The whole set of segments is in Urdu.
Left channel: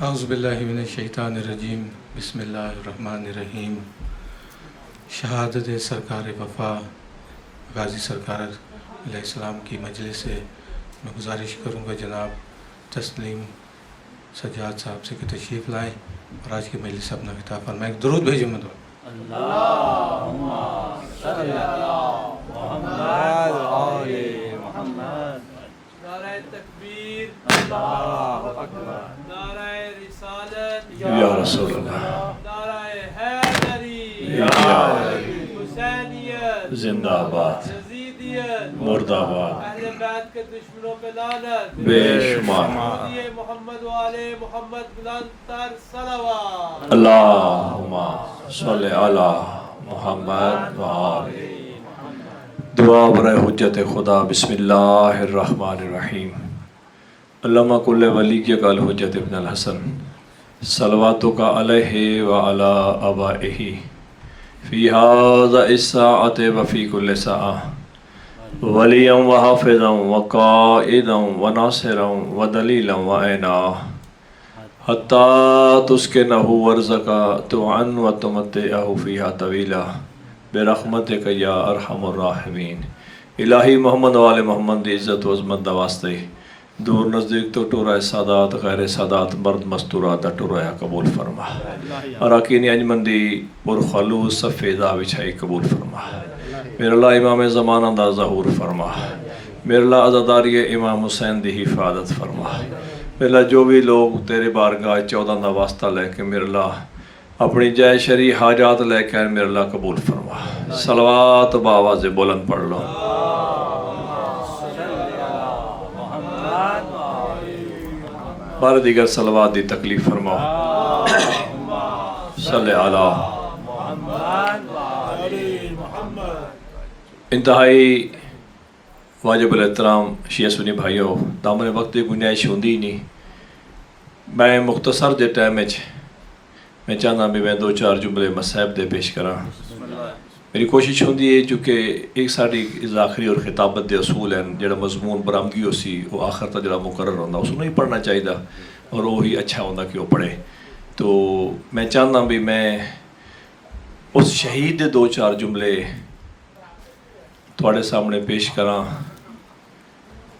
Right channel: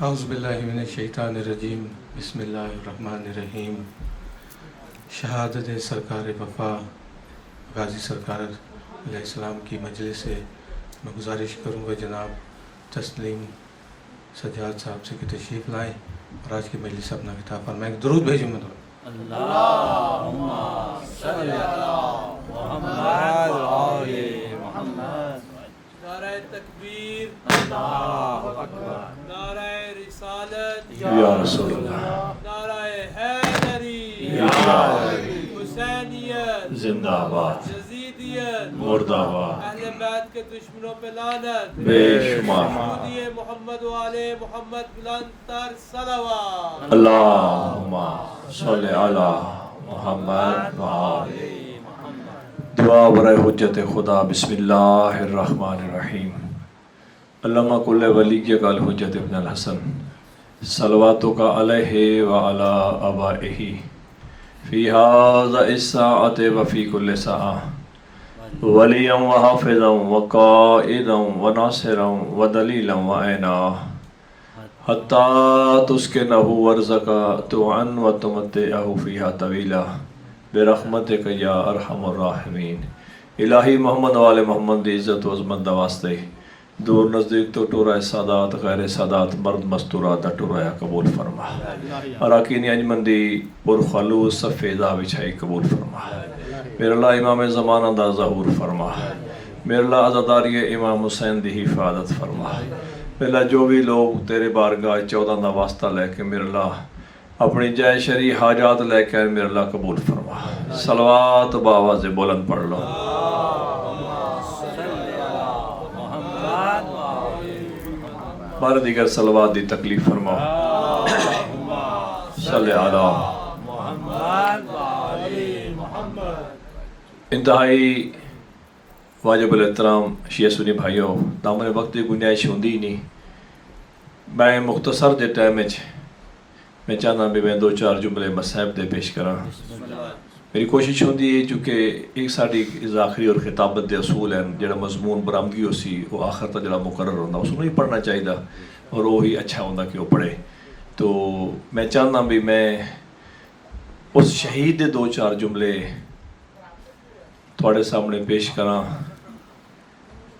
اعوذ باللہ من الشیطان الرجیم، بسم اللہ الرحمن الرحیم۔ شہادت سرکار وفا غازی سرکار علیہ السلام کی مجلس سے میں گزارش کروں گا جناب تسلیم سجاد صاحب سے کہ تشریف لائیں اور آج کی مجلس اپنا خطاب فرمائیں۔ ایک درود بھیجیں مدعو۔ اللہم صلی علی محمد وآل محمد۔ نعرہ تکبیر، اللہ اکبر، نعرہ رسالت، یا رسول اللہ، نعرہ حیدری، یا علی، حسینیت، زندہ آباد، یزیدیت، مرد آباد، اہل بیت کے دشمنوں پہ لعنت، بے شمار۔ مہدی محمد وآل محمد بلند تر صلوات۔ اللہم صلی علی محمد وآل۔ دعا برائے حجت خدا۔ بسم اللہ الرحمن الرحیم۔ علامہ کل ولی قال حجت ابن الحسن صلواتک علیہ وعلی آبائہ فی هذا الساعة وفی کل ساعة ولیا وحافظا وقائدا وناصرا ودلیلا وعینا حتی تسکنہ ورزقا توعن وتمتعہ فیہا طویلا برحمتک یا ارحم الراحمین۔ الہی محمد وآل محمد دی عزت و عظمت دا واسطے دور نزدیک تو ٹورائے سادات غیر سادات مرد مستورات دا ٹورائے قبول فرما۔ اراکین انجمن دی پر خلوص صفیدہ بچھائی قبول فرما۔ میرے اللہ امام زمانہ دا ظہور فرما۔ میرے اللہ عزاداری امام حسین دی حفاظت فرما۔ میرے اللہ جو بھی لوگ تیرے بارگاہ 14 دا واسطہ لے کے میرے اللہ اپنی جائے شرعی حاجات لے کے میرے اللہ قبول فرما۔ صلوات بآواز بلند پڑھ لو۔ بار دیگر صلوات دی تکلیف فرما۔ صلی علی انتہائی واجب الاحترام شیعہ سنی بھائیوں، دامن وقت کی گنجائش ہوندی نہیں، میں مختصر دے ٹائم میں چاہنا بھی میں 2-4 جملے مصائب دے پیش کراں۔ میری کوشش ہوندی ہے چونکہ ایک ساڑی آخری اور خطابت دے اصول ہیں جڑا مضمون برآمدگی ہو سی وہ آخر تک جڑا مقرر ہوندہ اس کو نہیں پڑھنا چاہیے اور وہی اچھا ہوندہ کہ وہ پڑھے۔ تو میں چاہنا بھی میں اس شہید دے 2-4 جملے تھوڑے سامنے پیش کراں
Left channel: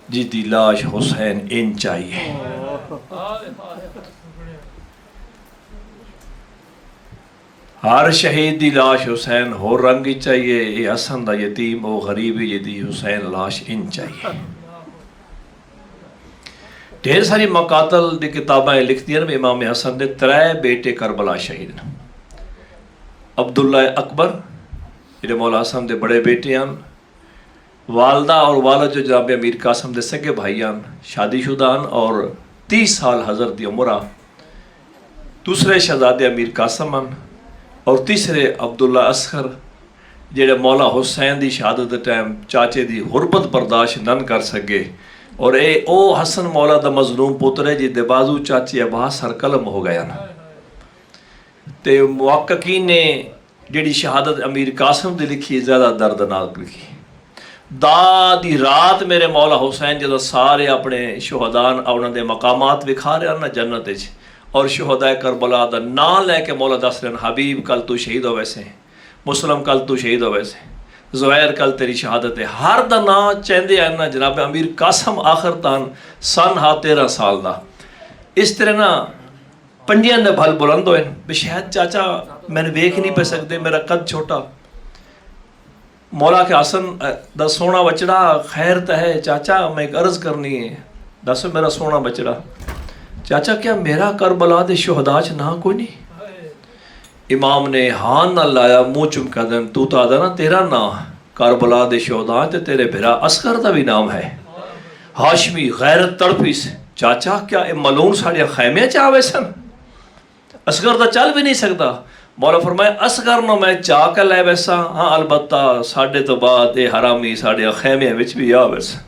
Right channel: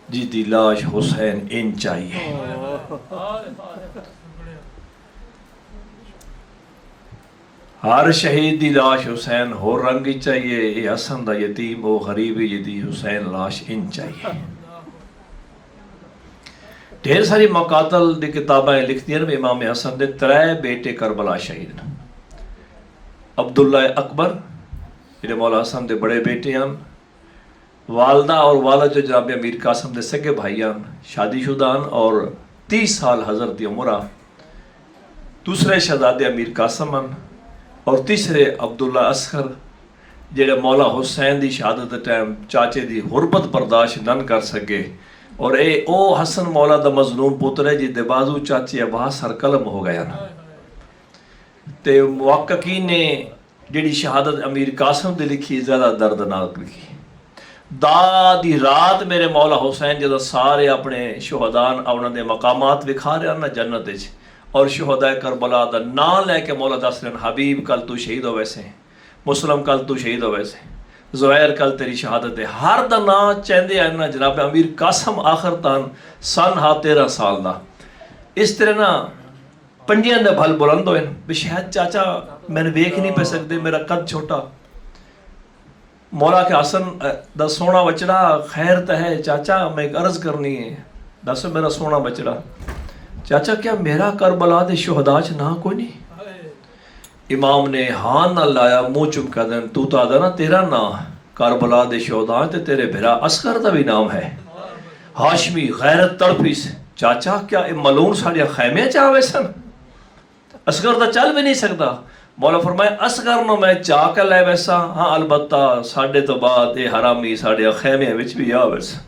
جی دی لاش حسین ان چاہیے۔ ہر شہید دی لاش حسین ہو رنگی چاہیے، یہ حسن دا یتیم او غریب دی حسین لاش ان چاہیے۔ ڈھیر ساری مقاتل دی کتابیں لکھتی ہیں امام حسن دے 3 بیٹے کربلا شہید ہیں۔ عبداللہ اکبر جڑے مولا حسن دے بڑے بیٹے ہیں، والدہ اور والد جو جناب امیر قاسم دے سگے بھائی ہیں، شادی شدہ ہیں اور 30 سال حضرت دی عمرہ۔ دوسرے شہزادے امیر قاسم ہیں اور تیسرے عبداللہ اصغر جڑے مولا حسین دی شہادت ٹائم چاچے دی غربت برداشت نہ کر سکے اور او حسن مولا دا مظلوم پتر ہے جی دے بازو چاچے عباس سر قلم ہو گیا نا۔ تے محققین نے جڑی شہادت امیر قاسم دی لکھی زیادہ دردناک لکھی۔ دی رات میرے مولا حسین جدہ سارے اپنے شہدان انہوں دے مقامات دکھا رہے ہیں نا جنت وچ اور شہداء کربلا دا نام لے کے مولا دس رہے ہیں حبیب کل تو شہید ہو ویسے، مسلم کل تو شہید ہو ویسے، زہیر کل تیری شہادت ہے۔ ہر دا نام چاہندے ہیں نا جناب امیر قاسم آخر تان سن 13 سال دا۔ اس طرح نا پنجیاں دے بھل بلند ہوئے بھی شاید چاچا میں نے ویکھ نہیں پہ سکتے، میرا قد چھوٹا۔ مولا کے حسن دا سونا بچڑا خیر تا ہے چاچا میں ایک عرض کرنی ہے، دس میرا سونا بچڑا چاچا کیا میرا کربلا دے شہداء چ نہ کوئی نہیں؟ امام نے ہاں نہ لایا منہ چمکا دین تو تا دا نا تیرا نام کربلا دے شہداء تے تیرے بھرا اصغر دا بھی نام ہے۔ ہاشمی غیرت تڑپی سے چاچا کیا ملون ساڑیا خیمے چاہوے سن؟ اصغر دا چل بھی نہیں سکتا۔ مولا فرمائے اصغر نو میں چاہ کے لے ویسا، ہاں البتہ ساڑھے تو بعد اے حرامی ساڑیا خیمے وچ بھی آ ویسا۔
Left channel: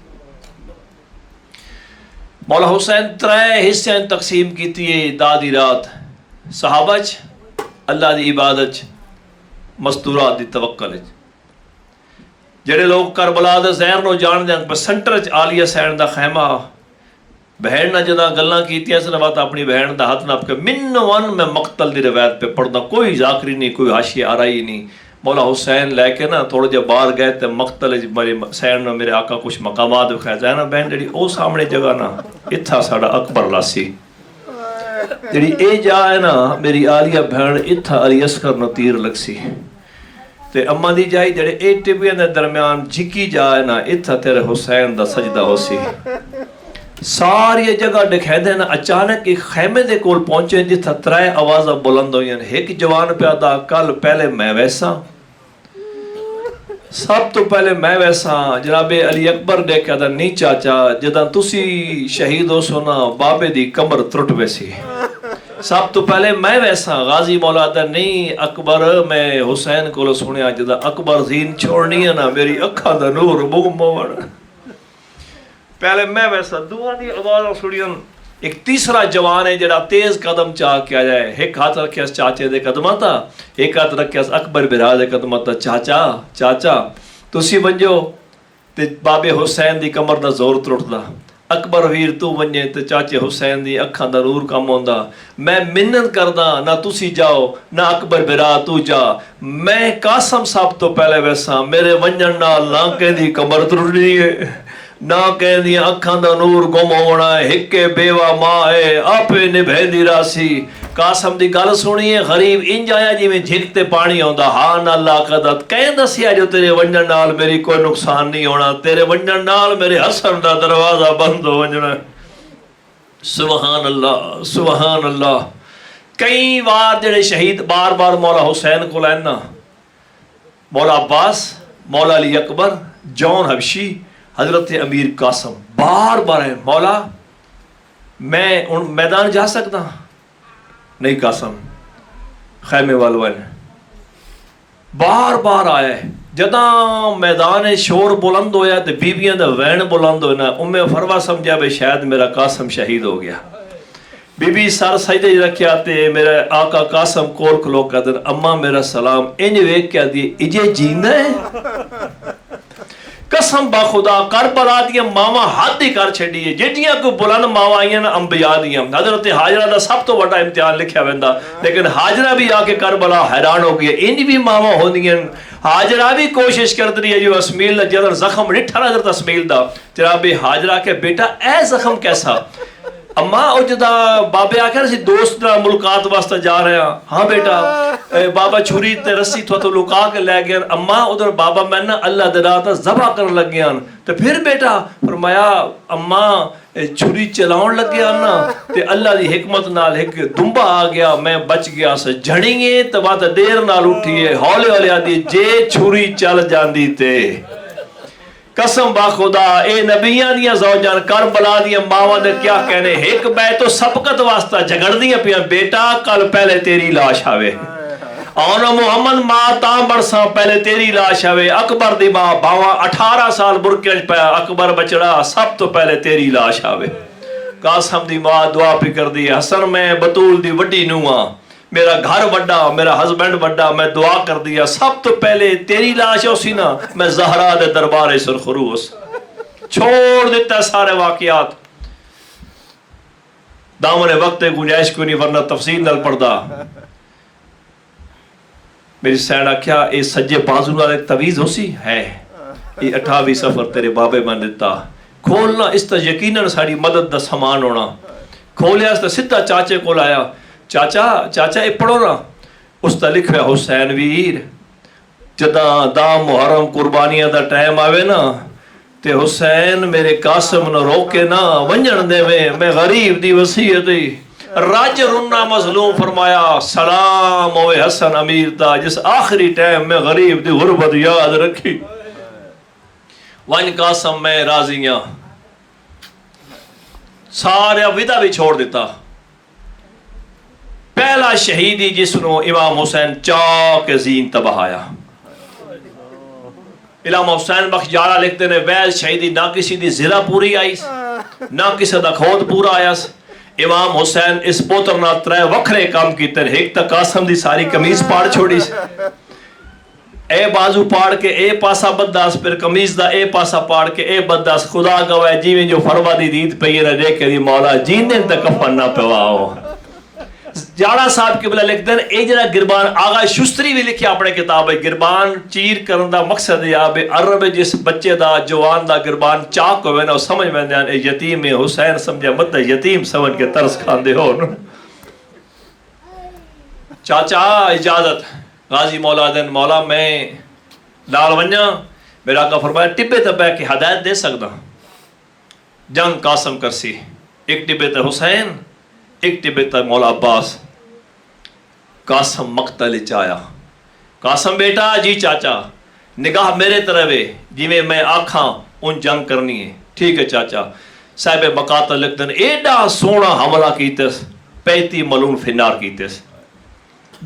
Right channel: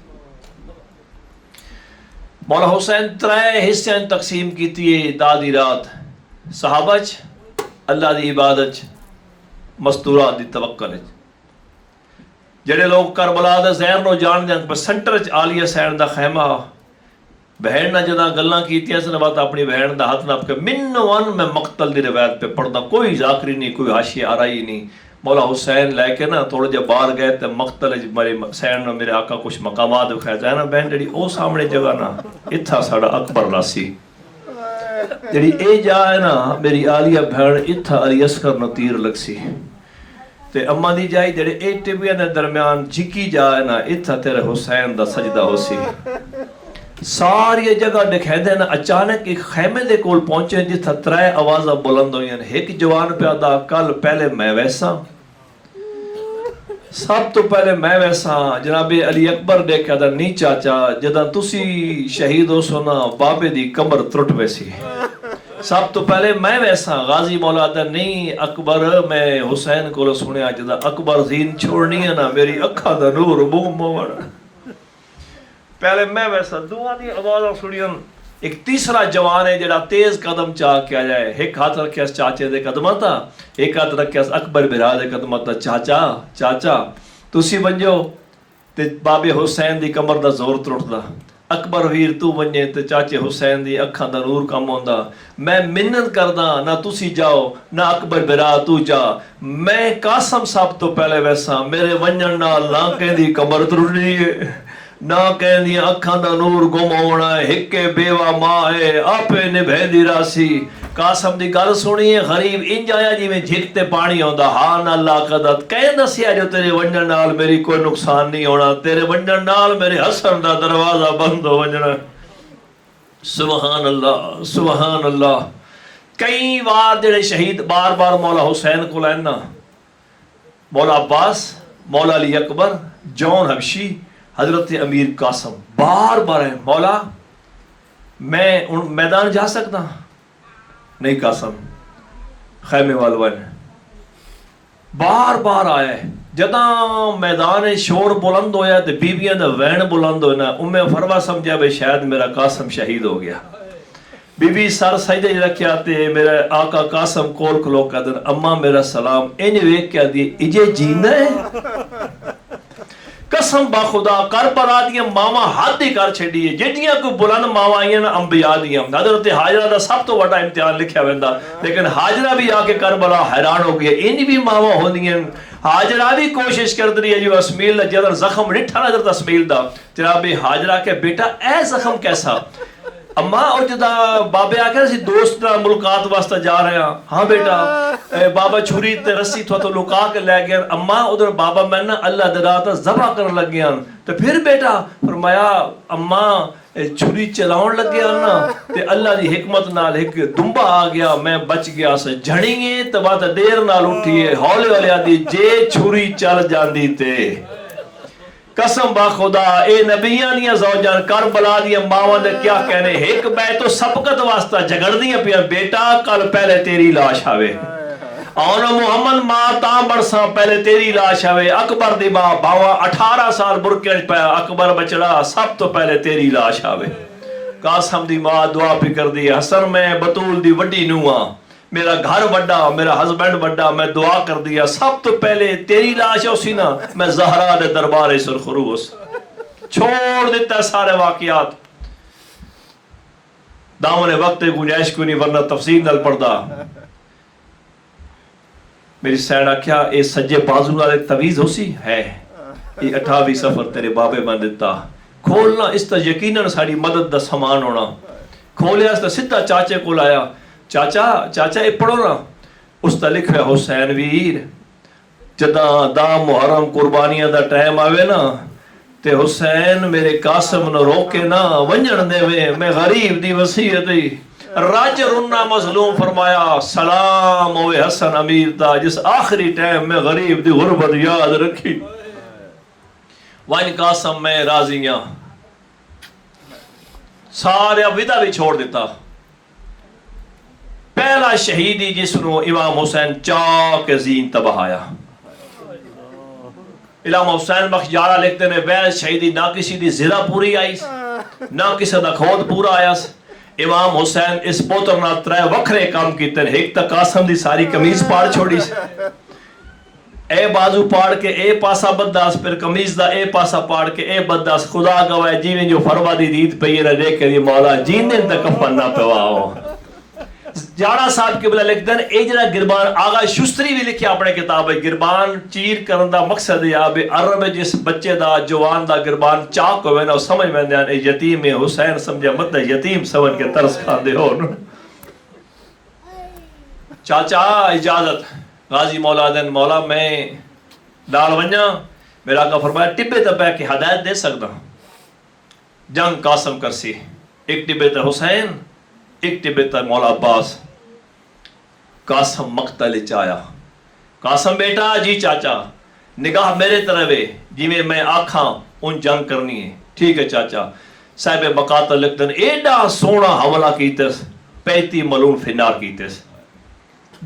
مولا حسین 3 حصے تقسیم کیتی ہے دادی رات، صحابہ اللہ دی عبادت مستورات دی توکل۔ جڑے لوگ کربلا دا زہر نو جان دیں پر سنٹر چ عالیہ سین دا خیمہ بہن نے جدا گلاں کیتیاں سن بات اپنی بہن دا ہاتھ نپ کے من ون میں مقتل دی روایت پہ پڑھنا، کوئی ذاکری نہیں، کوئی حاشیہ آرائی نہیں. مولا حسین لے کے نا تھوڑا جہا باہر گئے تے مقتل میرے حسین نے میرے آقا کچھ مقامات دکھایا جائے نا بہن جڑی او سامنے جگہ نا اتھا ساڑا اکبر لاسی، جڑی اے جا ہے نا میری آلیہ بہن اتھا علی اصغر نو تیر لگ سی، تے اما دی جائی جڑے اے ٹبیاں دے درمیان جھکی جا ہے نا اتھا تیرے حسین دا سجدہ ہو سی. ساری جگہ دکھائے دے نا اچانک ایک خیمے دے کول پہنچے جتھا ترائے آوازہ بلند ہوئی ہیں. ایک جوان پہ آدھا کل پہلے میں ویسا، سب تو پہلے میں ویسا. جناب علی اکبر دے کے آدھا نہیں چاچا جدہ تسی شہید ہو سونا بابے دی کمر ترٹ ویسی، سب تو پہلے میں ویسا. غازی مولا آدھا نہیں اکبر میں حسین کو سنیا جدہ اکبر زین چھوڑنی ہے نا میری اکھا دا نور بوم موڑ، پہلے میں ویسا. دعا دی آواز سنیاں. ایک تیسرا جوان ہے جڑا تیز قدم چاہ کے آ جائے، ایک ہاتھ رکھے اس چاچے دے قدمہ تا، ایک ہاتھ رکھے اس اکبر برا دے قدمہ تا. چاچا چاچا تسی ونجو تے بابے حسین دی کمر دا زور ترٹ دا، اکبر ویر تو ونجے تے چاچے حسین دی اکھاں دا نور کم ہوندا. میں منت کردا نہ تسی جاؤ نہ اکبر برا تو جا، میں قاسم صاحب تو پہلے ویسا، میرے ونجن نال نہ کہندی کمر ترٹنی ہے نہ کہندی اکھاں دا نور گم ہونا ہے، ہکے بیوہ ماں ہے آپے نبھے دی راسی. قاسم دی گل سنی ہے غریب انج آیا جی میں جھکتے پانی ہوندا، ہاں نہ اللہ قدت کہیں دسیا جو تیرے ونجن نال میری کوئی نقصان نہیں ہونا، تیرے ونجن نال میرے حسن دا دروازہ بند ہو ونجنا. سبحان اللہ سبحان اللہ. کئی بار جڑے شہید بار بار مولا حسین کو لینا، مولا عباس، مولا علی اکبر، جون حبشی، حضرت امیر قاسم بار بار ہے مولا میں ان میدان جا سکتا نہیں. قاسم خیمے والوان بار بار آیا ہے. جدہ میدان شور بلند ہویا تے بیبیاں دا وین بلند ہونا، فروا سمجھا بے شاید میرا قاسم شہید ہو گیا. بی بی سر سجدے رکھیا تے میرے آقا قاسم کول کھلو کر دن اماں میرا سلام انج ویکھ کے دی اجے جیندا ہے. قسم با خدا کربلا دیا ماما حد ہی کر چھڑی ہے جیڑیاں کو بلند ماوا آئیاں نا انبیاء دیا. حضرت حاجرہ دا سب تو بڑا امتحان لکھیا ویندا، لیکن حاجرہ بھی آ کے کربلا حیران ہو گیا. انج بھی ماوا ہوندیاں، حاجرہ بھی کوشش کر دی ہے جو اسمیل دا جدر زخم ڈٹھا حضرت اسمیل دا جناب حاجرہ کے بیٹا اے زخم کیسا؟ اماں او جدا بابے آکھا رسی دوست نہ ملکات واسطہ جا رہے ہیں. ہاں بیٹا بابا چھری تے رسی تو لکا کے لے گیا. اماں ادھر بابا میں نا اللہ دراتا ذبح کرن لگ گیا. تو پھر بیٹا فرمایا اماں چھری چلاؤن لگ گیا نا تے اللہ دی حکمت نال ایک دنبا آ گیا میں بچ گیا سے جھڑیے تو بات دیر نال اٹھیے ہولے والے آدھی جے چھری چل جاندی تے. قسم با خدا اے نبیان دیا زوجان کربلا دیا ماوان دے کیا کہنے ایک بیت و سبقت واسطہ جگڑ دیا پیا بیٹا کل پہلے تیری لاش آوے آنا محمد ماں تاں برسا پہلے تیری لاش آوے. اکبر دی ماں باوا 18 سال برکیج پیا اکبر بچڑا سب تو پہلے تیری لاش آوے. قاسم دی ماں دعا پی کر دی حسن میں بطول دی وڈی نوہاں میرا گھر وڈا میرا ہسبینڈ وڈا میں دعا کر دیا سب تو پہلے تیری لاش ہو سی نا میں زہرا دے دربار سرخروس چھوڑ دیتا سارے واقعات. دامن وقت گنجائش کیوں نہیں ورنہ تفصیل نل پڑھدا. میری سینڈا کیا اے سجے بازو نال ایک تویز ہو سی ہے یہ 28 سفر تیرے بابے میں دیتا کھولنا اس تا یقیناً ساری مدد دا سامان ہونا. کھولیا اس تا سدھا چاچے کو لایا چاچا چاچا اے پڑھو نا اس تا لکھ رہا حسین ویر جدا دا محرم قربانیاں دا ٹائم آوے نا تے حسین میرے قاسم نو روکے نا ونجن دے میں غریب دی وصیت دی راج رنا مظلوم فرمایا سلام ہوئے حسن امیر دا جس آخری ٹائم میں غریب دی غربت یاد رکھی. وان قاسم میں راضیاں سارے ودا بھی چھوڑ دیتا. پہلا شہیدی جس نو امام حسین چاک زین تباہ آیا. امام حسین بخش جارہ لکھتے ہیں ویل شہیدی نہ کسی دی زرہ پوری آئی نہ کسی دا کھود پورا آیا. امام حسین اس پوتر نہ 3 وکھرے کام کیتے ہیں. ایک تا قاسم دی ساری کمیز پاڑ چھوڑی اے بازو پاڑ کے اے پاسا بداس پھر قمیض دا اے پاسا پاڑ کے اے بداس خدا گوائے جیویں جو فرما دی دید پئی رہ دے کے مولا جیندے تک کفن نہ پواؤ. جاڑا صاحب قبلہ لکھ دن اے جنا گربان آغا شستری بھی لکھیا اپنے کتاب ہے گربان چیر کرن دا مقصد ہے آبے عرب جس بچے دا جوان دا گربان چاک ہوئے نا سمجھ میں دیان اے یتیم حسین سمجھے مت یتیم سمجھ کے ترس کھان دے ہو. چاچا اجازت غازی مولا دن مولا میں دال ونجا میرا آقا فرمایا ٹبے تبے کی ہدایت دے سکتا جنگ قاسم کرسی ایک ٹبے تا حسین ایک ٹبے تا مولا عباس. قاسم مقتل چایا قاسم بیٹا جی چاچا نگاہ میرے طرف ہے جی میں آکھاں ان جنگ کرنی ہے. ٹھیک ہے چاچا. صاحب مقاتل لکھدن ایڈا سونا حملہ کیتس 35 ملون فنار کیتس.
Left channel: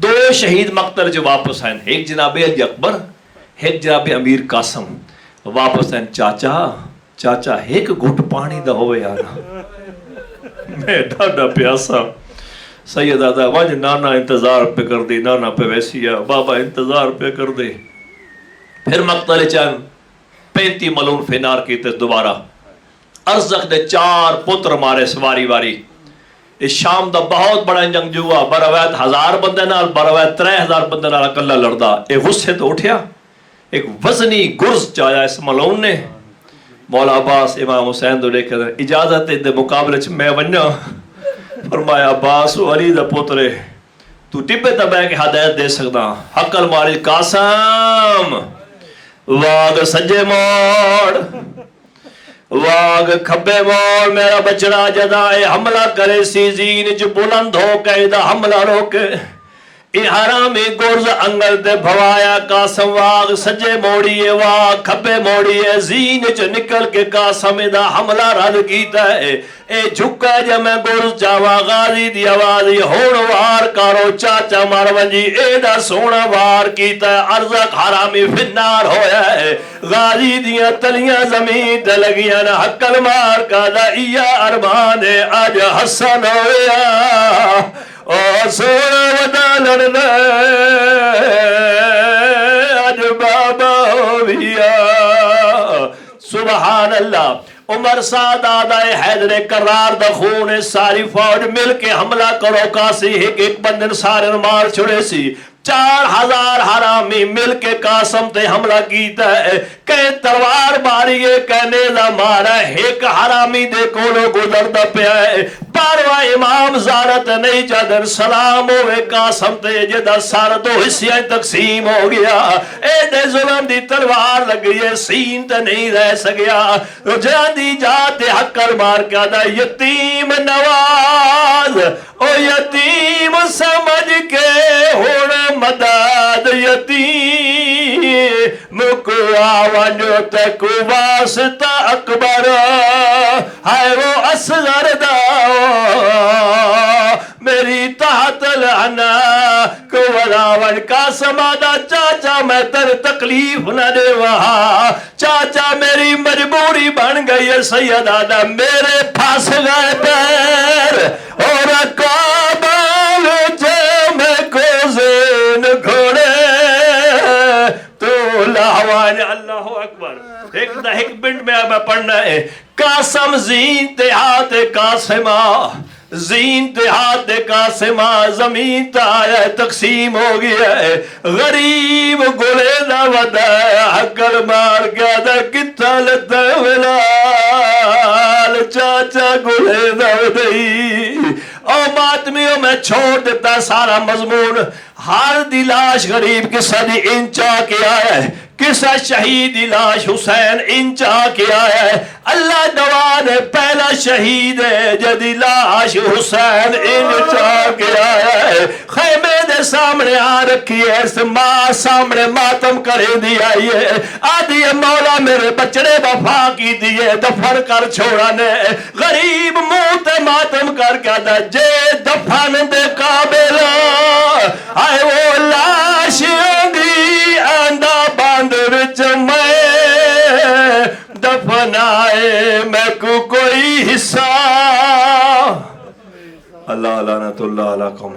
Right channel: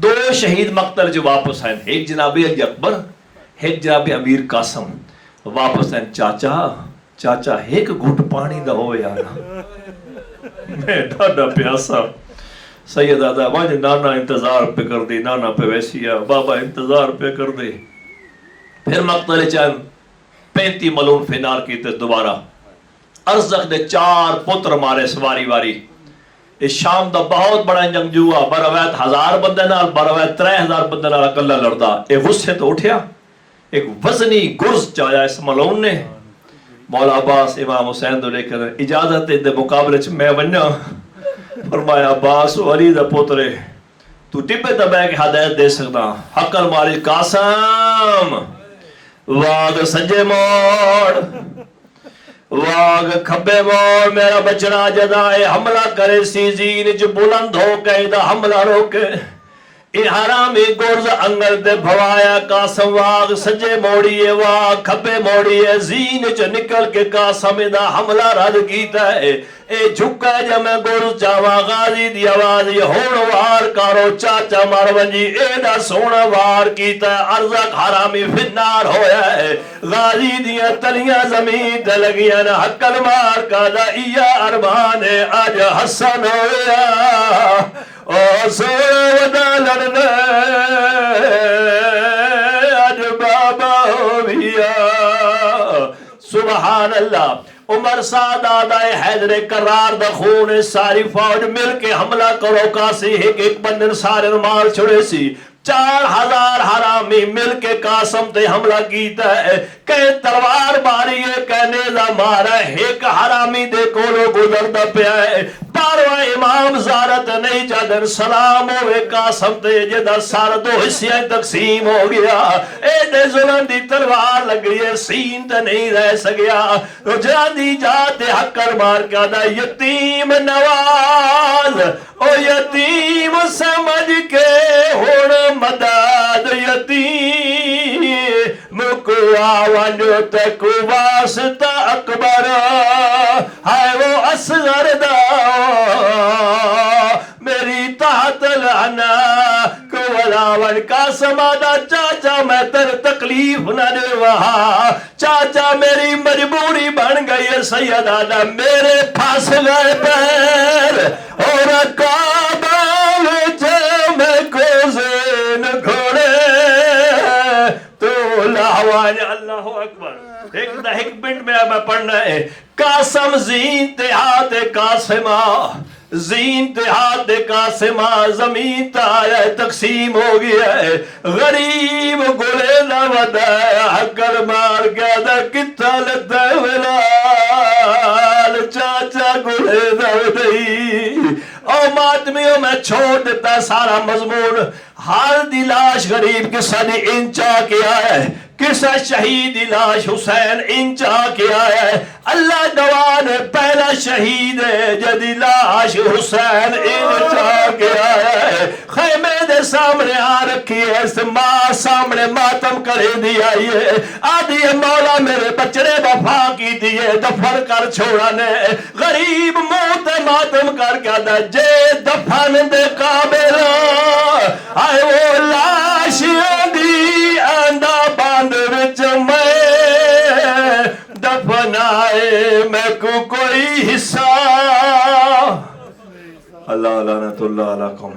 2 شہید مقتل جو واپس آئیں ایک جناب علی اکبر ایک جناب امیر قاسم واپس آئیں. چاچا ایک گھٹ پانی دا ہوئے آنا میں ڈاڈا پیاسا. سید آدھا واج نانا انتظار پہ کر دے نانا پہ ویسی ہے بابا انتظار پہ کر دے. پھر مقتل چاہن 35 ملون فنار کیتے دوبارہ. ارزق دے 4 پتر مارے سواری واری. اس شام دا بہت بڑا جنگجو ہوا بروایت 1000 بندے نال بروایت 3000 بندے نال اکلا لڑدا. اے غصے تو اٹھیا ایک وزنی گرز چایا اس ملعون نے. مولا عباس امام حسین دو لے کر اجازت دے مقابلے چ میں ونجا. فرمایا عباس علی دا پوترے تو ٹپے تبے کے ہدایت دے سکتا. حقل ماری قاسم واگ سجے موڑ واگ کھبے موڑ میرا بچڑا جدائے حملہ کرے سی زین جو بلند ہو کے دا حملہ روکے. اے حرامی گرز انگل دے بھوایا قاسم واگ سجے موڑیے واگ کھبے موڑیے زین چ نکل کے قاسم دا حملہ رد کیتا ہے. اے جھکا جب میں گرز جاوا غازی دی آوازی ہون وار کارو چاچا مار ونجی اے دا سونا وار کیتا ہے. ارزق حرامی فنار ہویا ہے غازی دیا تلیاں زمین تے لگیاں نا حقل مار کا دا ایا ارمان آج حسن ہویا او سونا ودا لڑنا آج بابا ہویا. سبحان اللہ. عمر سعد آدھائے حیدر کرار دخون ساری فوج مل کے حملہ کرو کاسی ایک بندن سارے مار چھڑے سی. 4000 حرامی مل کے قاسم تے حملہ کیتا ہے. کہ تلوار ماری ہے کہ نیزہ مارا ہے. ایک حرامی دے کولو گزردہ پیا ہے. باروا امام زارت نہیں چادر سلام ہوئے قاسم تے جدہ سار 2 حصیاں تقسیم ہو گیا. اے دے ظلم دی تلوار لگ گئی ہے سین تے نہیں رہ سکیا. رجان دی جاتے حقر مار کے دا یتیم نواز او یتیم سمجھ کے ہوڑ مدد یتیم مکو آوانجو تکو واسطہ اکبر ہے وہ اصغر دا میری تحت لعنا کو ولاون قاسم آدھا چاچا میں تر تکلیف نہ دے وہاں. چاچا میری مجبوری بن گئی ہے سید آدھا میرے پھاس گئے پیر اور کابل جے میں کو زین گھوڑے تو لاوان. اللہ اکبر. ایک منٹ میں اب پڑھنا ہے. قاسم زین تہات قاسمہ زین تہات قاسمہ زمین تایا تقسیم ہو گیا ہے. غریب گلے نہ ودا حقل مار گیا دا کتا لتا ولال چاچا گلے نہ ودائی. او ماتمیوں میں چھوڑ دیتا سارا مضمون. ہر دی لاش غریب قصہ دی انچا کے آیا ہے. قصہ شہید دی لاش حسین انچا کے آیا ہے. اللہ دوان پہلا شہید ہے جدی لاش حسین انچا کے آیا ہے. خیمے دے سامنے آ رکھی ہے اس ماں سامنے ماتم کرے دی آئی ہے. آدھی مولا میرے بچڑے وفا کی دیئے دفر کر چھوڑانے. غریب موت ماتم کر کے دا جے دفن دے قابلہ آئے وہ لاش ہوگی آندہ باندھ وچ میں دفنائے میں کو کوئی حصہ. اللہ لعنت اللہ علیہ قوم.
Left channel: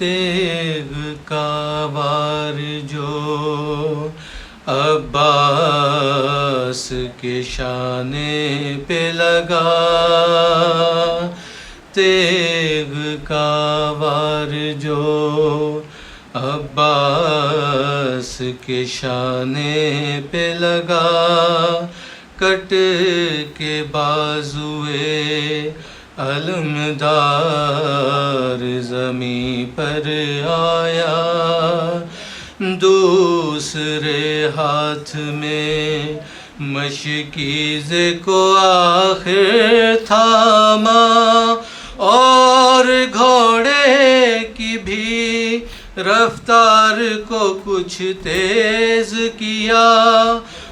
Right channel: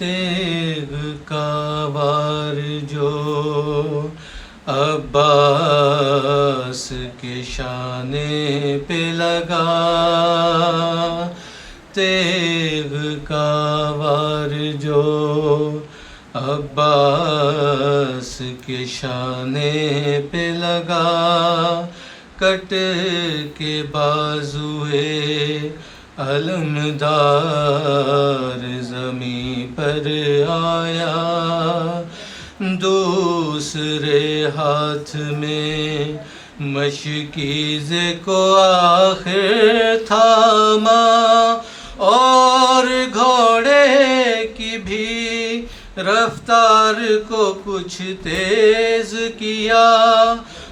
تیغ کا وار جو عباس کے شانے پہ لگا، تیغ کا وار جو عباس کے شانے پہ لگا، کٹ کے بازوئے علمدار زمیں پر آیا، دوسرے ہاتھ میں مشکیز کو آخر تھاما، اور گھوڑے کی بھی رفتار کو کچھ تیز کیا،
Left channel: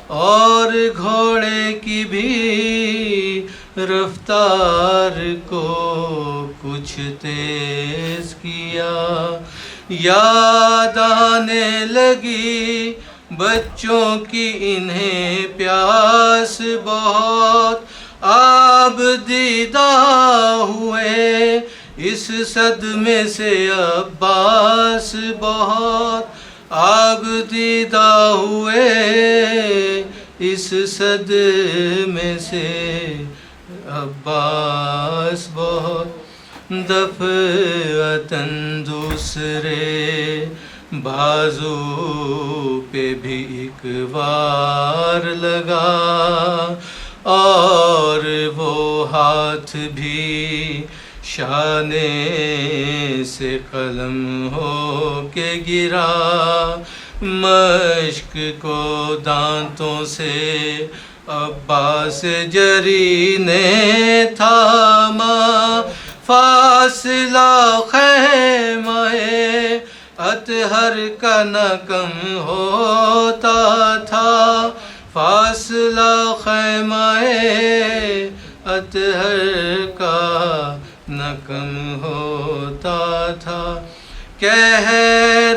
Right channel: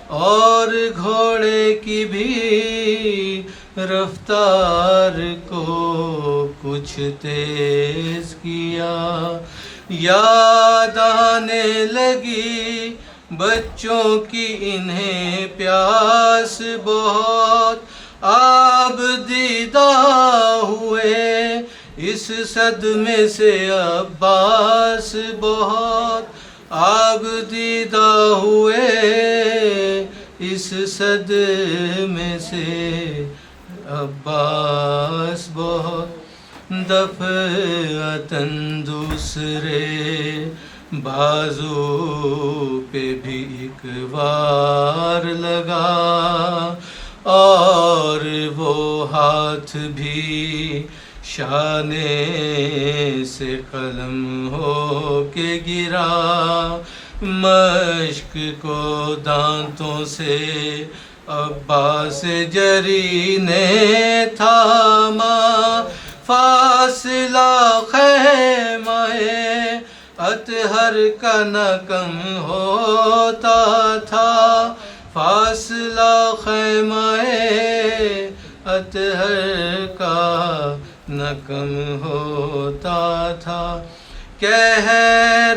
اور گھوڑے کی بھی رفتار کو کچھ تیز کیا، یاد آنے لگی بچوں کی انہیں پیاس بہت، آب دیدہ ہوئے اس صدمے سے عباس بہت، آب دیدہ ہوئے اس صدمے سے عباس بہت، دفعتاً دوسرے بازو پہ بھی ایک وار لگا، اور وہ ہاتھ بھی شانے سے قلم ہو کے گرا، مشق کو دانتوں سے عباس جری نے تھاما، فاصلہ خیمہ اطہر کا نہ کم ہوتا تھا، فاصلہ خیمہ اطہر کا نہ کم ہوتا تھا، کہہ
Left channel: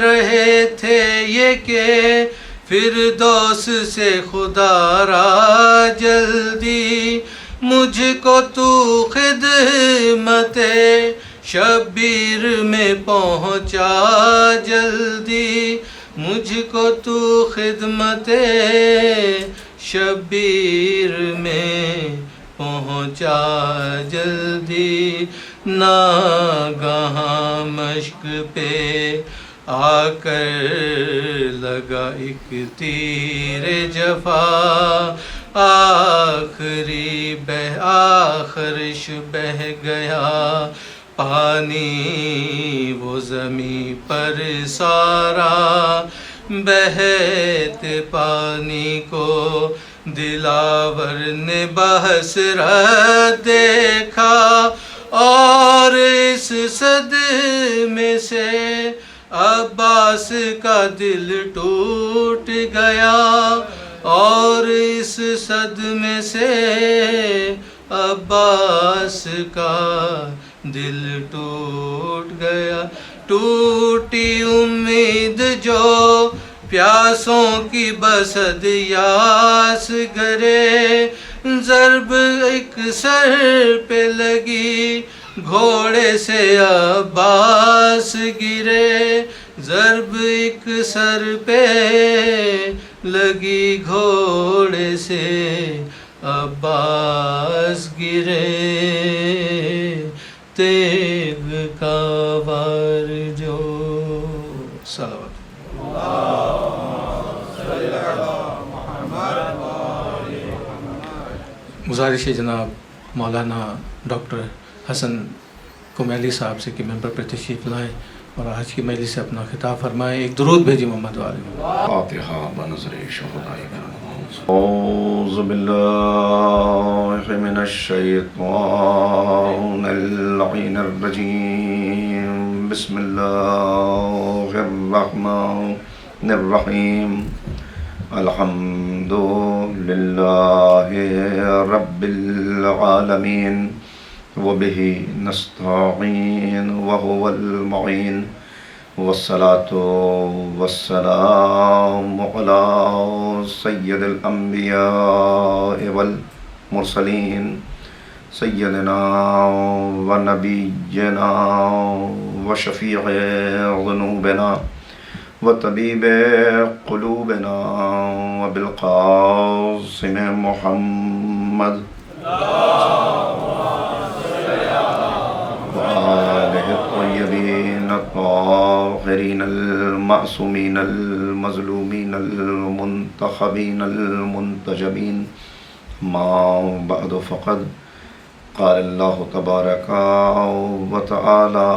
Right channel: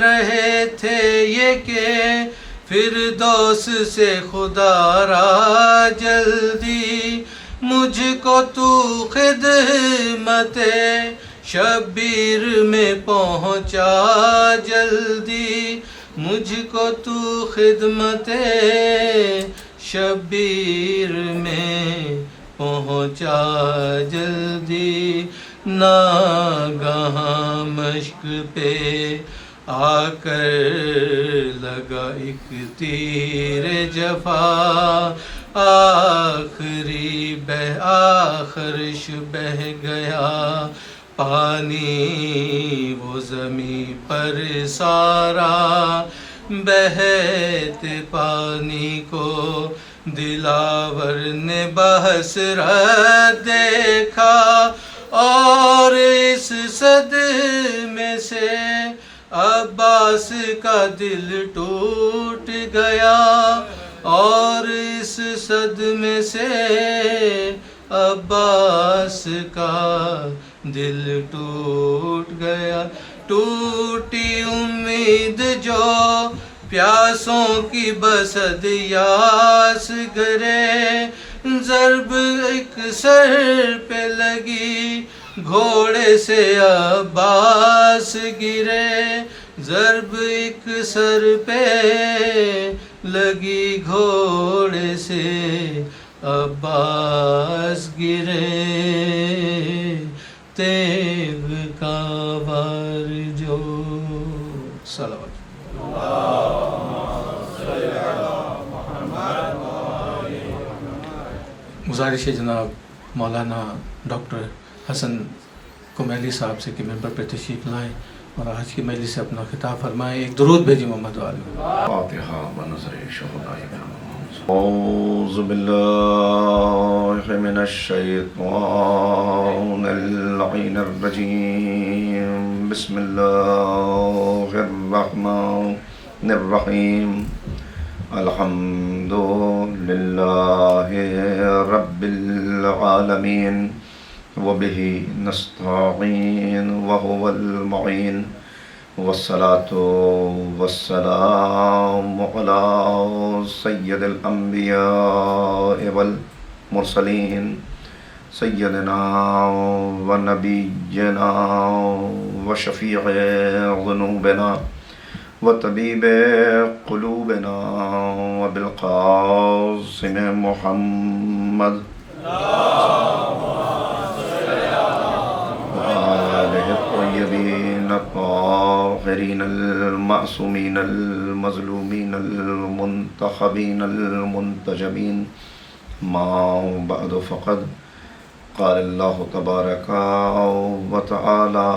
رہے تھے یہ کہ فردوس سے خدا را جلدی، مجھ کو تو خدمت شبیر میں پہنچا جلدی، مجھ کو تو خدمت شبیر میں پہنچا جلدی، ناگہاں مشق پہ آ کر لگا ایک تیر جفا، آخرش بہہ گیا پانی وہ زمیں پر سارا، بہتے پانی کو دلاور نے بحسرت دیکھا، اور اس صدمے سے عباس کا دل ٹوٹ گیا، اور اس صدمے سے عباس کا دل ٹوٹ گیا، ٹوٹی امید جو پیاسوں کی بسد یاس گرے، ضرب ایک سر پہ لگی گھوڑے سے عباس گرے، ضرب ایک سر پہ لگی گھوڑے سے عباس گرے، تیغ کا وار جو صلوات گزارش ہے جناب مولانا ڈاکٹر حسن کمیلی صاحب سے کہ ممبر پر تشریف لائیں اور آج کی مجلس سے اپنا خطاب فرمائیں، ایک درود بھیجی محمد والی۔ فاتحہ بنظر شہداء اعوذ باللہ من الشیطان اللعین الرجیم، بسم اللہ الرحمن الرحیم، الحمد للہ رب العالمین، وبہ نستعین وہو المعین، والصلاة والسلام علی سید الانبیاء والمرسلین، سیدنا و نبینا وشفيع ذنوبنا وطبيب قلوبنا وبالقاسم محمد وآله الطيبين الطاهرين المعصومين المظلومين المنتخبين المنتجبين. ما بعد فقد قال الله تبارك وتعالى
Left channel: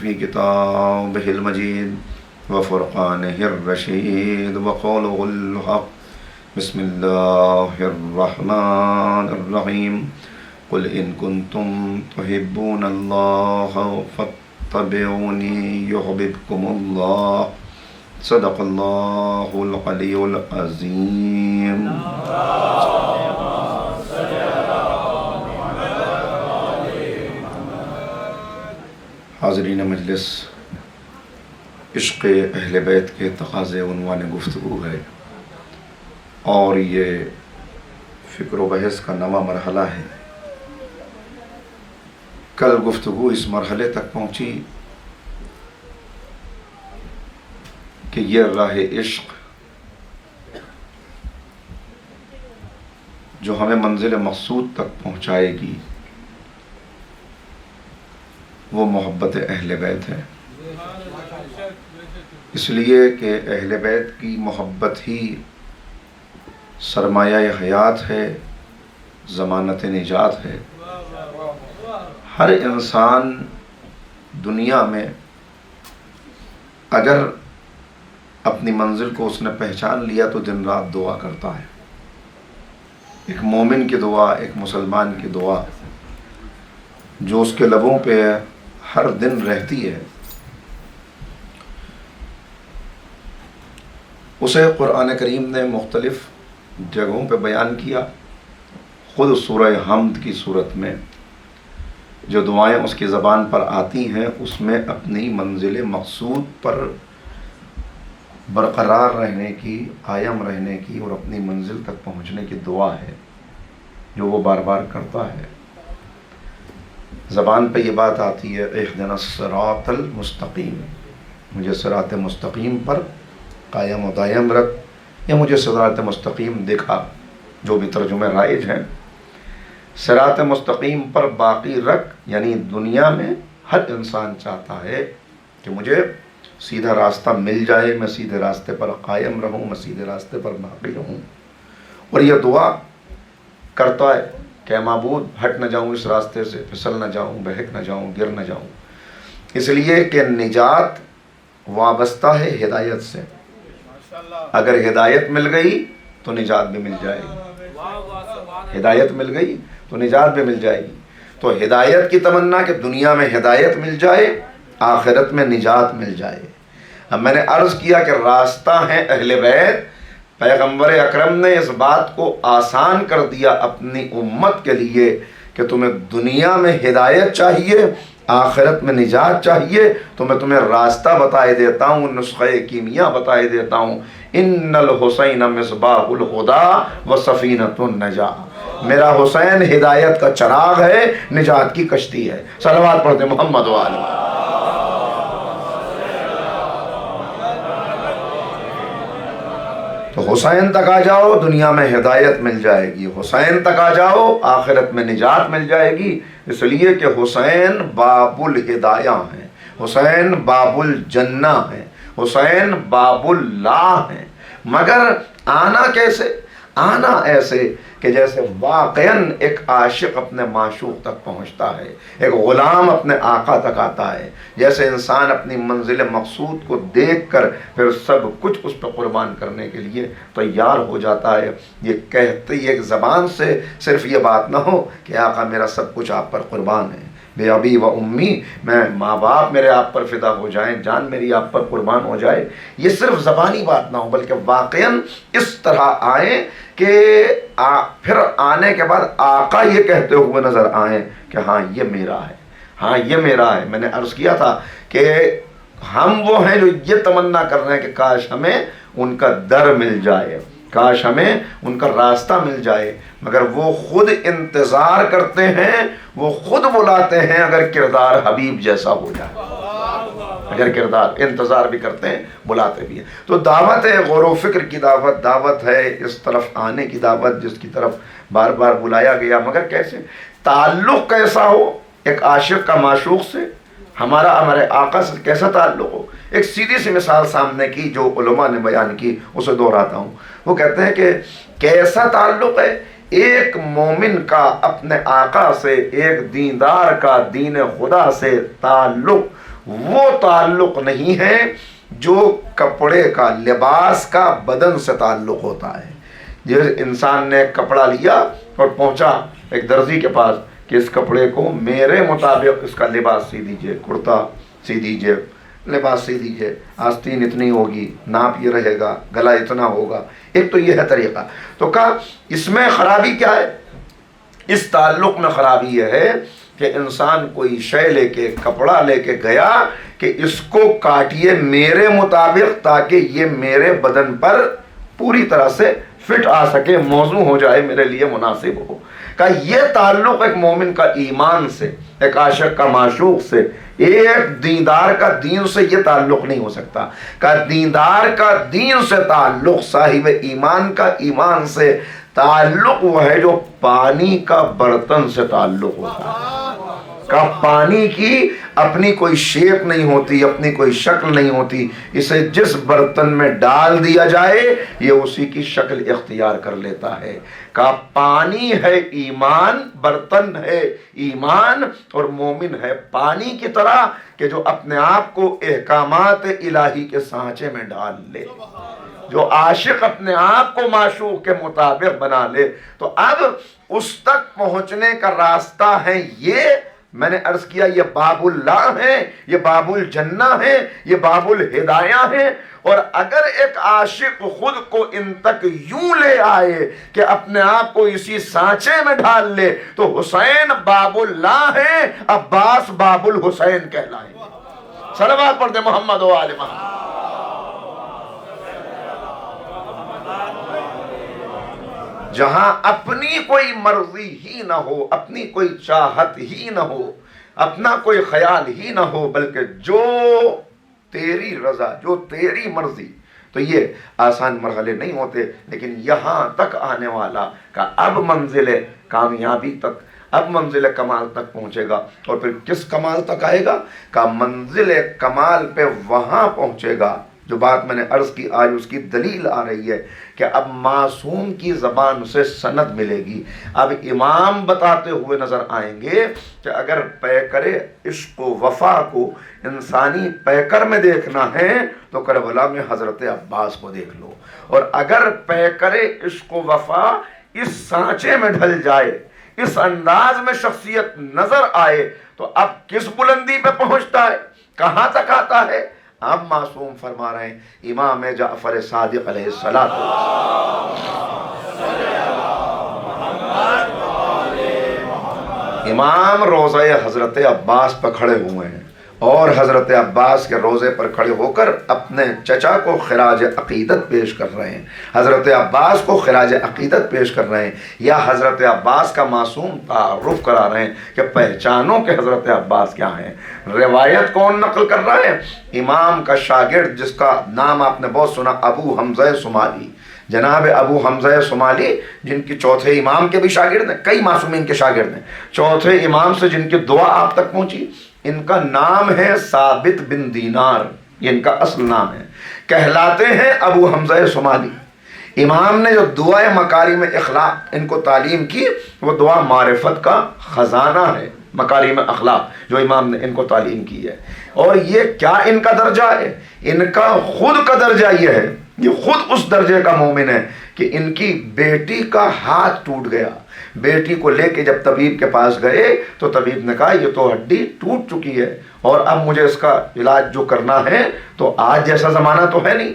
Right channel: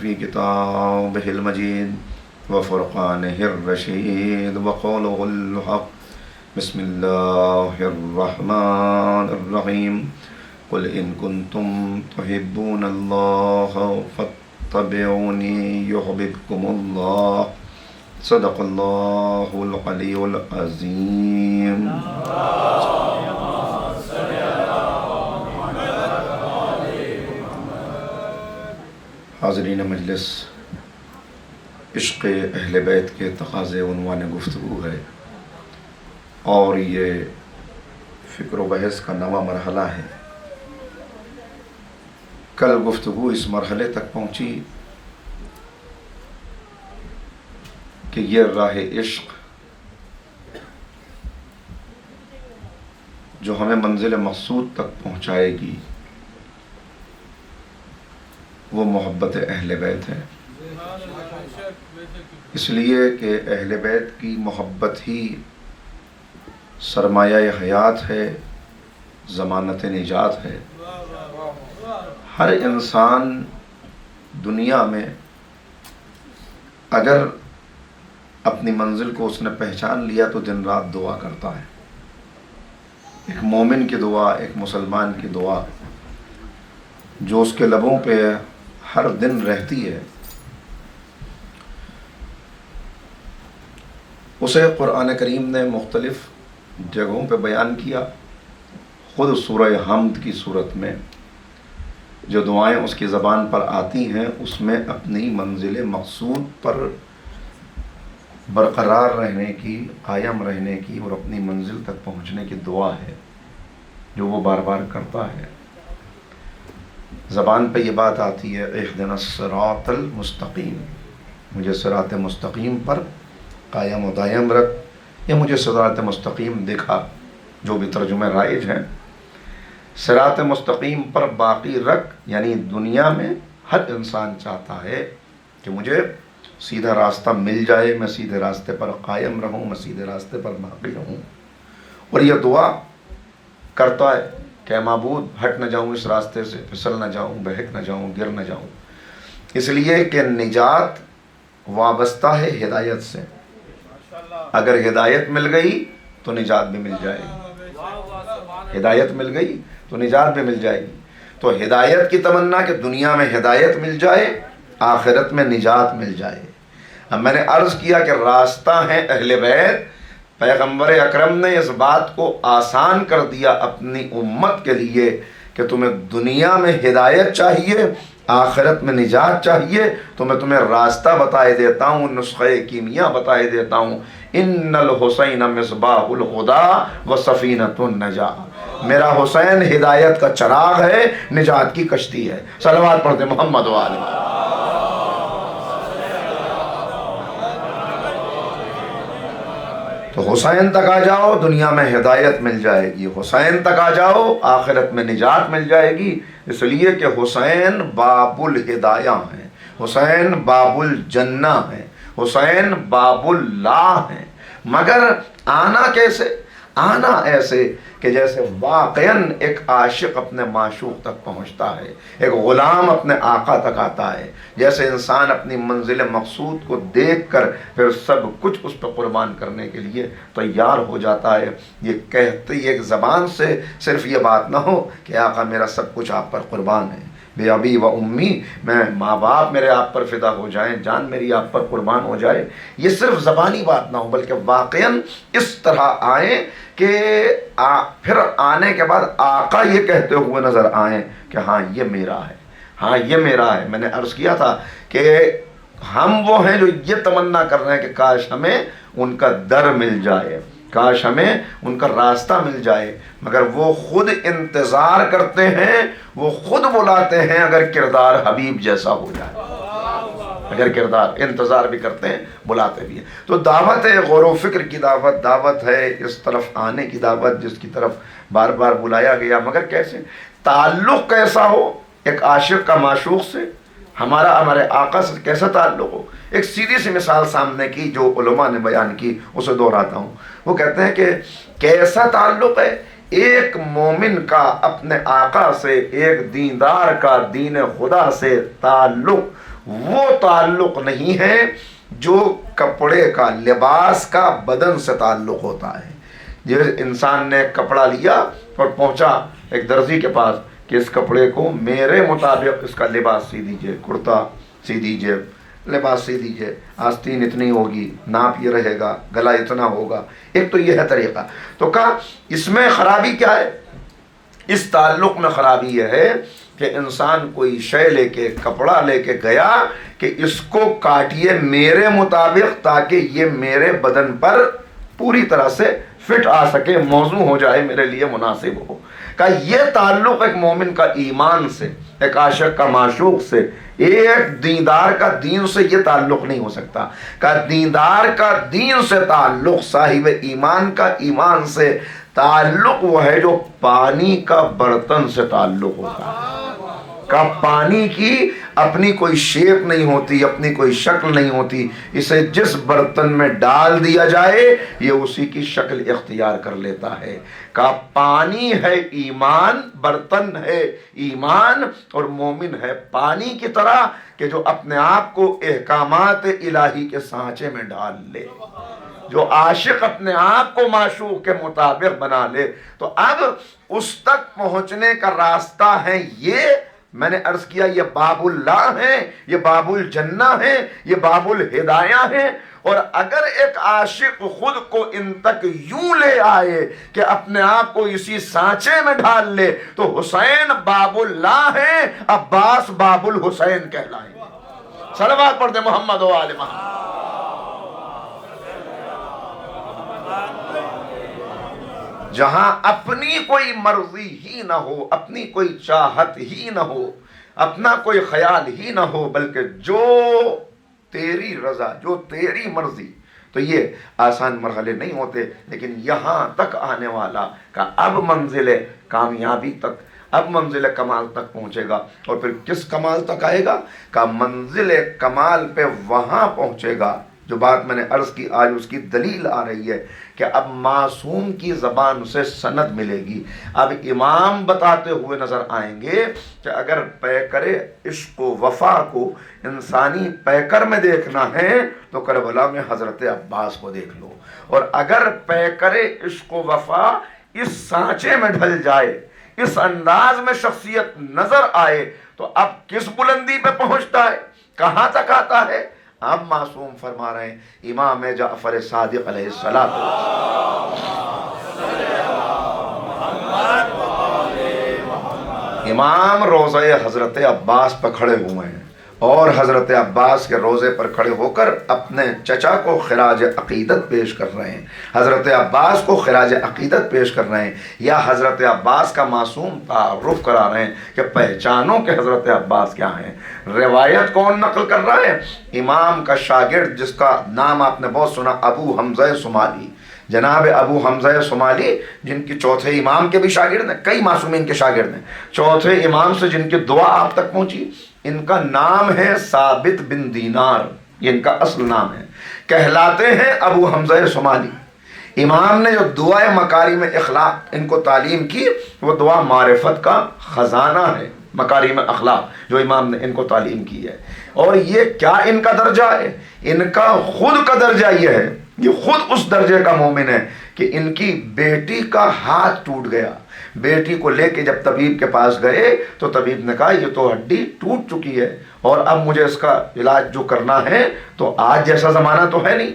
في كتابه المجيد وفرقانه الرشيد وقوله الحق. بسم الله الرحمن الرحيم. قل إن كنتم تحبون الله فاتبعوني يحببكم الله. صدق الله العلي العظيم. حاضرین مجلس، عشق اہل بیت کے تقاضے عنوان گفتگو ہے، اور یہ فکر و بحث کا نواں مرحلہ ہے۔ کل گفتگو اس مرحلے تک پہنچی کہ یہ راہ عشق جو ہمیں منزل مقصود تک پہنچائے گی وہ محبت اہل بیت ہے، اس لیے کہ اہل بیت کی محبت ہی سرمایہ حیات ہے، ضمانت نجات ہے۔ ہر انسان دنیا میں اگر اپنی منزل کو اس نے پہچان لیا تو دن رات دعا کرتا ہے۔ ایک مومن کی دعا، ایک مسلمان کی دعا جو اس کے لبوں پہ ہر دن رہتی ہے، اسے قرآن کریم نے مختلف جگہوں پہ بیان کیا۔ خود سورہ حمد کی صورت میں جو دعائیں اس کی زبان پر آتی ہیں، اس میں اپنی منزل مقصود پر برقرار رہنے کی، قائم رہنے کی اور اپنی منزل تک پہنچنے کی دعا ہے جو وہ بار بار کرتا ہے۔ زبان پہ یہ بات آتی ہے، اہدنا الصراط المستقیم، مجھے صراط مستقیم پر قائم و دائم رکھ، یا مجھے صراط مستقیم دکھا، جو بھی ترجمے رائج ہیں۔ صراط مستقیم پر باقی رکھ، یعنی دنیا میں ہر انسان چاہتا ہے کہ مجھے سیدھا راستہ مل جائے، میں سیدھے راستے پر قائم رہوں، میں سیدھے راستے پر باقی رہوں، اور یہ دعا کرتا ہے کہ معبود ہٹ نہ جاؤں اس راستے سے، پھسل نہ جاؤں، بہک نہ جاؤں، گر نہ جاؤں، اس لیے کہ نجات وابستہ ہے ہدایت سے۔ اگر ہدایت مل گئی تو نجات بھی مل جائے گی، ہدایت مل گئی تو نجات بھی مل جائے گی۔ تو ہدایت کی تمنا کہ دنیا میں ہدایت مل جائے، آخرت میں نجات مل جائے۔ اب میں نے عرض کیا کہ راستہ ہے اہل بیت۔ پیغمبر اکرم نے اس بات کو آسان کر دیا اپنی امت کے لیے کہ تمہیں دنیا میں ہدایت چاہیے، آخرت میں نجات چاہیے، تو میں تمہیں راستہ بتائے دیتا ہوں، نسخہ کیمیا بتائے دیتا ہوں۔ ان الحسین مصباح الہدی و سفینۃ النجاۃ، میرا حسین ہدایت کا چراغ ہے، نجات کی کشتی ہے۔ صلوات پڑھتے محمد و آل محمد۔ تو حسین تک آ جاؤ، دنیا میں ہدایت مل جائے گی، حسین تک آ جاؤ، آخرت میں نجات مل جائے گی، اس لیے کہ حسین باب الہدایہ ہیں، حسین باب الجنہ ہیں، حسین باب اللہ ہیں۔ مگر آنا کیسے؟ آنا ایسے کہ جیسے واقعاً ایک عاشق اپنے معشوق تک پہنچتا ہے، ایک غلام اپنے آقا تک آتا ہے، جیسے انسان اپنی منزل مقصود کو دیکھ کر پھر سب کچھ اس پہ قربان کرنے کے لیے تیار ہو جاتا ہے۔ یہ کہتے ایک زبان سے صرف یہ بات نہ ہو کہ آقا میرا سب کچھ آپ پر قربان ہے، بے ابی و امی، میں ماں باپ میرے آپ پر فدا ہو جائیں، جان میری آپ پر قربان ہو جائے، یہ صرف زبانی بات نہ ہو، بلکہ واقعاً اس طرح آئیں کہ پھر آنے کے بعد آقا یہ کہتے ہوئے نظر آئیں کہ ہاں یہ میرا ہے، ہاں یہ میرا ہے۔ میں نے عرض کیا تھا کہ ہم وہ ہیں جو یہ تمنا کر رہے ہیں کہ کاش ہمیں ان کا در مل جائے، کاش ہمیں ان کا راستہ مل جائے، مگر وہ خود انتظار کرتے ہیں، وہ خود بلاتے ہیں اگر کردار حبیب جیسا ہو جائے۔ اگر کردار انتظار بھی کرتے ہیں بلاتے بھی ہیں. تو دعوت ہے غور و فکر کی دعوت، دعوت ہے اس طرف آنے کی دعوت جس کی طرف بار بار بلایا گیا. مگر کیسے؟ تعلق کیسا ہو ایک عاشق کا معشوق سے، ہمارے آقا سے کیسا تعلق ہو. ایک سیدھی سی مثال سامنے کی جو علماء نے بیان کی اسے دہراتا ہوں. وہ کہتے ہیں کہ کیسا تعلق ہے ایک مومن کا اپنے آقا سے، ایک دیندار کا دین خدا سے تعلق. وہ تعلق نہیں ہے جو کپڑے کا، لباس کا، بدن سے تعلق ہوتا ہے. جیسے انسان نے کپڑا لیا اور پہنچا ایک درزی کے پاس کہ اس کپڑے کو میرے مطابق اس کا لباس سی دیجئے، کرتا سی دیجئے، لباس سی دیجئے، آستین اتنی ہوگی، ناپ یہ رہے گا، گلا اتنا ہوگا. ایک تو یہ ہے طریقہ. تو کہا اس میں خرابی کیا ہے؟ اس تعلق میں خرابی یہ ہے کہ انسان کوئی شے لے کے، کپڑا لے کے گیا کہ اس کو کاٹیے میرے مطابق تاکہ یہ میرے بدن پر پوری طرح سے فٹ آ سکے، موزوں ہو جائے، میرے لیے مناسب ہو. کہ یہ تعلق ایک مومن کا ایمان سے، ایک عاشق کا معشوق سے، ایک دیندار کا دین سے یہ تعلق نہیں ہو سکتا. کہ دیندار کا دین سے تعلق، صاحب ایمان کا ایمان سے تعلق وہ ہے جو پانی کا برتن سے تعلق ہوتا ہے. کہ پانی کی اپنی کوئی شیپ نہیں ہوتی، اپنی کوئی شکل نہیں ہوتی، اسے جس برتن میں ڈال دیا جائے یہ اسی کی شکل اختیار کر لیتا ہے. کہ پانی ہے ایمان، برتن ہے ایمان، اور مومن ہے پانی کی طرح کہ جو اپنے آپ کو احکامات الہی کے سانچے میں ڈال لے، جو عاشق اپنے آپ کو معشوق کے مطابق بنا لے. تو اب اس تک پہنچنے کا راستہ ہے یہ میں نے عرض کیا، یہ باب اللہ ہے، یہ باب الجنہ ہے، یہ باب الہدایہ ہے. اور اگر ایک عاشق خود کو ان تک یوں لے آئے کہ اپنے آپ کو اسی سانچے میں ڈال لے تو حسین باب اللہ ہے، عباس باب الحسین کہلائیں گے. صلوات پڑھ دے محمد و آل محمد. جہاں اپنی کوئی مرضی ہی نہ ہو، اپنی کوئی چاہت ہی نہ ہو، اپنا کوئی خیال ہی نہ ہو، بلکہ جو تیری رضا، جو تیری مرضی. تو یہ آسان مرحلے نہیں ہوتے، لیکن یہاں تک آنے والا کا اب منزل کامیابی تک، اب منزل کمال تک پہنچے گا. اور پھر کس کمال تک آئے گا؟ کہ منزل کمال پہ وہاں پہنچے گا. جو بات میں نے عرض کی آج اس کی دلیل آ رہی ہے کہ اب معصوم کی زبان سے سند ملے گی. اب امام بتاتے ہوئے نظر آئیں گے کہ اگر پیکر عشق و وفا کو انسانی پیکر میں دیکھنا ہے تو کربلا میں حضرت عباس کو دیکھ لو. اور اگر پیکر عشق و وفا اس سانچے میں ڈھل جائے، اس انداز میں شخصیت نظر آئے تو اب کس بلندی پہ پہنچتا ہے، کہاں تک آتا ہے؟ اب معصوم فرما رہے ہیں امام جعفر صادق علیہ السلام. امام روضہ حضرت عباس پر کھڑے ہوئے ہیں اور حضرت عباس کے روضے پر کھڑے ہو کر اپنے چچا کو خراج عقیدت پیش کر رہے ہیں، حضرت عباس کو خراج عقیدت پیش کر رہے ہیں، یا حضرت عباس کا معصوم تعارف کرا رہے ہیں کہ پہچانو کہ حضرت عباس کیا ہیں. روایت کون نقل کر رہا ہے؟ امام کا شاگرد جس کا نام آپ نے بہت سنا، ابو حمزہ صومالی. جناب ابو حمزہ صومالی جن کی چوتھے امام کے بھی شاگرد ہیں، کئی معصومین کے شاگرد ہیں، چوتھے امام سے جن کی دعا آپ تک پہنچی. ان کا نام ہے ثابت بن دینار، یہ ان کا اصل نام ہے. کہلاتے ہیں ابو حمزہ صومالی. امام نے جو دعائے مکارم اخلاق ان کو تعلیم کی، وہ دعا معرفت کا خزانہ ہے. مکارم اخلاق جو امام نے ان کو تعلیم کی ہے. اور یہ کیا ان کا درجہ ہے؟ ان کا خود کا درجہ یہ ہے، یہ خود اس درجے کا مومن ہے کہ ان کی بیٹی کا ہاتھ ٹوٹ گیا. بیٹی کو لے کے جب طبیب کے پاس گئے تو طبیب نے کہا یہ تو ہڈی ٹوٹ چکی ہے اور اب مجھے اس کا علاج جو کرنا ہے تو آج جیسا زمانہ تو ہے نہیں،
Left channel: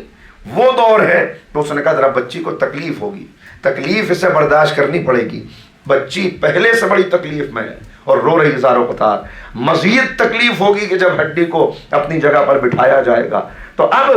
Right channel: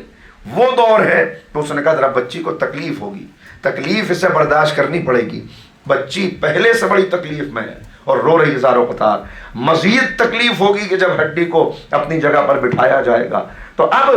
وہ دور ہے. تو اس نے کہا ذرا بچی کو تکلیف ہوگی، تکلیف اسے برداشت کرنی پڑے گی. بچی پہلے سے بڑی تکلیف میں ہے اور رو رہی زاروں قطار. مزید تکلیف ہوگی کہ جب ہڈی کو اپنی جگہ پر بٹھایا جائے گا. تو اب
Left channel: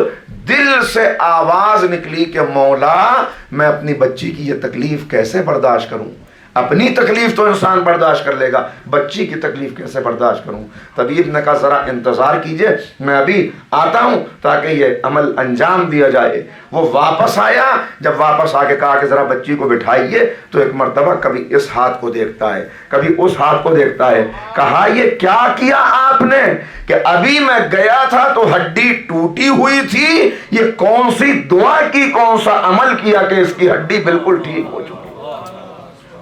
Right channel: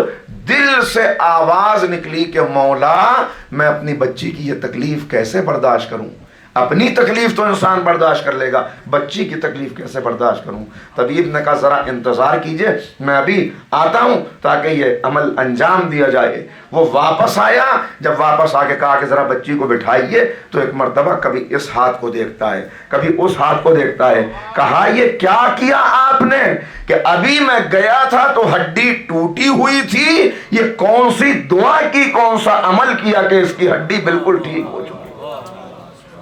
دل سے آواز نکلی کہ مولا میں اپنی بچی کی یہ تکلیف کیسے برداشت کروں. اپنی تکلیف تو انسان برداشت کر لے گا، بچی کی تکلیف کیسے برداشت کروں؟ طبیب نے کہا ذرا انتظار کیجئے، میں ابھی آتا ہوں تاکہ یہ عمل انجام دیا جائے۔ وہ واپس آیا، جب واپس آ کے کہا کہ ذرا بچی کو بٹھائیے، تو ایک مرتبہ کبھی اس ہاتھ کو دیکھتا ہے، کبھی اس ہاتھ کو دیکھتا ہے۔ کہا یہ کیا کیا آپ نے؟ کہ ابھی میں گیا تھا تو ہڈی ٹوٹی ہوئی تھی، یہ کون سی دعا کی، کون سا عمل کیا کہ اس کی ہڈی بالکل ٹھیک ہو چکی؟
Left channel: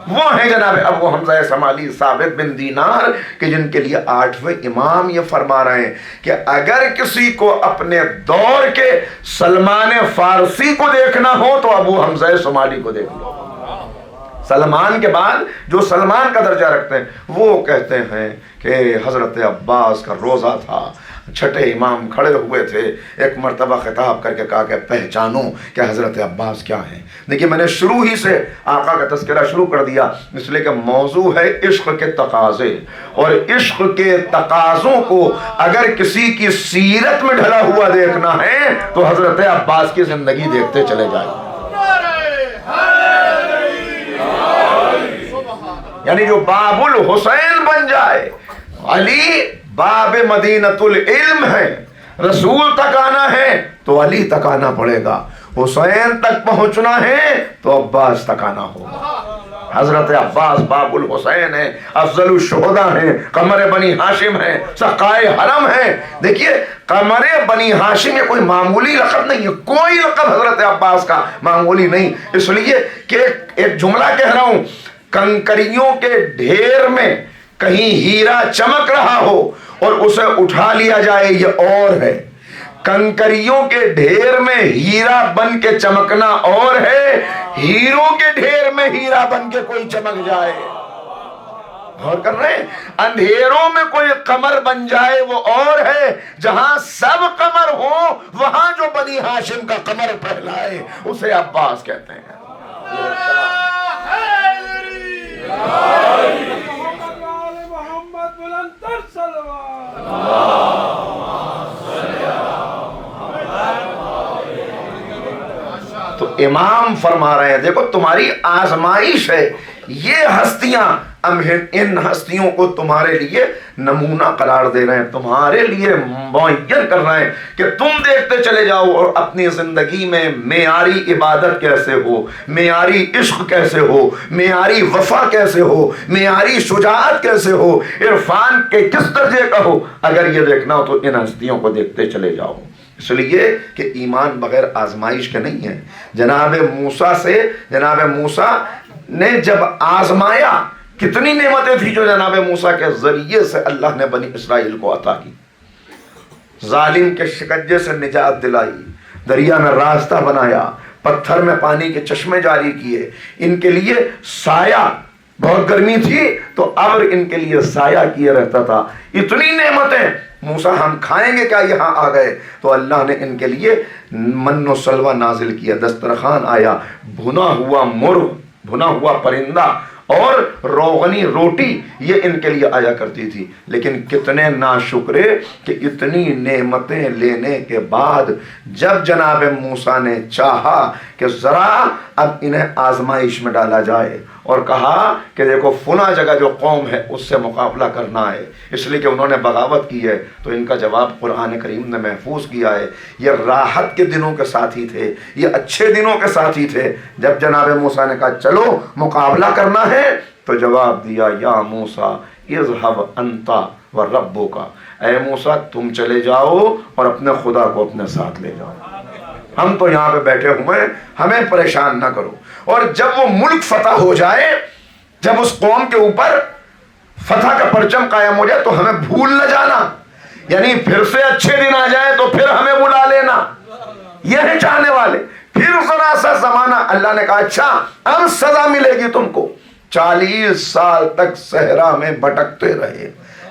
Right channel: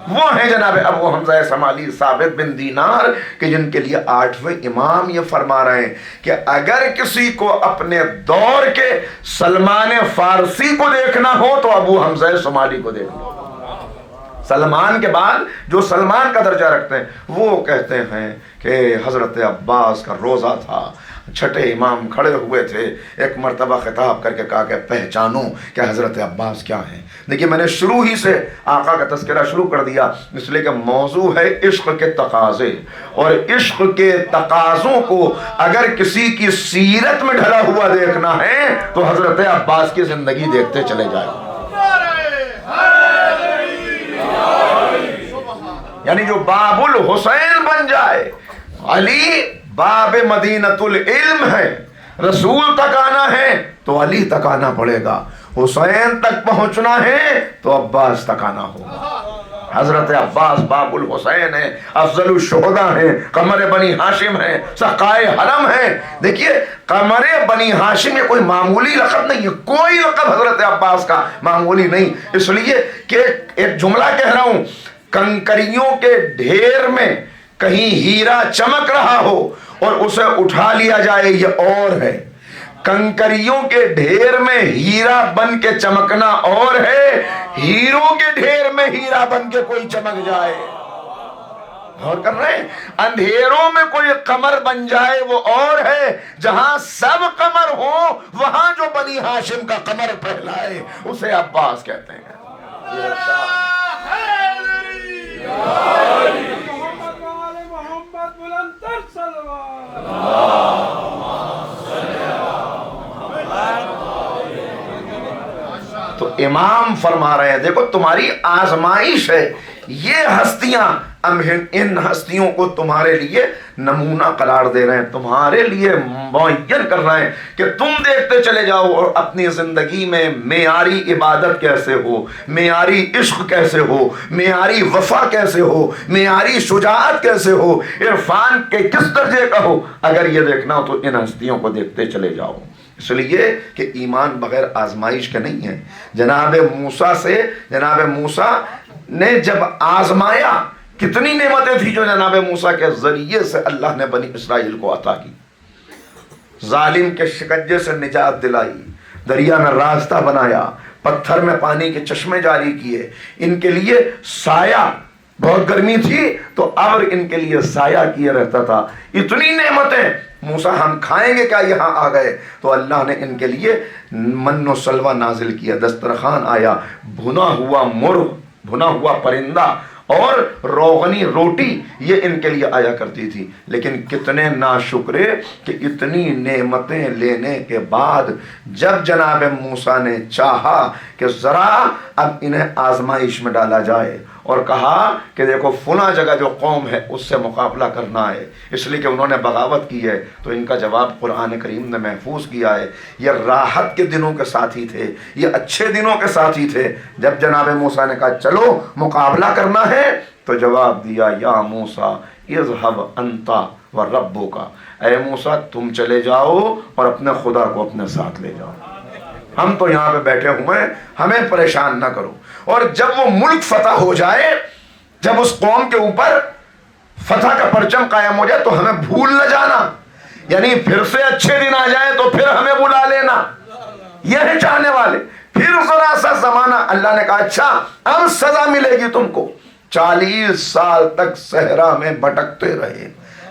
وہ ہیں جناب ابو حمزہ سمالی ثابت بن دینار کہ جن کے لیے 8ویں امام یہ فرما رہے ہیں کہ اگر کسی کو اپنے دور کے سلمان فارسی کو دیکھنا ہو تو ابو حمزہ سمالی کو دیکھ لو۔ سلمان کے بعد جو سلمان کا درجہ رکھتے ہیں وہ کہتے ہیں کہ حضرت عباس کا روزہ تھا، چھٹے امام کھڑے ہوئے تھے، ایک مرتبہ خطاب کر کے کہا کہ پہچانو کہ حضرت عباس کیا ہیں۔ دیکھیے میں نے شروع ہی سے آقا کا تذکرہ شروع کر دیا اس لیے کہ موضوع ہے عشق کے تقاضے، اور عشق کے تقاضوں کو اگر کسی کی سیرت میں ڈھلا ہوا دیکھنا ہے تو حضرت عباس کی زندگی دیکھتے چلے جائیں۔ یعنی جو باب الحسین بن جائے، علی باب مدینۃ العلم ہے، رسول تک آنا ہے تو علی تک آنا پڑے گا، حسین تک پہنچنا ہے تو عباس تک آنا ہوگا۔ حضرت عباس باب الحسین ہیں، افضل الشہداء ہیں، قمر بنی ہاشم ہیں، سقائے حرم ہیں۔ دیکھیے قمر بنی ہاشم یہ کوئی معمولی لقب نہیں ہے، کوئی لقب حضرت عباس کا معمولی نہیں، اس لیے کہ ایک جملہ کہہ رہا ہوں، کنکریوں کے ڈھیر میں کہیں ہیرا چمک رہا ہو اور اسے اٹھا لیا جائے یہ اور ہے، کنکریوں کے ڈھیر میں ہیرا بن کے چمکنا اور ہے، ہیروں کے ڈھیر میں ہیرا بن کے کوئی چمک جائے۔ غور کر رہے ہیں؟ اندھیروں میں کوئی قمر بن جائے وہ اور ہے، جہاں سب قمر ہوں وہاں جو بنی ہاشم کا قمر پہلائے اسے عباس کہتے ہیں۔ محمد بلند تر صلوات۔ تو امام فرما رہے ہیں دیکھو تمہاری آزمائش ہے، یہ ہستیاں ان ہستیوں کو تمہارے لیے نمونہ قرار دے رہے ہیں، تمہارے لیے معین کر رہے ہیں کہ تم دیکھتے چلے جاؤ اور اپنی زندگی میں معیاری عبادت کیسے ہو، معیاری عشق کیسے ہو، معیاری وفا کیسے ہو، معیاری شجاعت کیسے ہو، عرفان کے کس درجے کا ہو۔ اگر یہ دیکھنا ہو تو ان ہستیوں کو دیکھتے چلے جاؤ، اس لیے کہ ایمان بغیر آزمائش کے نہیں ہے۔ جناب موسیٰ نے جب آزمایا، کتنی نعمتیں تھی جو جناب موسیٰ کے ذریعے سے اللہ نے بنی اسرائیل کو عطا کی، ظالم کے شکنجے سے نجات دلائی، دریا میں راستہ بنایا، پتھر میں پانی کے چشمے جاری کیے، ان کے لیے سایہ، بہت گرمی تھی تو ابر ان کے لیے سایہ کیے رہتا تھا، اتنی نعمتیں۔ موسیٰ ہم کھائیں گے کیا یہاں آ گئے؟ تو اللہ نے ان کے لیے من و سلوہ نازل کیا، دسترخوان آیا، بھنا ہوا مرغ، بھنا ہوا پرندہ اور روغنی روٹی یہ ان کے لیے آیا کرتی تھی۔ لیکن کتنے ناشکرے کہ اتنی نعمتیں لینے کے بعد جب جناب موسیٰ نے چاہا کہ ذرا اب انہیں آزمائش میں ڈالا جائے اور کہا کہ دیکھو فلاں جگہ جو قوم ہے اس سے مقابلہ کرنا ہے، اس لیے کہ انہوں نے بغاوت کی ہے، تو ان کا جواب قرآن کریم نے محفوظ کیا ہے۔ یہ راحت کے دنوں کے ساتھی تھے، یہ اچھے دنوں کے ساتھی تھے۔ جب جناب موسیٰ نے کہا چلو مقابلہ کرنا ہے تو جواب دیا یا موسیٰ اذهب انت وربک، اے موسیٰ تم چلے جاؤ اور اپنے خدا کو اپنے ساتھ لے جاؤ، ہم تو یہاں پہ بیٹھے ہوئے ہیں، ہمیں پریشان نہ کرو۔ اور جب وہ ملک فتح ہو جائے، جب اس قوم کے اوپر فتح کا پرچم قائم ہو جائے تو ہمیں بھول نہ جانا، یعنی پھر سے اچھے دن آ جائیں تو پھر ہمیں بلا لینا، یہ ہے چاہنے والے۔ پھر ذرا سا زمانہ، اللہ نے کہا اچھا اب سزا ملے گی تم کو۔ 40 سال تک صحرا میں بھٹکتے رہے،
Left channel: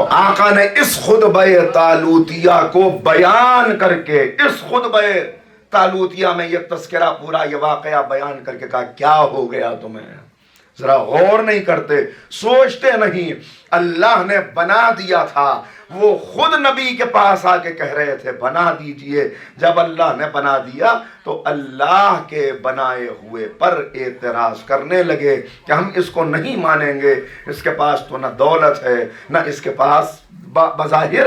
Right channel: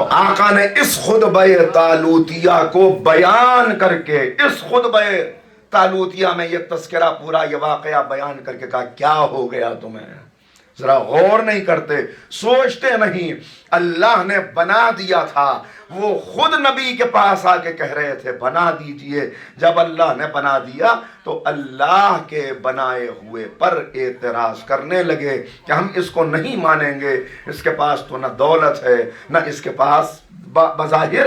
تو آقا نے اس خطبہ طالوتیہ کو بیان کر کے اس خطبہ طالوتیہ میں یہ تذکرہ پورا یہ واقعہ بیان کر کے کہا کیا ہو گیا تمہیں؟ ذرا غور نہیں کرتے، سوچتے نہیں۔ اللہ نے بنا دیا تھا، وہ خود نبی کے پاس آ کے کہہ رہے تھے بنا دیجئے۔ جب اللہ نے بنا دیا تو اللہ کے بنائے ہوئے پر اعتراض کرنے لگے کہ ہم اس کو نہیں مانیں گے، اس کے پاس تو نہ دولت ہے، نہ اس کے پاس بظاہر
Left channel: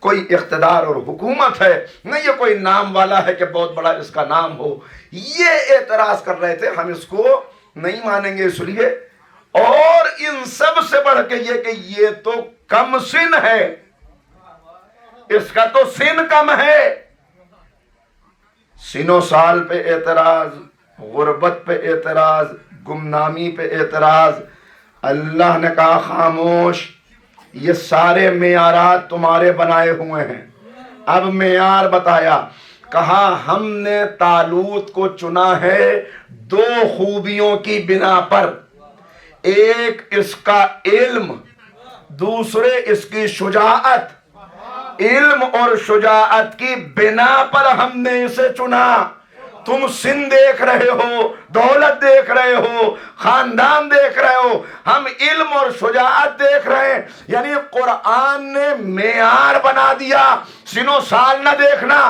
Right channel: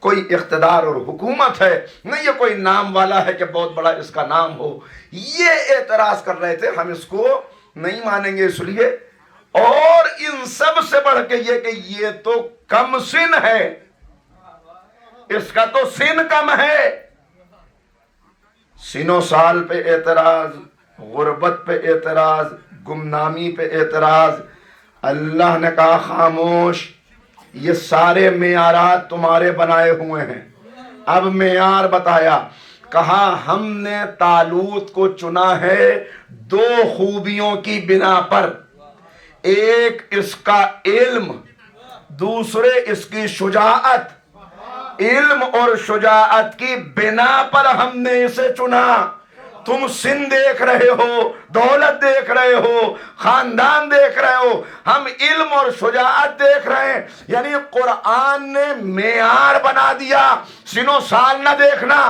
کوئی اقتدار اور حکومت ہے، نہ یہ کوئی نام والا ہے کہ بہت بڑا اس کا نام ہو۔ یہ اعتراض کر رہے تھے ہم اس کو نہیں مانیں گے اس لیے، اور ان سب سے بڑھ کے یہ کہ یہ تو کم سن ہے، اس کا تو سن کم ہے۔ سن و سال پہ اعتراض، غربت پہ اعتراض، گمنامی پہ اعتراض۔ اللہ نے کہا خاموش، یہ سارے معیارات تمہارے بنائے ہوئے ہیں۔ اب معیار بتایا، کہا ہم نے طالوت کو چنا ہے دو خوبیوں کی بنا پر، ایک اس کا علم، دوسرے اس کی شجاعت۔ علم اور شجاعت کی بنا پر ہم نے اسے چنا۔ تم سن دیکھ رہے ہو، دولت دیکھ رہے ہو، خاندان دیکھ رہے ہو، ہم علم اور شجاعت دیکھ رہے ہیں۔ یعنی قرآن نے معیار بنا دیا، سن و سال نہ دیکھنا۔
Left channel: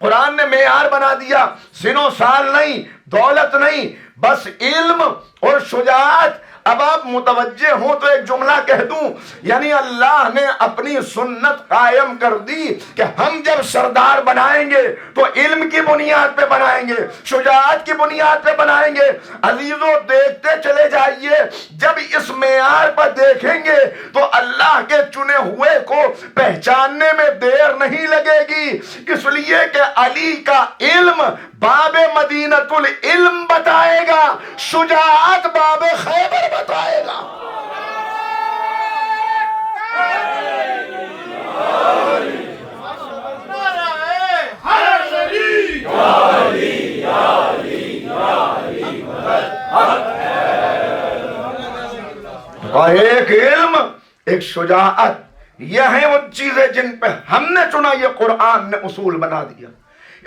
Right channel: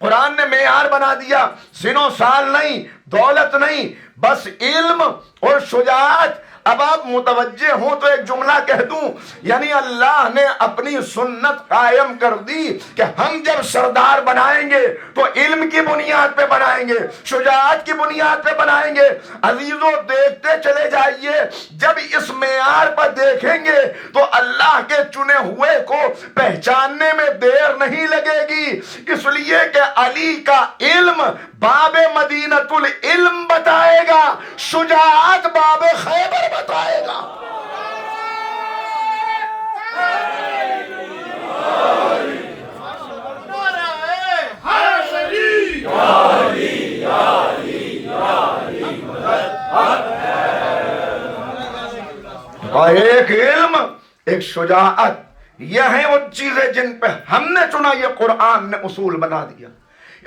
قرآن نے معیار بنا دیا، سن و سال نہیں، دولت نہیں، بس علم اور شجاعت۔ اب آپ متوجہ ہوں تو ایک جملہ کہہ دوں، یعنی اللہ نے اپنی سنت قائم کر دی کہ ہم جب سردار بنائیں گے تو علم کی بنیاد پہ بنائیں گے، شجاعت کی بنیاد پہ بنائیں گے۔ عزیزوں دیکھتے چلے جائیے، جب اس معیار پر دیکھیں گے تو اللہ کے چنے ہوئے کو پہچاننے میں دیر نہیں لگے گی، اس لیے کہ علی کا علم باب مدینۃ العلم بتائے گا، شجاعت باب خیبر بتائے گا۔ ایک علم، ایک شجاعت، یہ ہیں وہ چیزیں جن پہ ہم نے چنا۔ یہ قرآن نے اصول بنا دیا۔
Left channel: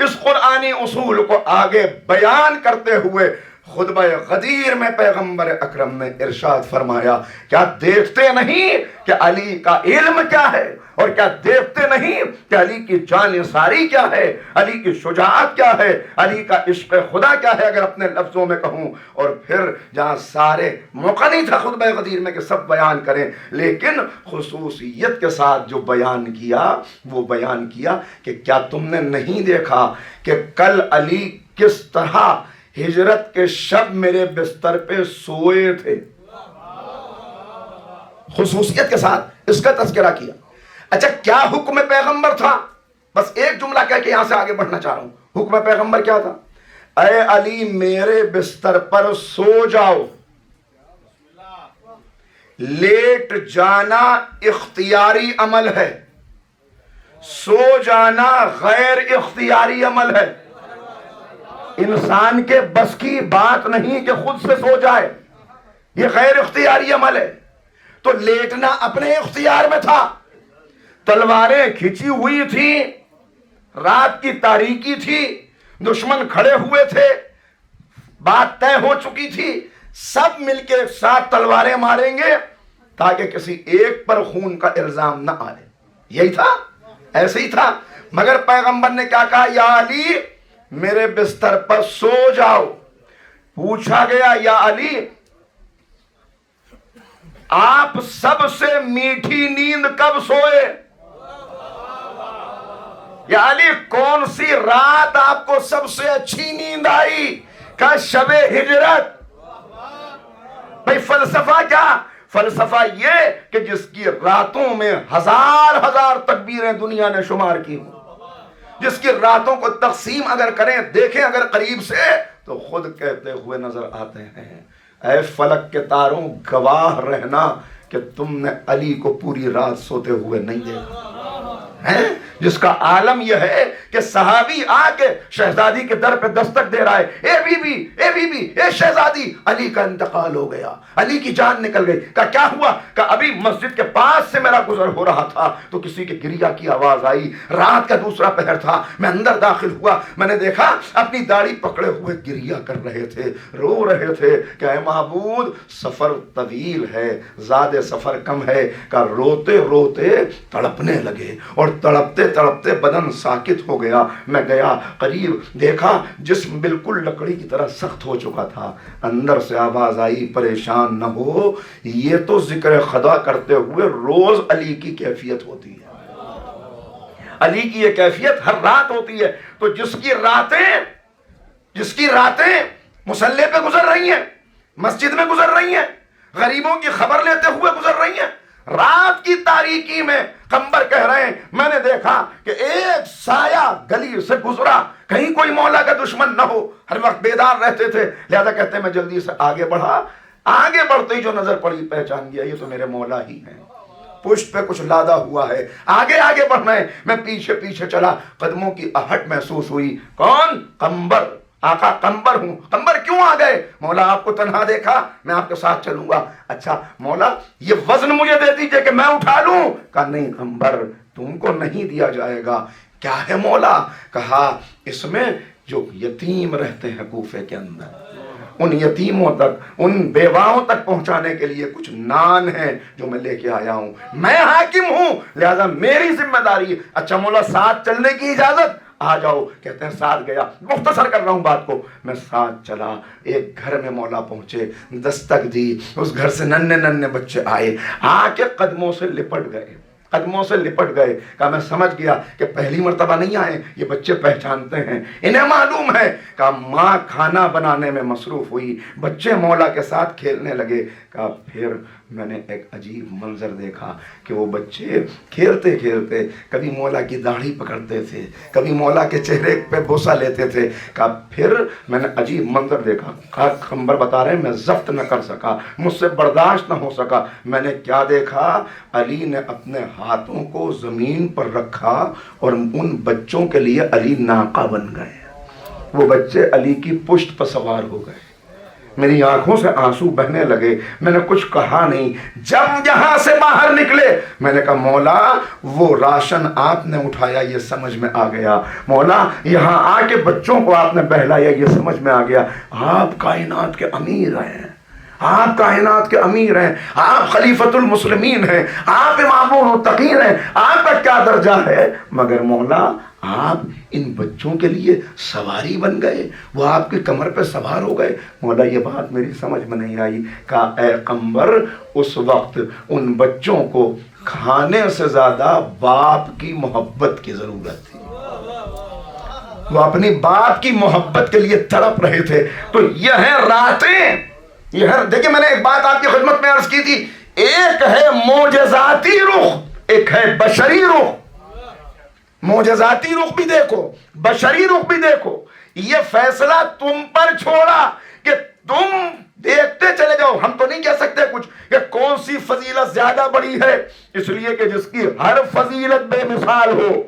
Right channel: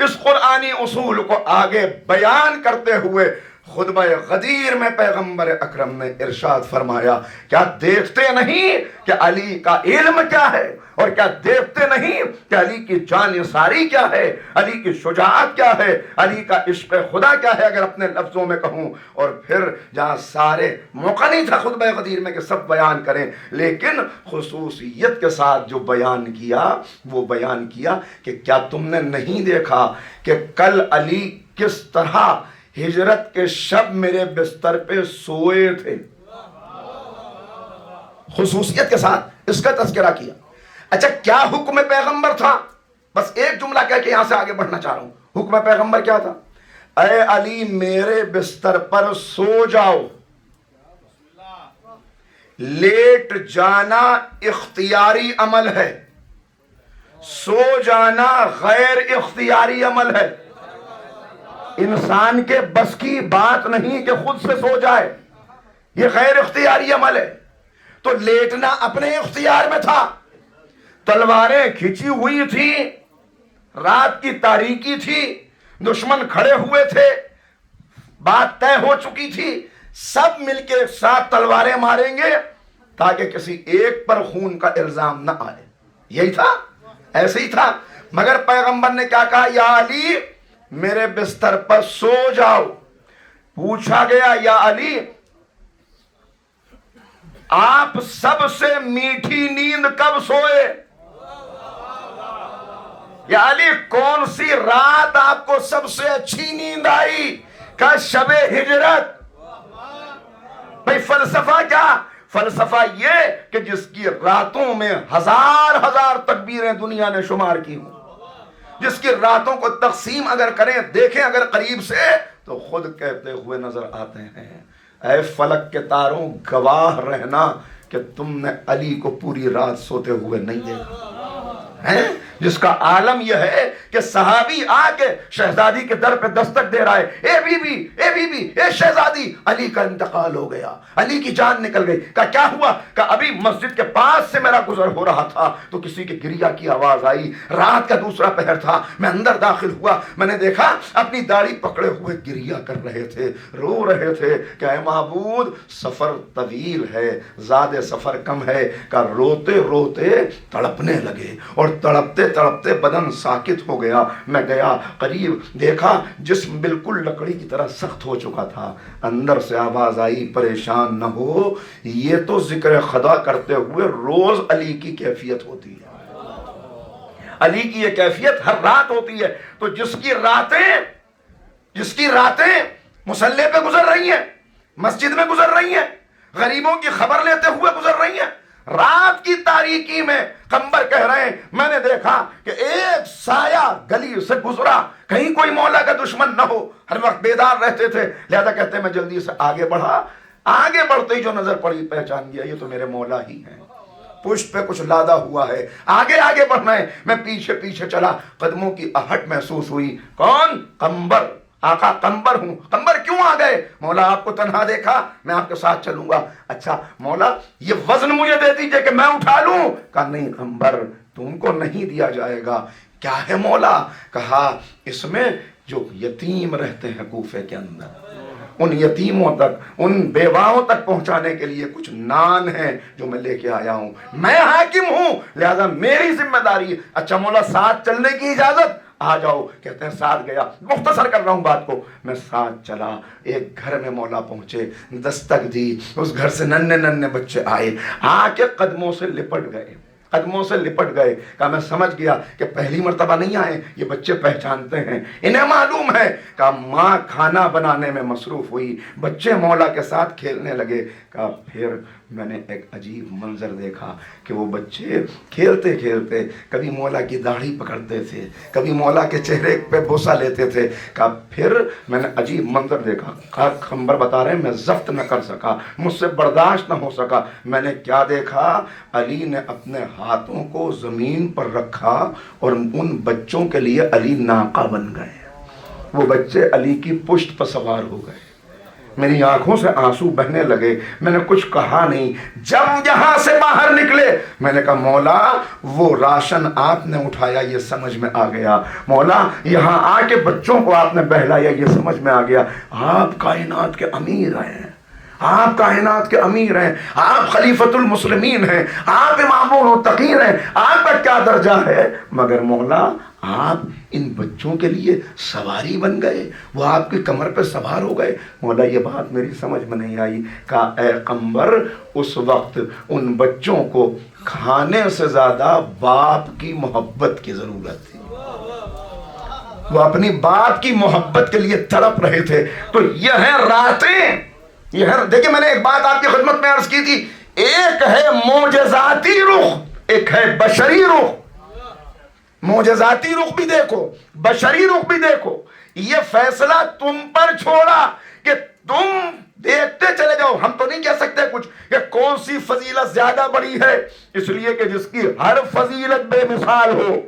اس قرآنی اصول کو آگے بیان کرتے ہوئے خطبہ غدیر میں پیغمبر اکرم نے ارشاد فرمایا، کیا دیکھتے نہیں کہ علی کا علم کیا ہے، اور کیا دیکھتے نہیں کہ علی کی جانثاری کیا ہے، علی کی شجاعت کیا ہے، علی کا عشق خدا کیا ہے، اگر اپنے لفظوں میں کہوں۔ اور پھر جہاں سارے موقع نہیں تھا خطبہ غدیر میں کہ سب بیان کریں، لیکن خصوصیت کے ساتھ جو بیان کیا وہ بیان کیا کہ کیا تم نے نہیں دیکھا کہ کل علی کس طرح ہجرت کے شب میرے بستر پہ سوئے تھے۔ خصوصیت کے ساتھ اس کا تذکرہ کیا۔ اچھا کیا حکم پیغمبر تھا؟ بس ایک جملہ کہہ کے یہاں سے آگے بڑھنا چاہ رہا ہوں۔ حکم پیغمبر کیا تھا؟ اے علی میرے بستر پر سو جاؤ۔ لیٹ جانا اختیاری عمل ہے، سو جانا غیر اختیاری عمل ہے۔ انسان کے بس کی بات نہیں کہ خود سے سو جائے، یہ غیر اختیاری عمل ہے۔ تو لیٹنا اپنے اختیار میں تھا۔ تلواریں کھچی ہوئی تھی، رات کی تاریکی تھی، دشمن کھڑے ہوئے تھے، بات طے ہو چکی تھی، سب مل کے ایک ساتھ تلواریں ماریں گے تاکہ کسی ایک پر خون کا الزام نہ آئے۔ یہی تھا، ایسے ہی تھا۔ مگر پیغمبر نے کیا کہا؟ یا علی میرے بستر پر سو جاؤ۔ پوچھا گیا یا علی آپ سب سے میٹھی نیند کب سوئے؟ یا علی کون سی رات آپ کو سب سے اچھی نیند آئی؟ کہ شب ہجرت۔ بھئی فلسفہ کیا؟ فلسفہ یہ کہ جس کی راتوں میں ہزار ہزار تکبیریں دنیا نے شمار کی ہوں، جس کی راتوں کو تقسیم اگر کریں، دیکھیں اگر قریب سے، تو خود کہتے ہوئے نظر آتے ہیں اے فلک کے تاروں گواہ رہنا کہ تم نے علی کو پوری رات سوتے ہوئے نہیں دیکھا ہے۔ جس کا عالم یہ ہے کہ صحابی آ کے شہزادی کے در پہ دستک دے رہا ہے، اے بی بی، اے بی بی، اے شہزادی، علی کا انتقال ہو گیا، علی کی جان نکل گئی۔ کہا کیا ہوا؟ کہا ابھی مسجد کے پاس سے میرا گزر ہو رہا تھا تو کسی کے گریہ کی آواز آئی، رات کا دوسرا پہر تھا، میں اندر داخل ہوا، میں نے دیکھا اپنی داڑھی پکڑے ہوئے گریہ کر رہے تھے، رو رہے تھے کہ اے معبود سفر طویل ہے، زیادہ سفر کم ہے۔ کہ روتے روتے تڑپنے لگے اور تڑپتے تڑپتے بدن ساکت ہو گیا۔ میں گیا قریب، دیکھا جسم بالکل لکڑی کی طرح سخت ہو چکا تھا۔ اندر سے آواز آئی پریشان نہ ہو، یہ تو ذکر خدا کرتے ہوئے روز علی کی کیفیت ہوتی ہے، علی کی یہ کیفیت ہر رات ہوتی ہے۔ تو جس کی راتیں مصلی پہ گزر رہی ہیں، مسجد میں گزر رہی ہیں، غریبوں کی خبر لیتے ہوئے گزر رہی ہیں، رات کی تاریکی میں قمبر کہہ رہے ہیں میں نے دیکھا کہ ایک سایہ گلی سے گزرا، کہیں کوئی مولا کا دشمن نہ ہو، ہر وقت بیدار رہتے تھے، لہذا کہتے ہیں میں جلدی سے آگے بڑھا، آگے بڑھتے ہی جو نظر پڑی پہچان گیا یہ تو میرے مولا ہی ہیں، پشت پہ کچھ لادا ہوا ہے، آگے آگے بڑھنا ہے۔ میں پیچھے پیچھے چلا، قدموں کی آہٹ محسوس ہوئی، کون؟ قمبر، آقا قمبر ہوں۔ قمبر کیوں آ گئے؟ مولا آپ کو تنہا دیکھا، میں آپ کے ساتھ چلوں گا۔ اچھا مولا یہ وزن مجھے دے دیجئے کہ میں اٹھا لوں۔ کہا نہیں قمبر تم کو نہیں دیا جائے گا۔ کیا ہے مولا؟ کہا اس میں جو یتیم رہتے ہیں کوفے کے اندر، ان یتیموں تک، ان بیواؤں تک پہنچانے کے لیے کچھ نان ہیں جو میں لے کے آیا ہوں، میں حاکم ہوں لہذا میری ذمہ داری ہے۔ اچھا مولا ساتھ چلنے کی اجازت؟ آ جاؤ۔ کہتے ہیں ساتھ گیا، مختصر کر رہا ہوں بات کو، میں ساتھ چلا، ایک گھر میں مولا پہنچے، دستک دی، اس گھر سے ننھے ننھے بچے آئے، آ کے قدموں سے لپٹ گئے، قدموں سے لپٹ گئے۔ کہا میں سمجھ گیا کہ پہلی مرتبہ نہیں آئے، یہ بچے پہچانتے ہیں، انہیں معلوم ہے۔ کہا ماں کھانا بنانے میں مصروف ہوئی، بچے مولا کے ساتھ کھیلنے لگے۔ کہا پھر میں نے ایک عجیب منظر دیکھا کہ وہ بچے کھیلتے کھیلتے کبھی مولا کی داڑھی پکڑتے تھے، کبھی مولا کے چہرے پہ بوسہ لیتے تھے۔ کہا پھر میں نے عجیب منظر دیکھا۔ کہا قمبر بتا رہے ہیں میں ضبط نہ کر سکا، مجھ سے برداشت نہ ہو سکا۔ میں نے کیا دیکھا؟ علی نے اپنے ہاتھوں کو زمین پر رکھا اور ان بچوں کے لیے علی ناقہ بن گئے، وہ بچے علی کی پشت پر سوار ہو گئے۔ میری آنکھوں سے آنسو بہنے لگے، میں نے کچھ کہا نہیں۔ جب یہاں سے باہر نکلے میں نے کہا مولا وہ راشن آپ نے اٹھایا یہ سمجھ میں آ گیا، مولا یہاں آ کے بچوں کو آپ نے بہلایا یہ سمجھ میں آ گیا، آپ کائنات کے امیر ہیں، آپ کائنات کے امیر ہیں، آپ خلیفۃ المسلمین ہیں، آپ امام المتقین ہیں، آپ کا کیا درجہ ہے، مگر مولا آپ ان بچوں کے لیے سواری بن گئے، وہ آپ کی کمر پہ سوار ہو گئے۔ مولا یہ بات میری سمجھ میں نہیں آئی۔ کہا اے قمبر اس وقت ان بچوں کو کھانے سے زیادہ باپ کی محبت کی ضرورت تھی، وہ اپنی باپ کی محبت کے لیے تڑپ رہے تھے۔ تو یہ ہیں راتیں، یہ ہے، دیکھیں میں نے ایک بات آپ کی خدمت میں عرض کی تھی، ایک ہے معجزاتی رخ، ایک ہے بشری رخ۔ معجزاتی رخ بھی دیکھو، بشری رخ بھی دیکھو۔ یہ فیصلہ تم پر چھوڑا کہ تم دیکھتے چلے جاؤ، ہم تو نہیں کہہ سکتے کچھ کہ کون سی فضیلت زیادہ بڑی ہے، اس لیے کہ جس کی ہر فضیلت بے مثال ہو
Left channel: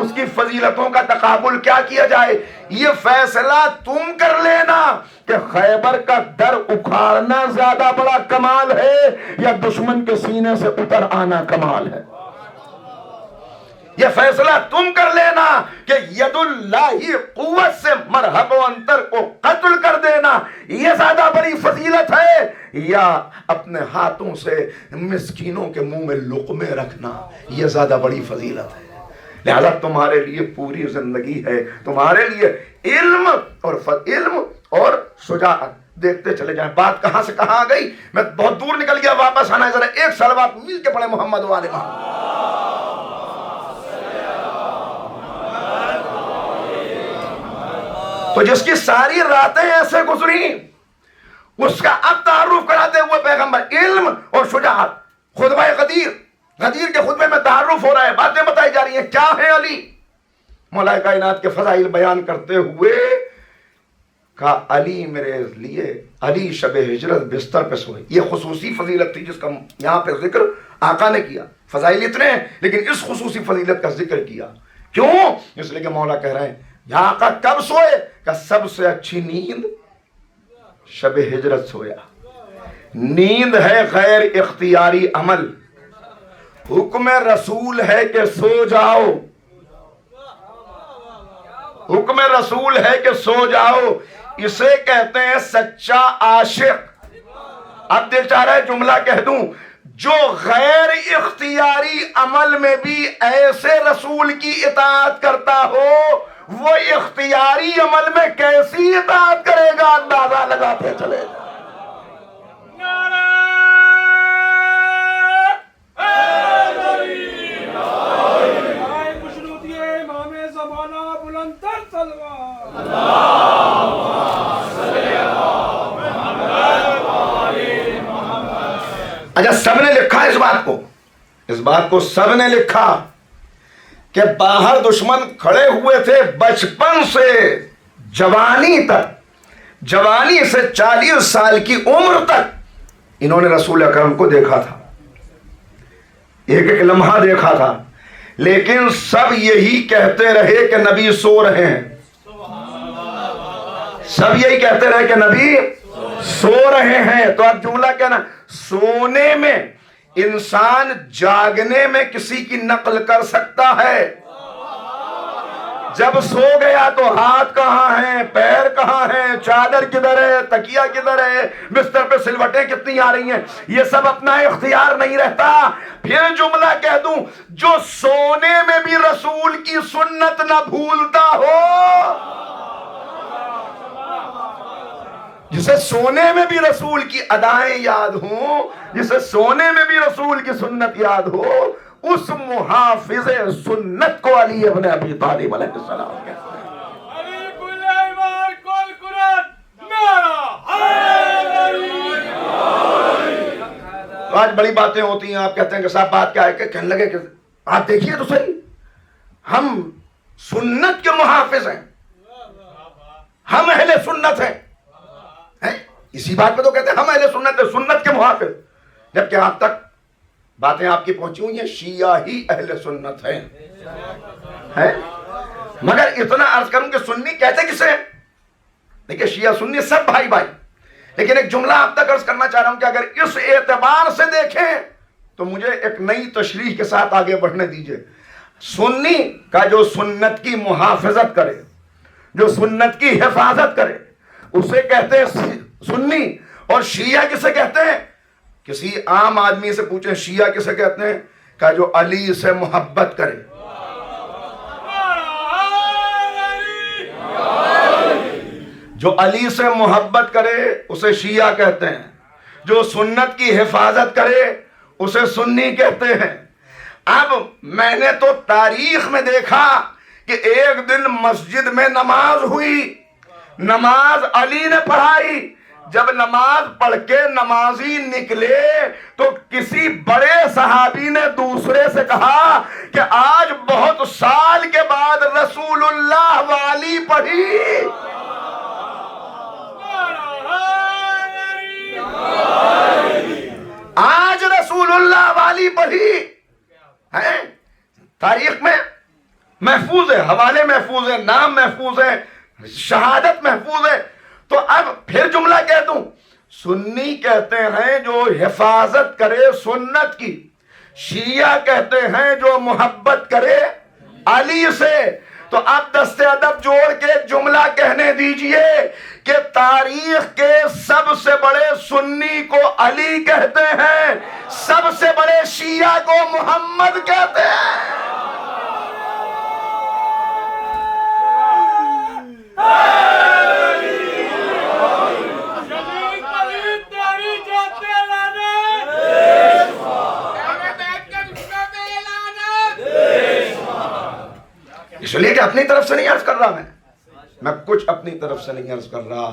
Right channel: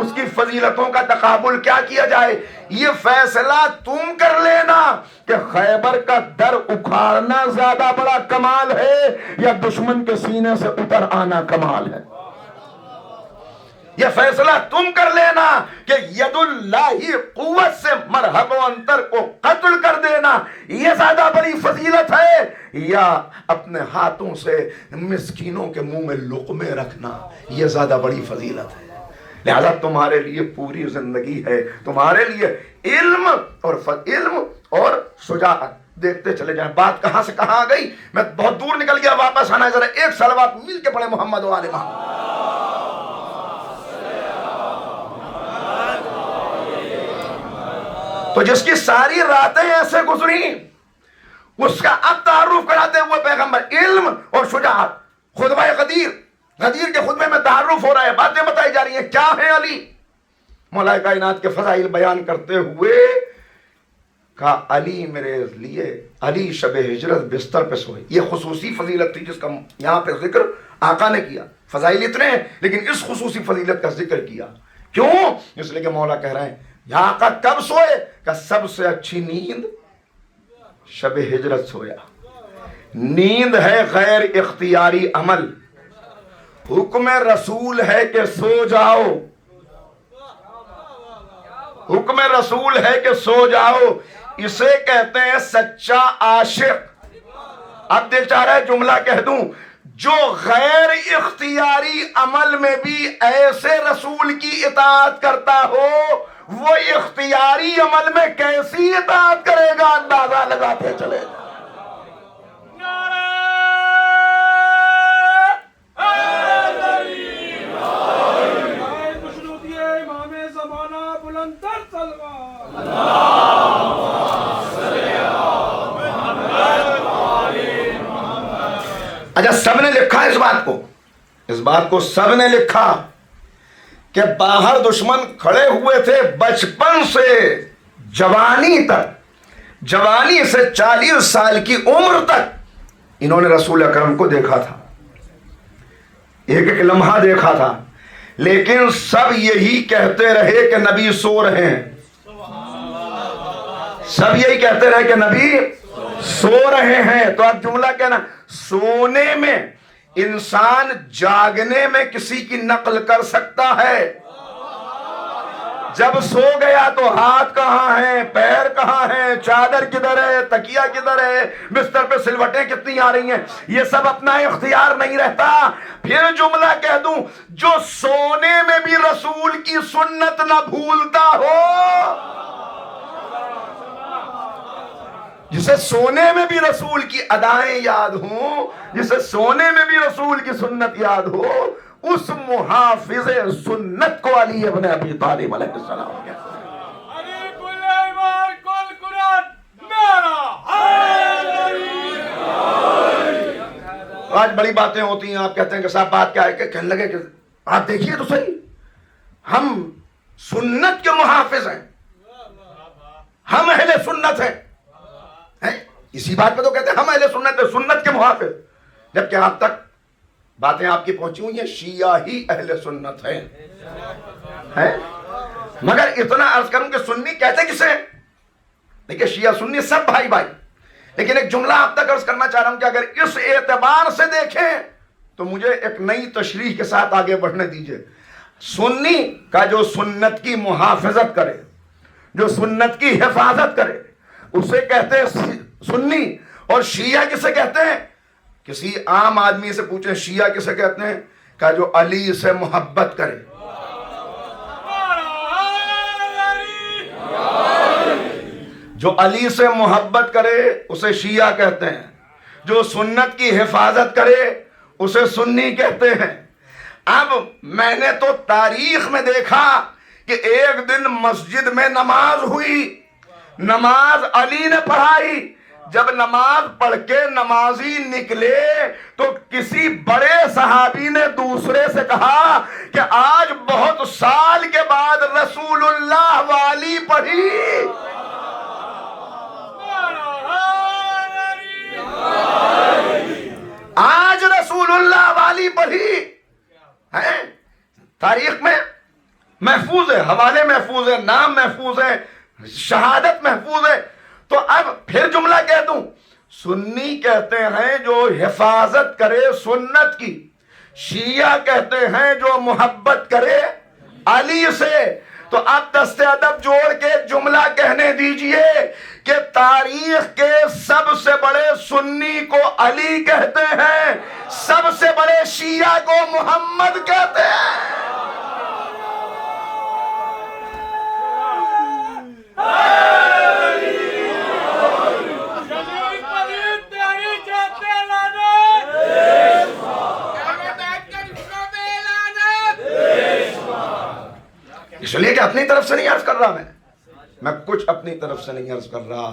اس کی فضیلتوں کا تقابل کیا کیا جائے۔ یہ فیصلہ تم کر لینا کہ خیبر کا در اکھاڑنا زیادہ بڑا کمال ہے یا دشمن کے سینے سے اتر آنا کمال ہے۔ یہ فیصلہ تم کر لینا کہ ید اللہ قوت سے مرحب و انتر کو قتل کر دینا یہ زیادہ بڑی فضیلت ہے یا اپنے ہاتھوں سے مسکینوں کے منہ میں لقمے رکھنا یہ زیادہ بڑی فضیلت ہے۔ لہذا تمہارے لیے پوری زندگی ہے، تمہارے لیے علم اور شجاعت۔ دیکھتے چلے جائیں، بات کہاں سے کہاں آ گئی، میں بہت دور نکل گیا، واپس آنا ہے، ذرا ایک صلوات مل کے پڑھیں محمد و آل محمد۔ تو جس کی ساری راتیں ایسے گزری اس کا اب تعارف کراتے ہوئے پیغمبر علم اور شجاعت، خطبہ غدیر کے خطبے میں تعارف ہو رہا ہے، باتیں بتائی جا رہی ہیں، کیا ہے علی؟ مولا کائنات کے فضائل بیان کرتے ہوئے کہا علی میرے لیے، علی شب ہجرت بستر پہ سوئے، یہ خصوصی فضیلت تھی جس کا یہاں پہ ذکر آقا نے کیا۔ فضائل اتنے ہیں لیکن اس خصوصی فضیلت کا ذکر کیا کیوں؟ اس لیے کہ مولا کہہ رہے ہیں یا آقا کب سوئے؟ کہ سب سے اچھی نیند شب ہجرت سویا. نیند ہے غیر اختیاری عمل، حکم رسول ہے کہ سو جاؤ، حکم رسول ہے کہ سو جاؤ. اسے کہتے ہیں سچا عاشق. اب دیکھ چاہ رہا ہے جملہ کہہ دوں، جو غیر اختیاری عمل میں بھی ایسے رسول کی اطاعت کرتا ہو، وہ اختیاری عمل میں کیسی اطاعت کرے گا اندازہ لگاتے چلے جا. اچھا سب نے لکھا اس بات کو سب نے لکھا کہ باہر دشمن کھڑے ہوئے تھے بچپن سے جوانی تک، جوانی سے 40 سال کی عمر تک انہوں نے رسول اکرم کو دیکھا تھا، ایک ایک لمحہ دیکھا تھا، لیکن سب یہی کہتے رہے کہ نبی سو رہے ہیں. سب یہی کہتے رہے کہ نبی سو رہے ہیں. تو اب جملہ کہنا، سونے میں انسان جاگنے میں کسی کی نقل کر سکتا ہے. جب سو گیا تو ہاتھ کہاں ہیں، پیر کہاں ہیں، چادر کدھر ہے، تکیہ کدھر ہے، بستر پہ سلوٹیں کتنی آ رہی ہیں، یہ سب اپنا اختیار نہیں رہتا. پھر جملہ کہہ دوں، جو سونے میں بھی رسول کی سنت نہ بھولتا ہو، جسے سونے میں بھی رسول کی ادائیں یاد ہوں، جسے سونے میں بھی رسول کی سنت یاد ہو، اس محافظ سنت کو علی ابن ابی طالب علیہ السلام کہتے ہیں. آج بڑی باتیں ہوتی ہیں، آپ کہتے ہیں کہ صاحب بات کیا ہے، کہ کہنے لگے کہ آپ دیکھیے تو صحیح، ہم سنت کے محافظ ہیں، ہم اہل سنت ہیں. اسی بات پہ تو کہتے ہیں ہم اہل سنت ہیں، سنت کے محافظ، جبکہ آج تک باتیں آپ کی پہنچی ہوئی ہیں شیعہ ہی اہل سنت ہیں. مگر اتنا عرض کروں کہ سنی کہتے کسے ہیں؟ دیکھیں شیعہ سنی سب بھائی بھائی، لیکن ایک جملہ آپ تک عرض کرنا چاہ رہا ہوں کہ اگر اس اعتبار سے دیکھیں تو مجھے ایک نئی تشریح کے ساتھ آگے بڑھنے دیجئے. سنی کا جو سنت کی محافظت کرے، جو سنت کی حفاظت کرے، اسے کہتے ہیں سنی. اور شیعہ کسے کہتے ہیں؟ کسی عام آدمی سے پوچھیں شیعہ کسے کہتے ہیں، کہ جو علی سے محبت کرے. جو علی سے محبت کرے اسے شیعہ کہتے ہیں، جو سنت کی حفاظت کرے اسے سنی کہتے ہیں. اب میں نے تو تاریخ میں دیکھا کہ ایک دن مسجد میں نماز ہوئی، نماز علی نے پڑھائی. جب نماز پڑھ کے نمازی نکلے تو کسی بڑے صحابی نے دوسرے سے کہا کہ آج بہت سال کے بعد رسول اللہ والی پڑھی. آج رسول اللہ والی پڑھی. تاریخ میں محفوظ ہے، حوالے محفوظ ہے، نام محفوظ ہے، شہادت محفوظ ہے. تو اب پھر جملہ کہہ دوں، سنی کہتے ہیں جو حفاظت کرے سنت کی، شیعہ کہتے ہیں جو محبت کرے علی سے. تو اب دست ادب جوڑ کے جملہ کہنے دیجئے کہ تاریخ کے سب سے بڑے سنی کو علی کہتے ہیں، سب سے بڑے شیعہ کو محمد کہتے ہیں. اس لیے کہ اپنی طرف سے نہیں عرض کر رہا، میں کچھ اپنی طرف سے نہیں عرض کر رہا،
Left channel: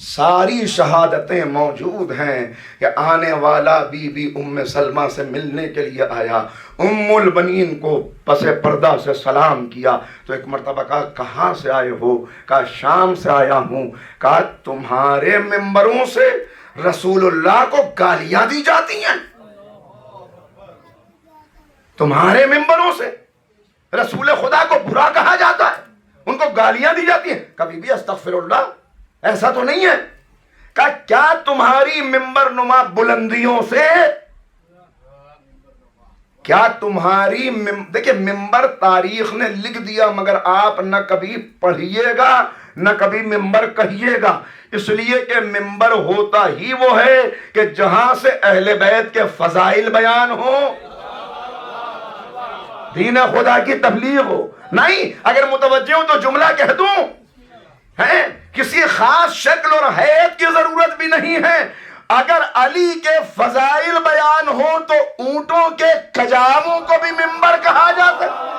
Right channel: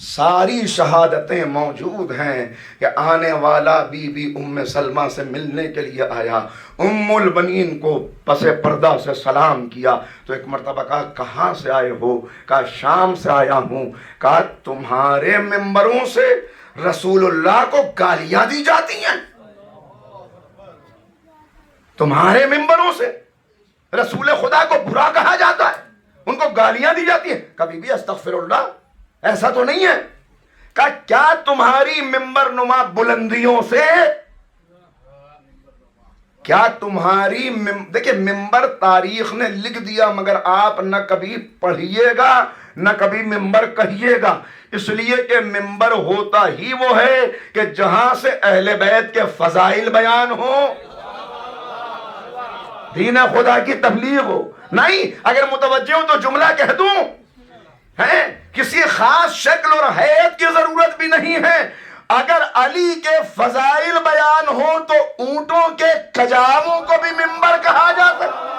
ساری شہادتیں موجود ہیں کہ آنے والا بی بی ام سلمہ سے ملنے کے لیے آیا، ام البنین کو پس پردہ سے سلام کیا. تو ایک مرتبہ کہا کہاں سے آئے ہو؟ کہا شام سے آیا ہوں. کہا تمہارے ممبروں سے رسول اللہ کو گالیاں دی جاتی ہیں؟ تمہارے ممبروں سے رسول خدا کو برا کہا جاتا ہے, ان کو گالیاں دی جاتی ہیں, کبھی بھی استغفر اللہ ایسا تو نہیں ہے. کہا کیا تمہاری ممبر نما بلندیوں سے, کیا تمہاری دیکھیں ممبر تاریخ نے لکھ دیا, مگر آپ نہ کبھی پڑھیے گا نہ کبھی ممبر کہیے گا, اس لیے کہ ممبر ہوتا ہی وہ ہے کہ جہاں سے اہل بیت کے فضائل بیان ہو, دین خدا کی تبلیغ ہو. نہیں, اگر متوجہ ہوں تو جملہ کہہ دوں, ہے کسی خاص شکل اور حیت کی ضرورت بھی نہیں ہے. اگر علی کے فضائل بیان ہو تو اونٹوں کے کجاووں کو بھی ممبر کہا جا سکتا,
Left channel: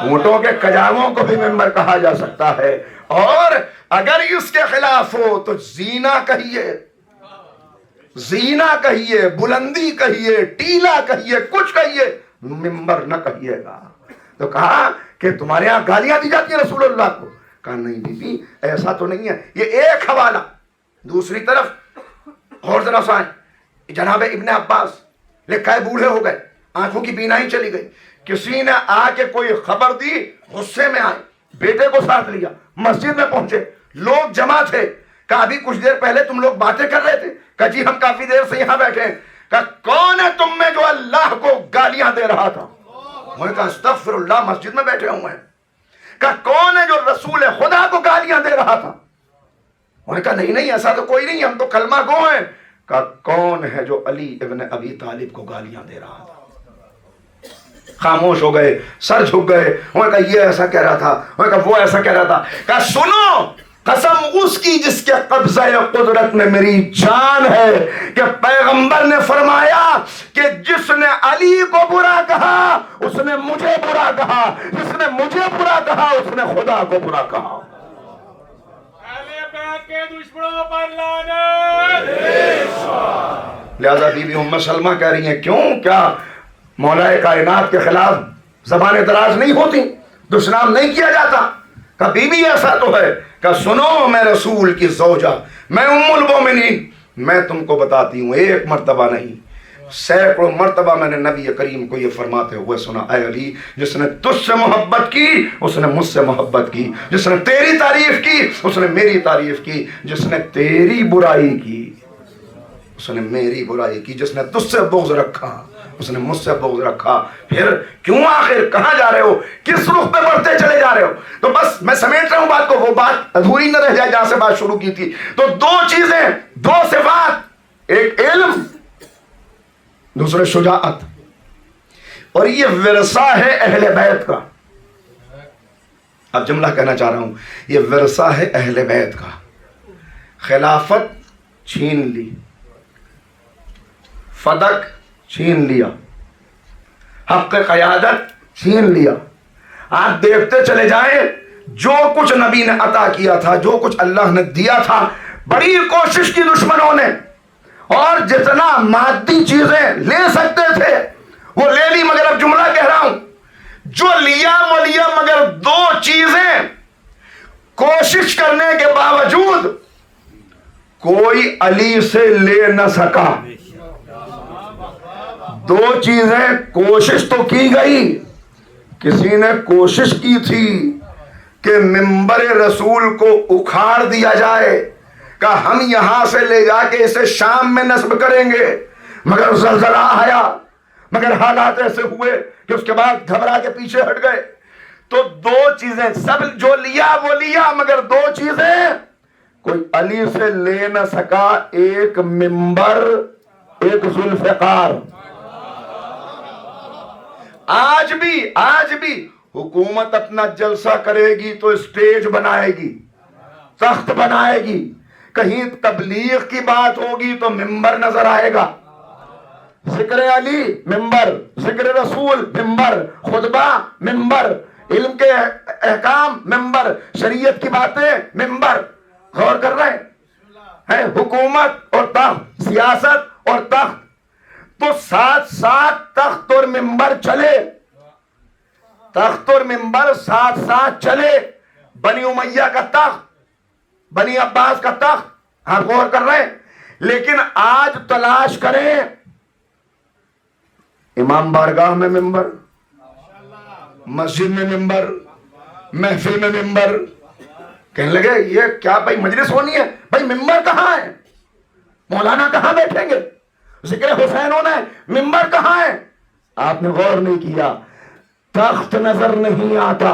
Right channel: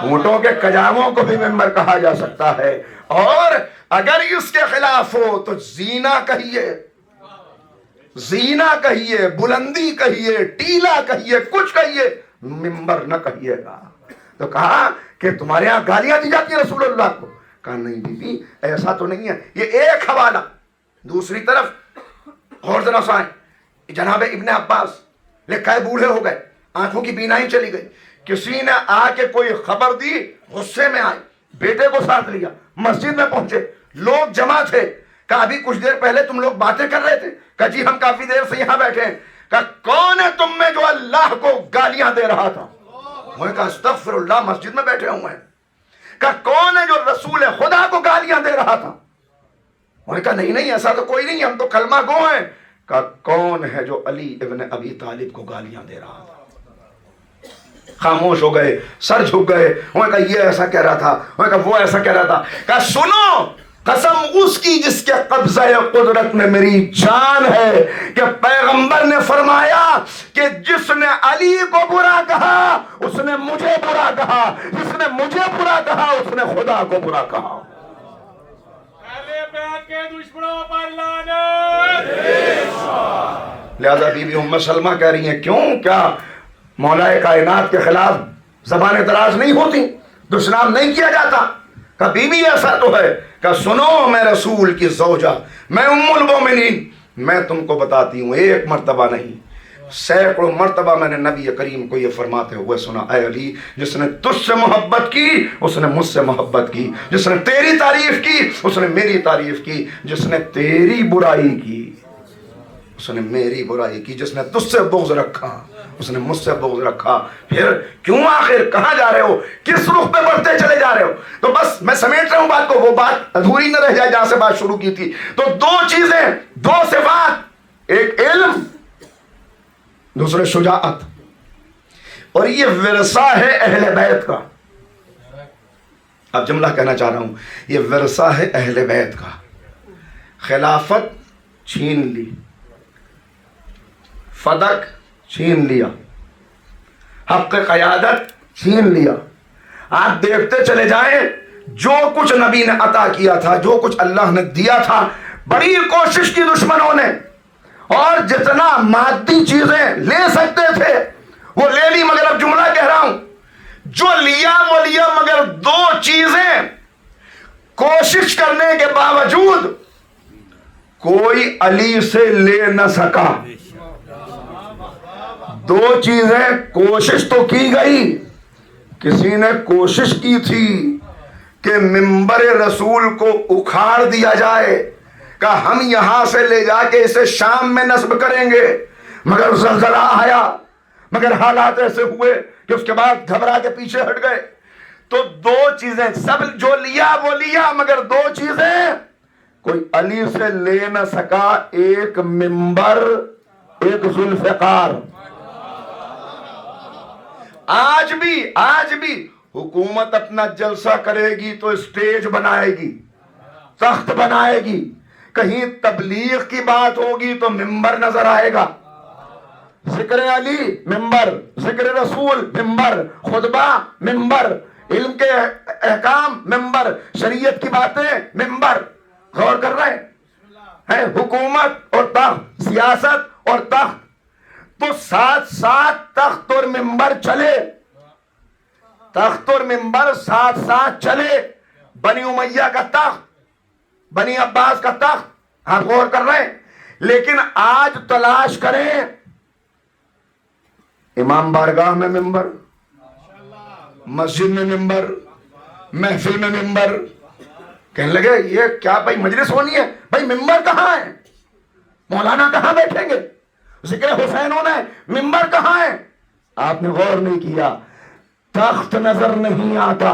اونٹوں کے کجاووں کو بھی ممبر کہا جا سکتا ہے. اور اگر اس کے خلاف ہو تو زینا کہیے, زینا کہیے, بلندی کہیے, ٹیلا کہیے, کچھ کہیے, ممبر نہ کہیے گا. تو کہا کہ تمہارے ہاں گالیاں دی جاتی ہیں رسول اللہ کو. کہا نہیں بی بی ایسا تو نہیں ہے. یہ ایک حوالہ. دوسری طرف اور ذرا سائیں, جناب ابن عباس لکھا ہے بوڑھے ہو گئے, آنکھوں کی بینائی چلی گئی, کسی نے آ کے کوئی خبر دی, غصے میں آئے, بیٹے کو ساتھ لیا, مسجد میں پہنچے, لوگ جمع تھے. کہا ابھی کچھ دیر پہلے تم لوگ باتیں کر رہے تھے. کہا جی ہم کافی دیر سے یہاں بیٹھے ہیں. کہا کون ہے تم میں جو اللہ کو گالیاں دے رہا تھا؟ انہوں نے کہا استغفر اللہ, مسجد میں بیٹھے ہوئے ہیں. کہا کون ہے جو رسول خدا کو گالیاں دے رہا تھا؟ انہوں نے کہا نہیں نہیں ایسا تو کوئی نہیں, ہم تو کلمہ گو ہیں. کہا کون ہے جو علی ابن ابی طالب کو گالیاں دے رہا تھا؟ خاموش ہو گئے, سر جھک گئے. انہوں نے کہا یہ ایسا کہہ رہا تھا, انہوں نے کہا وہ ایسا کہہ رہا تھا. کہا سنو, قسم اس کی جس کے قبضہ قدرت میں میری جان ہے کہ پیغمبر نے فرمایا کہ جس نے علی کو برا کہا اس نے مجھے برا کہا, جس نے مجھے برا کہا اس نے خدا کو برا کہا. اہل بیت کے دشمنوں پر لعنت. لہذا بی بی ام سلمہ کہہ رہی ہیں کیوں, کیا مولا کائنات کے خلاف زبانیں دراز نہیں ہوتی, دشنام نہیں کیا جاتا؟ کبھی بھی ایسا تو ہے. کہ سنو میں رسول کی زوجہ, میں ام المومنین, میں تم کو بتاتی ہوں, ایک مرتبہ نہیں سینکڑوں مرتبہ میں نے نبی کریم کو یہ فرماتے ہوئے سنا, اے علی جس نے تجھ سے محبت کی اس نے مجھ سے محبت کی, جس نے تیری تعریف کی اس نے میری تعریف کی, جس نے تیری برائی کی اس نے میری برائی کی, جس نے تجھ سے بغض رکھا اس نے مجھ سے بغض رکھا. پھر کیوں آخر کہاں جا رہے ہو, کس رخ پہ بڑھتے چلے جا رہے ہو؟ تو بس میں سمیٹ رہا ہوں بات کو, وہ بات ادھوری نہ رہ جائے جہاں سے بات شروع کی تھی. تو دو چیزیں, دو صفات, ایک علم دوسرے شجاعت, اور یہ ورثہ ہے اہل بیت کا. اب جملہ کہنا چاہ رہا ہوں, یہ ورثہ ہے اہل بیت کا. خلافت چھین لی, فدق چھین لیا, حق قیادت چھین لیا. آپ دیکھتے چلے جائیں جو کچھ نبی نے عطا کیا تھا, جو کچھ اللہ نے دیا تھا, بڑی کوشش کی دشمنوں نے, اور جتنا مادی چیزیں لے سکتے تھے وہ لے لی. مگر اب جملہ کہہ رہا ہوں, جو لیا وہ لیا, مگر دو چیزیں کوشش کرنے کے باوجود کوئی علی سے لے نہ سکا. دو چیزیں کوشش تو کی گئی, کسی نے کوشش کی تھی کہ منبر رسول کو اکھاڑ دیا جائے, کہ ہم یہاں سے لے جا کے اسے شام میں نصب کریں گے, مگر زلزلہ آیا, مگر حالات ایسے ہوئے کہ اس کے بعد گھبرا کے پیچھے ہٹ گئے. تو دو چیزیں, سب جو لیا وہ لیا, مگر دو چیزیں کوئی علی سے لے نہ سکا, ایک منبر, ایک ذوالفقار. آج بھی حکومت اپنا جلسہ کرے گی تو اسٹیج بنائے گی, تخت بنائے گی, کہیں تبلیغ کی بات ہوگی تو منبر نظر آئے گا. ذکر علی منبر, ذکر رسول منبر, خطبہ منبر, علم کے احکام منبر, شریعت کی باتیں منبر. غور کر رہے ہیں, حکومت اور تخت, سیاست اور تخت, تو ساتھ ساتھ تخت اور منبر چلے, تخت اور منبر ساتھ ساتھ چلے. بنی امیہ کا تخت, بنی عباس کا تخت, آپ غور کر رہے ہیں, لیکن آج تلاش کریں امام بارگاہ میں ممبر، مسجد میں ممبر، محفل میں ممبر. کہنے لگے یہ کیا بھائی مجلس ہونی ہے؟ بھائی ممبر کہاں ہے؟ مولانا کہاں بیٹھیں گے؟ ذکر حسین ہونا ہے، ممبر کہاں ہے؟ آپ نے غور نہیں کیا. تخت نظر نہیں آتا،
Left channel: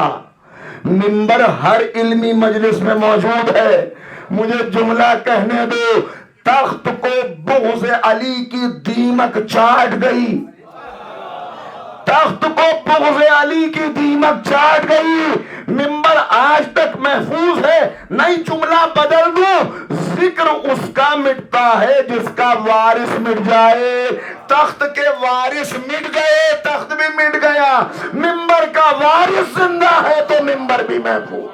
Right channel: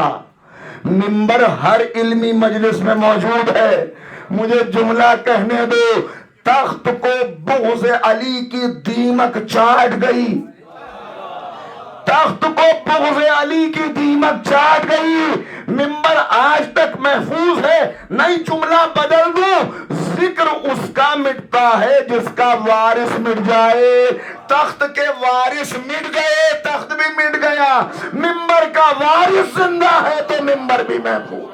ممبر ہر علمی مجلس میں موجود ہے. مجھے جملہ کہنے دو، تخت کو بغض علی کی دیمک چاٹ گئی، تخت کو بغض علی کی دیمک چاٹ گئی. ممبر آج تک محفوظ ہے. نئی جملہ بدل دوں، ذکر اس کا مٹتا ہے جس کا وارث مٹ جائے. تخت کے وارث مٹ گئے، تخت بھی مٹ گیا. ممبر کا وارث زندہ ہے تو ممبر بھی محفوظ.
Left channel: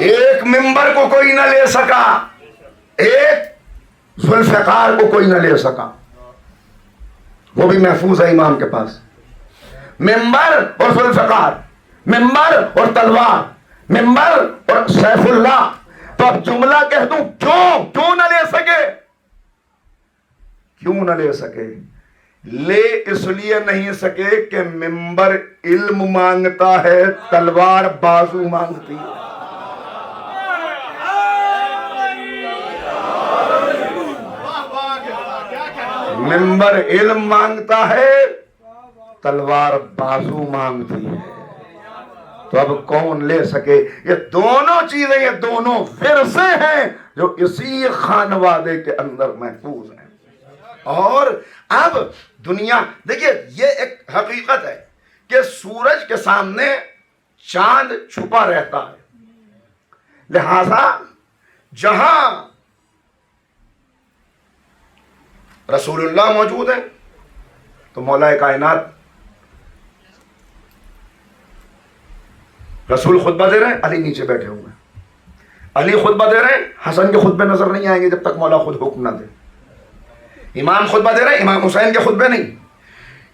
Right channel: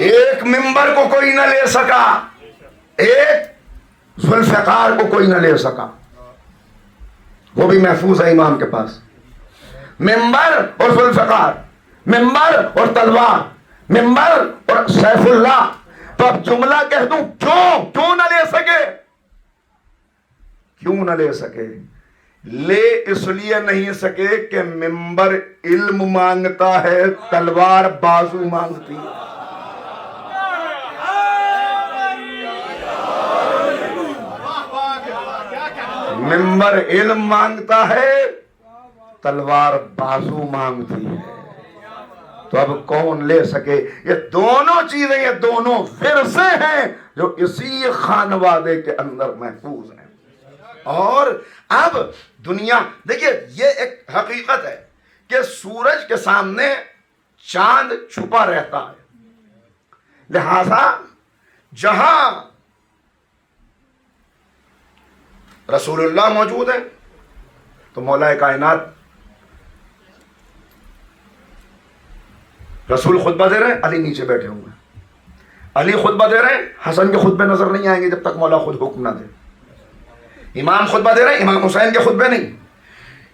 ایک ممبر کو کوئی نہ لے سکا، ایک ذوالفقار کو کوئی نہ لے سکا، وہ بھی محفوظ ہے امام کے پاس. ممبر اور ذوالفقار، ممبر اور تلوار، ممبر اور سیف اللہ. تو اب جملہ کہہ دوں، کیوں نہ لے سکے؟ کیوں نہ لے سکے؟ لے اس لیے نہیں سکے کہ ممبر علم مانگتا ہے، تلوار بازو مانگتی ہے. ممبر علم مانگتا ہے، تلوار بازو مانگتی ہے. تو اب کون لے سکے؟ یہ دونوں چیزیں، یہ دونوں ورثے ہیں جو اسی خانوادے کے اندر محفوظ ہیں. اور اب دنیا دیکھیے، یہ ایک حقیقت ہے کہ سورج کے سامنے چاند چھپا رہتا ہے. لہذا جہاں رسول اللہ موجود ہے تو مولا کائنات رسول خطبہ دے رہے ہیں، علی نیچے بیٹھے ہوئے ہیں. علی خطبہ دے رہے ہیں، حسن کے خطبے نظر نہیں آئیں گے جب تک مولا خود حکم نہ دے. امام خطبہ دے رہے ہیں، امام حسین کے خطبے نہیں.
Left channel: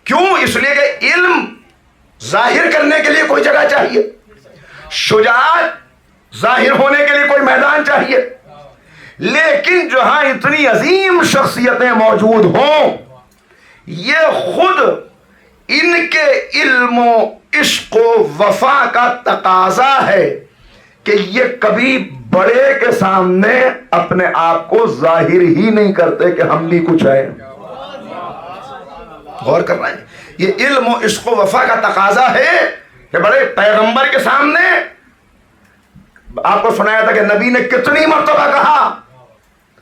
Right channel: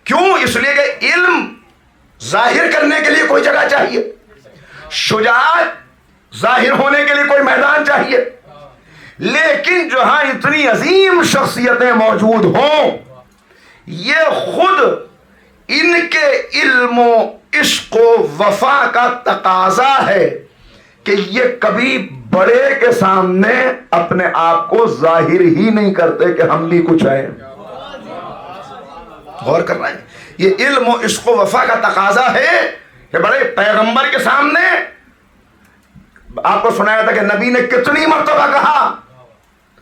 کیوں؟ اس لیے کہ علم ظاہر کرنے کے لیے کوئی جگہ چاہیے، شجاعت ظاہر ہونے کے لیے کوئی میدان چاہیے. لیکن جہاں اتنی عظیم شخصیتیں موجود ہوں، یہ خود ان کے علم و عشق و وفا کا تقاضا ہے کہ یہ کبھی بڑے کے سامنے اپنے آپ کو ظاہر ہی نہیں کرتے کہ ہم بھی کچھ ہیں. غور کر رہے ہیں؟ یہ علم و عشق و وفا کا تقاضا ہے کہ بڑے پیغمبر کے سامنے. آپ کو سنایا تھا کہ نبی نے کتنی مرتبہ کہا،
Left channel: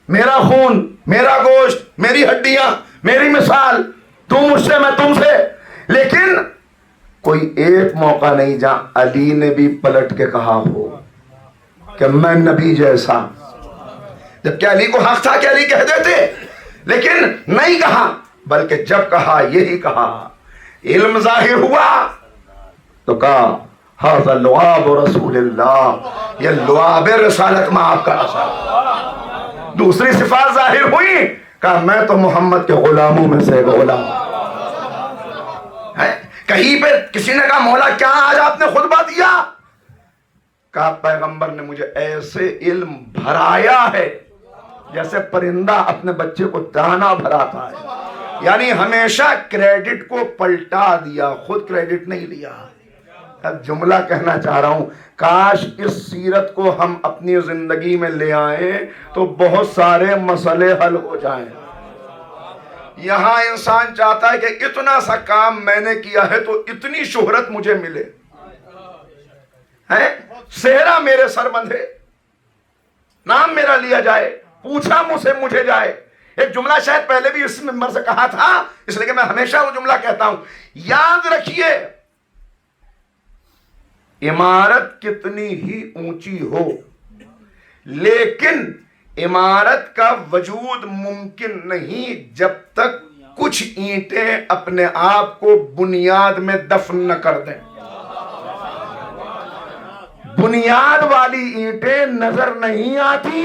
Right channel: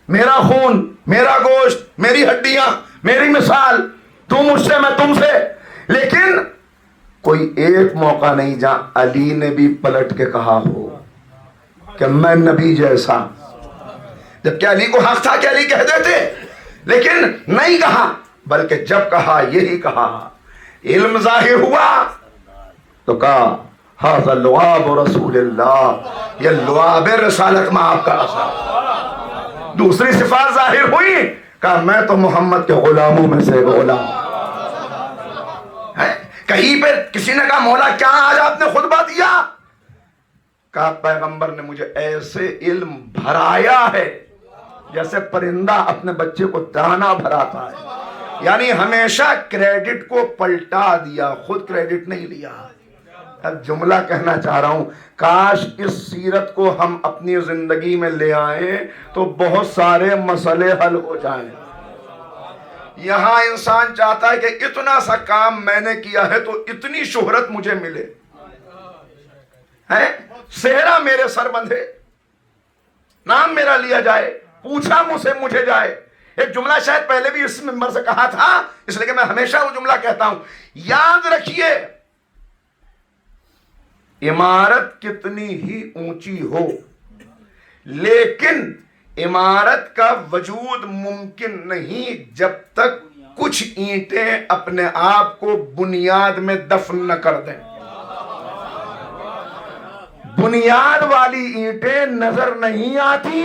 میرا خون، میرا گوشت، میری ہڈیاں، میری مثال، تم مجھ سے میں تم سے. لیکن کوئی ایک موقع نہیں جہاں علی نے بھی پلٹ کے کہا ہو کہ میں نبی جیسا. جبکہ علی کو حق تھا کہ علی کہہ دیتے، لیکن نہیں کہا. بلکہ جب کہا یہی کہا، علم ظاہر ہوا تو کہا ھذا لعاب رسول اللہ، یہ لعاب رسالت میں آپ کا اثر. دوسری صفات ظاہر ہوئی، کہا میں تو محمد کے غلاموں میں سے غلام. کہیں پہ کسی نے کہا مولا کیا آج آپ نے خطبہ دیا؟ کہا پیغمبر نے مجھے ایسے علم بھرایا ہے جیسے پرندہ اپنے بچے کو دانا بھراتا ہے. یعنی ہمیشہ کریڈٹ کو پلٹا دیا، خود کریڈٹ نہیں لیا. اب جملہ کہنا چاہ رہا ہوں، کاش اس سیرت کو ہم اپنی زندگی میں لے آئیں تو بہت سارے مسئلے حل ہو جائیں. یہاں انسان چاہتا ہے کہ اتنا سا کام میں نے کیا ہے تو اتنی شہرت مجھے ملے، صحرا میرے سر بندھے، نام میرا لیا جائے، پوچھا مجھے جائے. ایک جملہ شاید پہلے بھی اس ممبر سے کہا تھا، اس لیے کہ میں ہمیشہ وہ جملہ کہتا ہوں. یاد رکھیے، عمارت کتنی ہی اونچی ہو لیکن عمارت کا وجود ممکن نہیں جب تک کچھ اینٹیں اپنے آپ کو بنیاد میں دفن نہ کر دیں. بنیاد والی اینٹیں نظر نہیں آتی،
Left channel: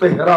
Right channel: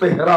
13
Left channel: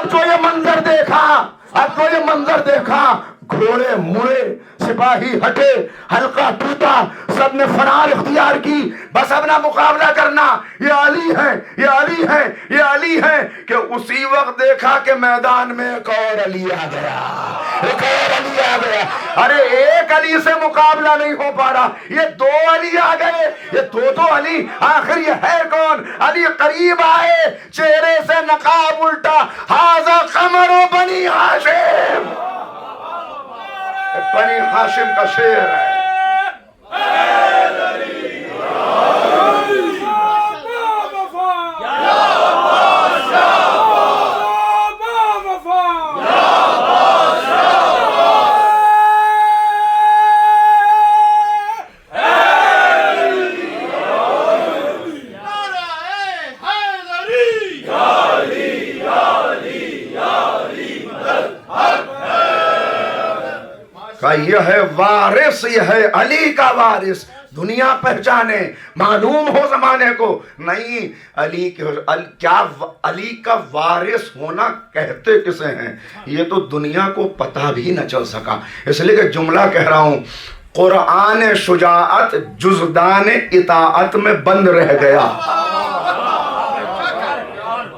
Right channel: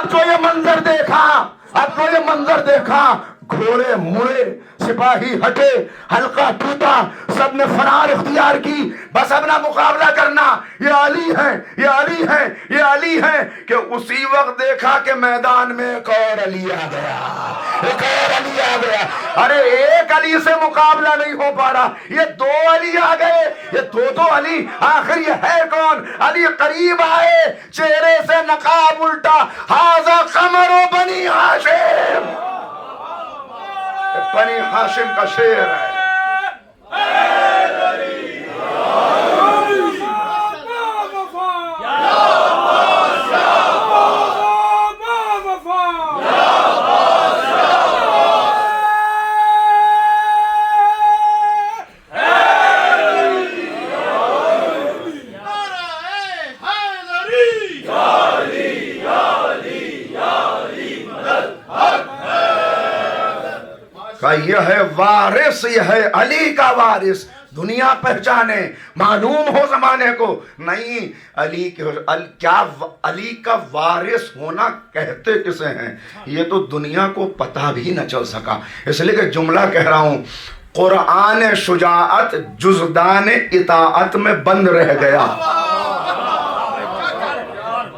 اب جو یہ منظر دیکھا، اب جو یہ منظر دیکھا، گھوڑے مڑے، سپاہی ہٹے، حلقہ ٹوٹا، سب نے فرار اختیار کی، بس اب نہ مقابلہ کرنا، یہ علی ہے، یہ علی ہے، یہ علی ہے، کہ اسی وقت دیکھا کہ میدان میں ایک اور علی آ گیا، ایک اور علی آ گیا۔ ارے ایک علی سے مقابلہ نہیں ہو پا رہا، یہ دو علی آ گئے، یہ دو علی، آخر یہ ہے کون؟ علی قریب آئے، چہرے سے نقاب الٹا، ھذا قمر بنی ہاشم، بنی ہاشم کا شعر ہے۔ کہ یہ ہے وارث، یہ ہے علی کا وارث، دنیا پہچانے، معلوم ہو زمانے کو، نہیں علی کیا علی کا وارث ہونا کہتے کسے ہیں، یہ تو دنیا کو پتہ بھی نہ چل سکا۔ اس لیے کہ جملہ کہہ رہا ہوں، قرآن شجاعت جزدان اطاعت میں بند رہ گیا،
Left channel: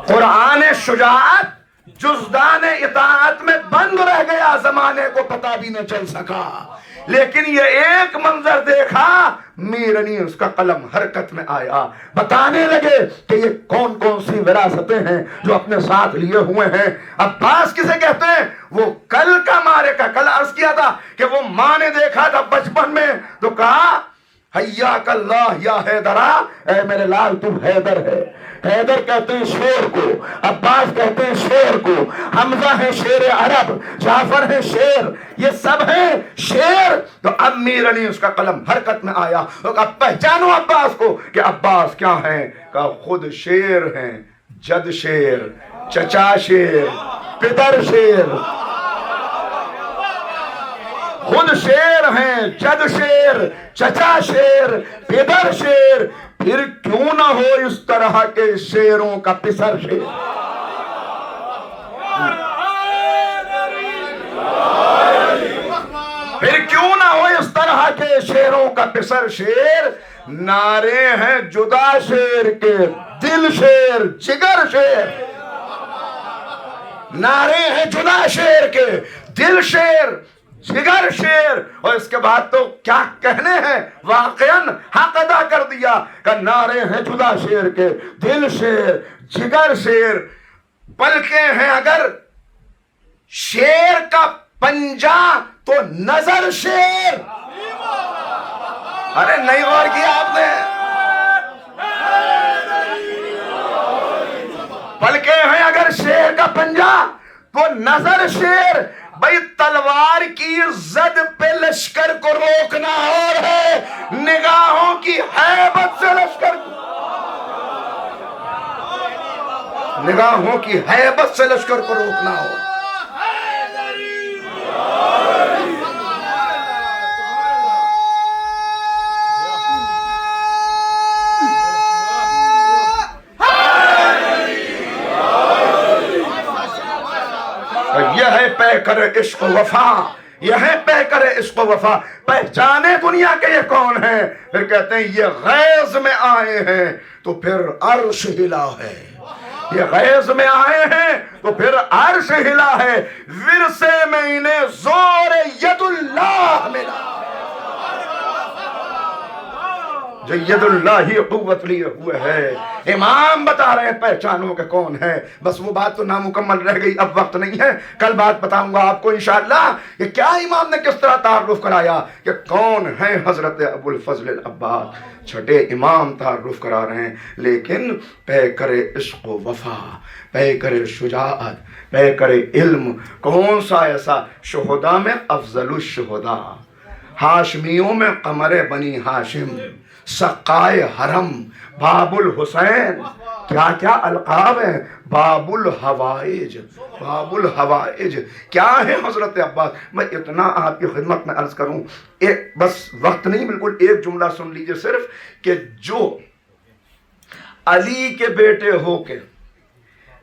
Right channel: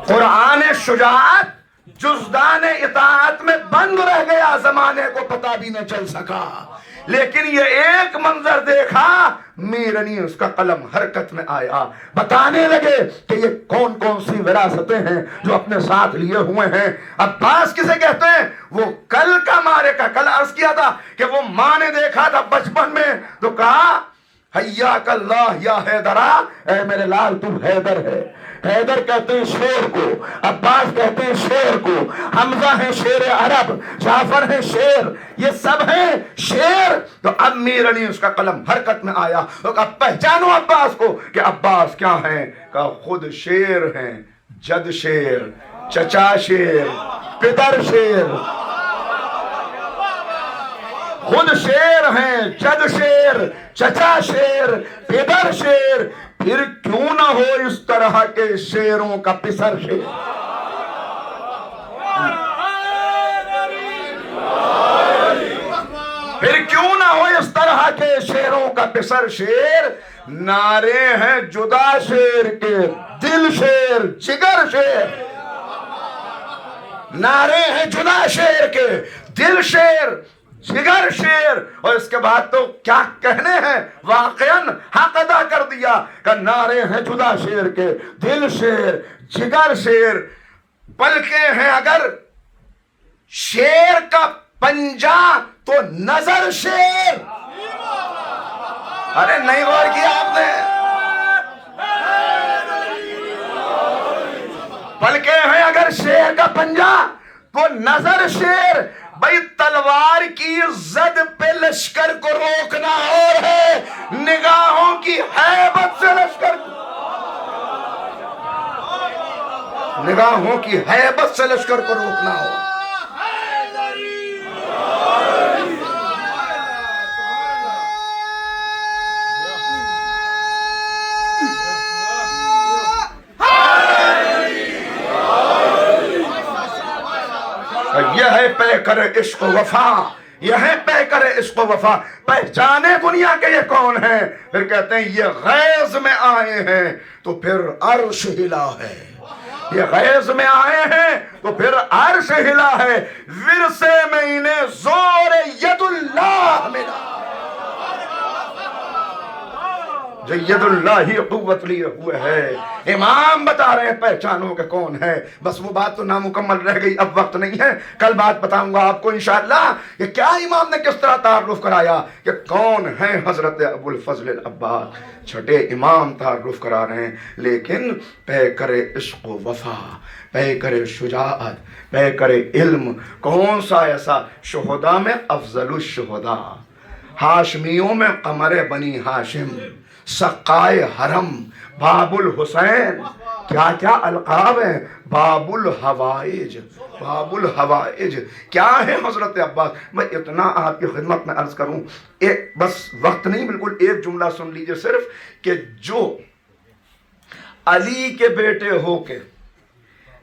قرآن شجاعت جزدان اطاعت میں بند رہ گیا، زمانے کو پتہ بھی نہ چل سکا۔ لیکن یہ ایک منظر دیکھا، میرنی اس کا قلم حرکت میں آیا، بتانے لگے کہ یہ کون کون سی وراثتیں ہیں جو اپنے ساتھ لیے ہوئے ہیں۔ عباس کسے کہتے ہیں؟ وہ کل کا مارے کا، کل عرض کیا تھا کہ وہ ماں نے دیکھا تھا بچپن میں تو کہا حیاک اللہ یا حیدرا، اے میرے لال تو حیدر ہے۔ حیدر کہتے ہیں شیر کو، عباس کہتے ہیں شیر کو، حمزہ ہے شیر عرب، جعفر ہے شیر، یہ سب ہیں شیر۔ تو اب میر علی اس کا قلم حرکت میں آیا، اب پہچانو عباس کو کہ عباس کیا ہیں، کہ خود شیر ہیں، جد شیر، چچا شیر، پدر شیر، خود شیر ہیں، جد شیر، چچا شیر، پدر شیر، پھر کیوں نہ ہو اس طرح کے شیروں کا پسر شیر۔ پھر کیوں نہ ہو اس طرح کے شیروں کا پسر شیر، نعرے ہیں جدا شیر کے، دل شیر، جگر شیر، نعرے ہیں جدا شیر کے، دل شیر، جگر شیر۔ اور اس کے بعد تو کیا کہنے ہیں، واقعاً حق ادا کر دیا کہ نعرے ہیں جدا شیر کے، دل شیر، جگر شیر، بلکہ ہیں اگر شیر کا پنجہ تو نظر شیر۔ ارے نہیں غور کیا آپ نے؟ بلکہ ہیں اگر شیر کا پنجہ تو نظر شیر۔ بھئی تلوار کی زد پہ لشکر کو روکنا اور ہے، نگاہوں کی ہیبت سے لشکر کو، نگاہوں کی ہیبت سے لشکر کو روکنا ہو۔ یہ ہے پیکر عشق و وفا، یہ ہے پیکر عشق و وفا، پہچانے دنیا کے یہ کون ہیں؟ پھر کہتے ہیں یہ غیظ میں آئے ہیں تو پھر عرش ہلا ہے، یہ غیظ میں آئے ہیں تو پھر عرش ہلا ہے، ورثے میں انہیں زور ید اللہ ملا، جو ید اللہ ہی قوت لیے ہوئے ہے۔ امام بتا رہے ہیں پہچانوں کے کون ہے، بس وہ بات تو نامکمل رہ گئی، اب وقت نہیں ہے، کل بات بتاؤں گا آپ کو انشاءاللہ کہ کیا امام نے کس طرح تعارف کرایا کہ کون ہیں حضرت ابو الفضل العباس۔ چھٹے امام تعارف کرا رہے ہیں، لیکن پے کرے عشق و وفا، پے کرے شجاعت، پے کرے علم، کون سا ایسا؟ شہداء میں افضل الشہداء، ہاشمیوں میں قمر بنی ہاشم، سقائے حرم، باب الحسین، کیا کیا القاب ہیں، باب الحوائج، باب الحوائج، کیا ہے حضرت عباس۔ میں اتنا آپ کی خدمت میں عرض کروں، ایک بس وقت نہیں، بالکل ایک جملہ سن لیجئے صرف، کہ جو علی کے بیٹے ہو کے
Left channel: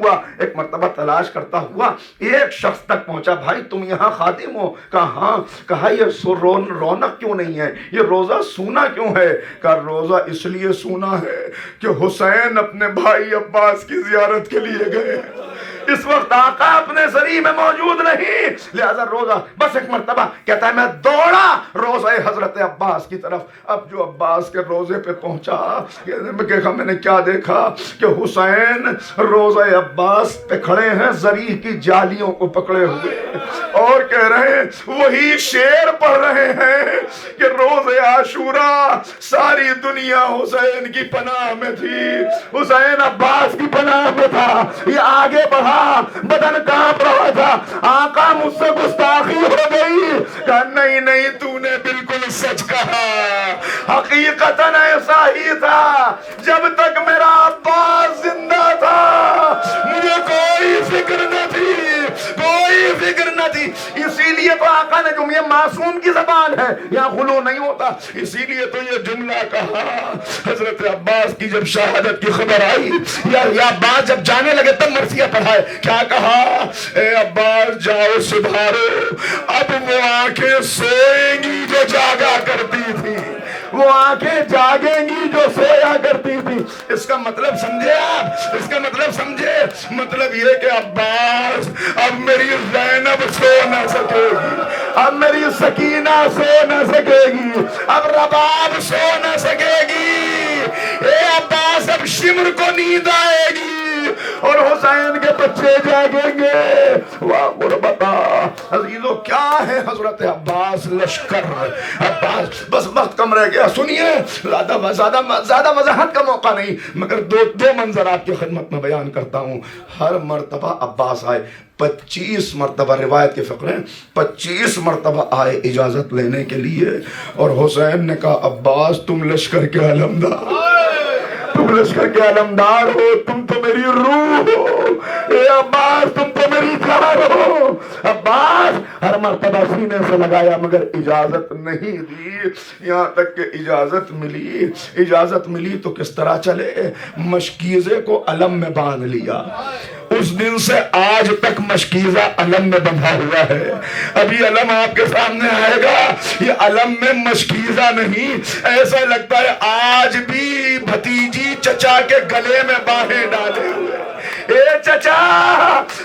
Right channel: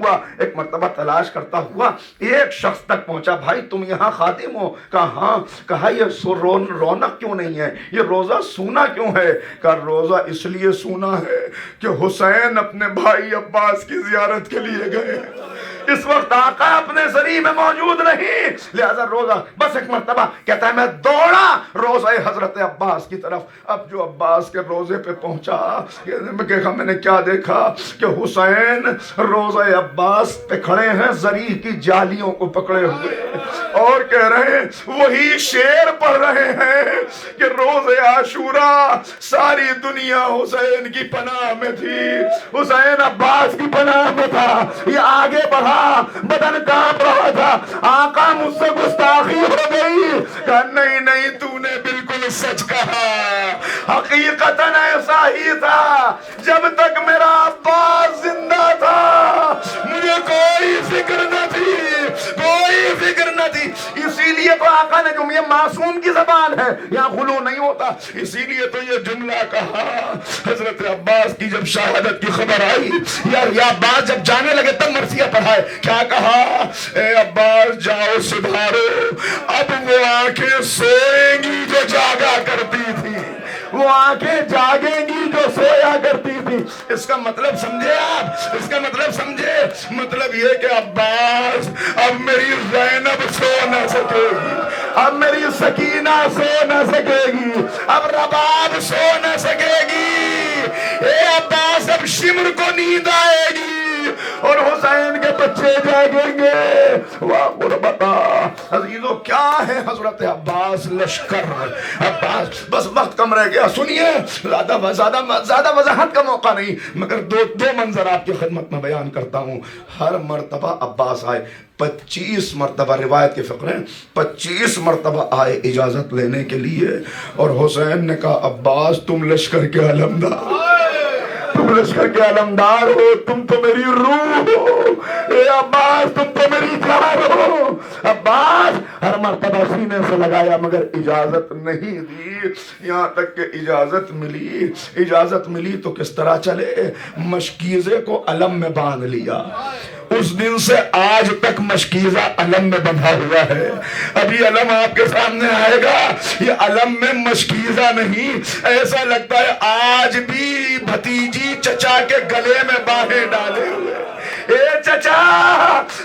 ہوا ایک مرتبہ تلاش کرتا ہوا ایک شخص تک پہنچا. بھائی تم یہاں خادم ہو؟ کہا ہاں. کہا یہ رونق کیوں نہیں ہے, یہ روزہ سونا کیوں ہے؟ کہا روزہ اس لیے سونا ہے کہ حسین اپنے بھائی عباس کی زیارت کے لیے گئے, اس وقت آقا اپنے زری میں موجود نہیں, لہذا روزہ. بس ایک مرتبہ کہتا ہے میں دوڑا روزہ حضرت عباس کی طرف. اب جو عباس کے روزے پہ پہنچا, میں نے کیا دیکھا کہ حسین روزہ عباس پہ کھڑے ہیں زری کی جالیوں کو پکڑے ہوئے, اور کہہ رہے ہیں وہی شعر پڑھ رہے ہیں کہ روز عاشوراء ساری دنیا حسین کی پناہ میں تھی, حسین عباس کی پناہ میں تھا. یہ آگے بڑھا, بدن کانپ رہا تھا. آقا مجھ سے گستاخی ہو گئی. کہا نہیں نہیں, تو نے بالکل سچ کہا, حقیقتاً ایسا ہی تھا. جب تک میرا عباس زندہ تھا مجھے کوئی فکر نہ تھی, کوئی فکر نہ تھی. اسی لیے تو آقا نے, جو یہ معصوم کی زبان ہے یہاں غلو نہیں ہوتا, اسی لیے تو یہ جملہ کہا. حضرت عباس کی جب شہادت کی خبر آئی, یا عباس جب جانے لگے تب مرثیہ پڑھائے. کیا کہا؟ اے عباس جاؤ سدھارو, اب وہ آنکھیں سوئیں گی جو جاگا کرتی تھی, وہ آنکھیں جاگیں گی جو سویا کرتی تھی. اس کا مطلب سمجھے آپ, اس کا مطلب سمجھے, مطلب یہ کہ عباس اب میری زینب سو نہ سکے گی, اب میری سکینہ سو نہ سکے گی, اب رباب سو نہ سکے گی. اے عباس اب شمر کو نیند آئے گی اور حسین کے بچے جاگیں گے. واہ غربتا عزیزو, کیا ہے حضرت عباس لشکر عباس. بس وقت کم رہ گیا, سنیے, زیادہ وضاحت کا موقع نہیں, مگر دو منظر آپ کی خدمت میں بیان کرتا ہوں. ہر مرتبہ عباس آئے, 25 مرتبہ روایت کے فقرے 25 مرتبہ آئے اجازت لینے کے لیے, اور حسین نے کہا عباس تم لشکر کے علمدار, تم لشکر کے علمدار ہو, تم تو میری روح ہو. اے عباس تم تو میری جان ہو. عباس ہر مرتبہ سینے سے لگایا مگر اجازت نہیں دی, یہاں تک کہ اجازت ملی تو کس طرح چلے, مشکیزے کو علم میں باندھ لیا. اس دن سے آج تک مشکیزہ علم میں بندھا ہوا ہے. ابھی علم آپ کے سامنے آئے گا, یہ علم میں مشکیزہ نہیں, ایسا لگتا ہے آج بھی بھتیجی چچا کے گلے میں باہیں ڈالے ہوئے. اے چچا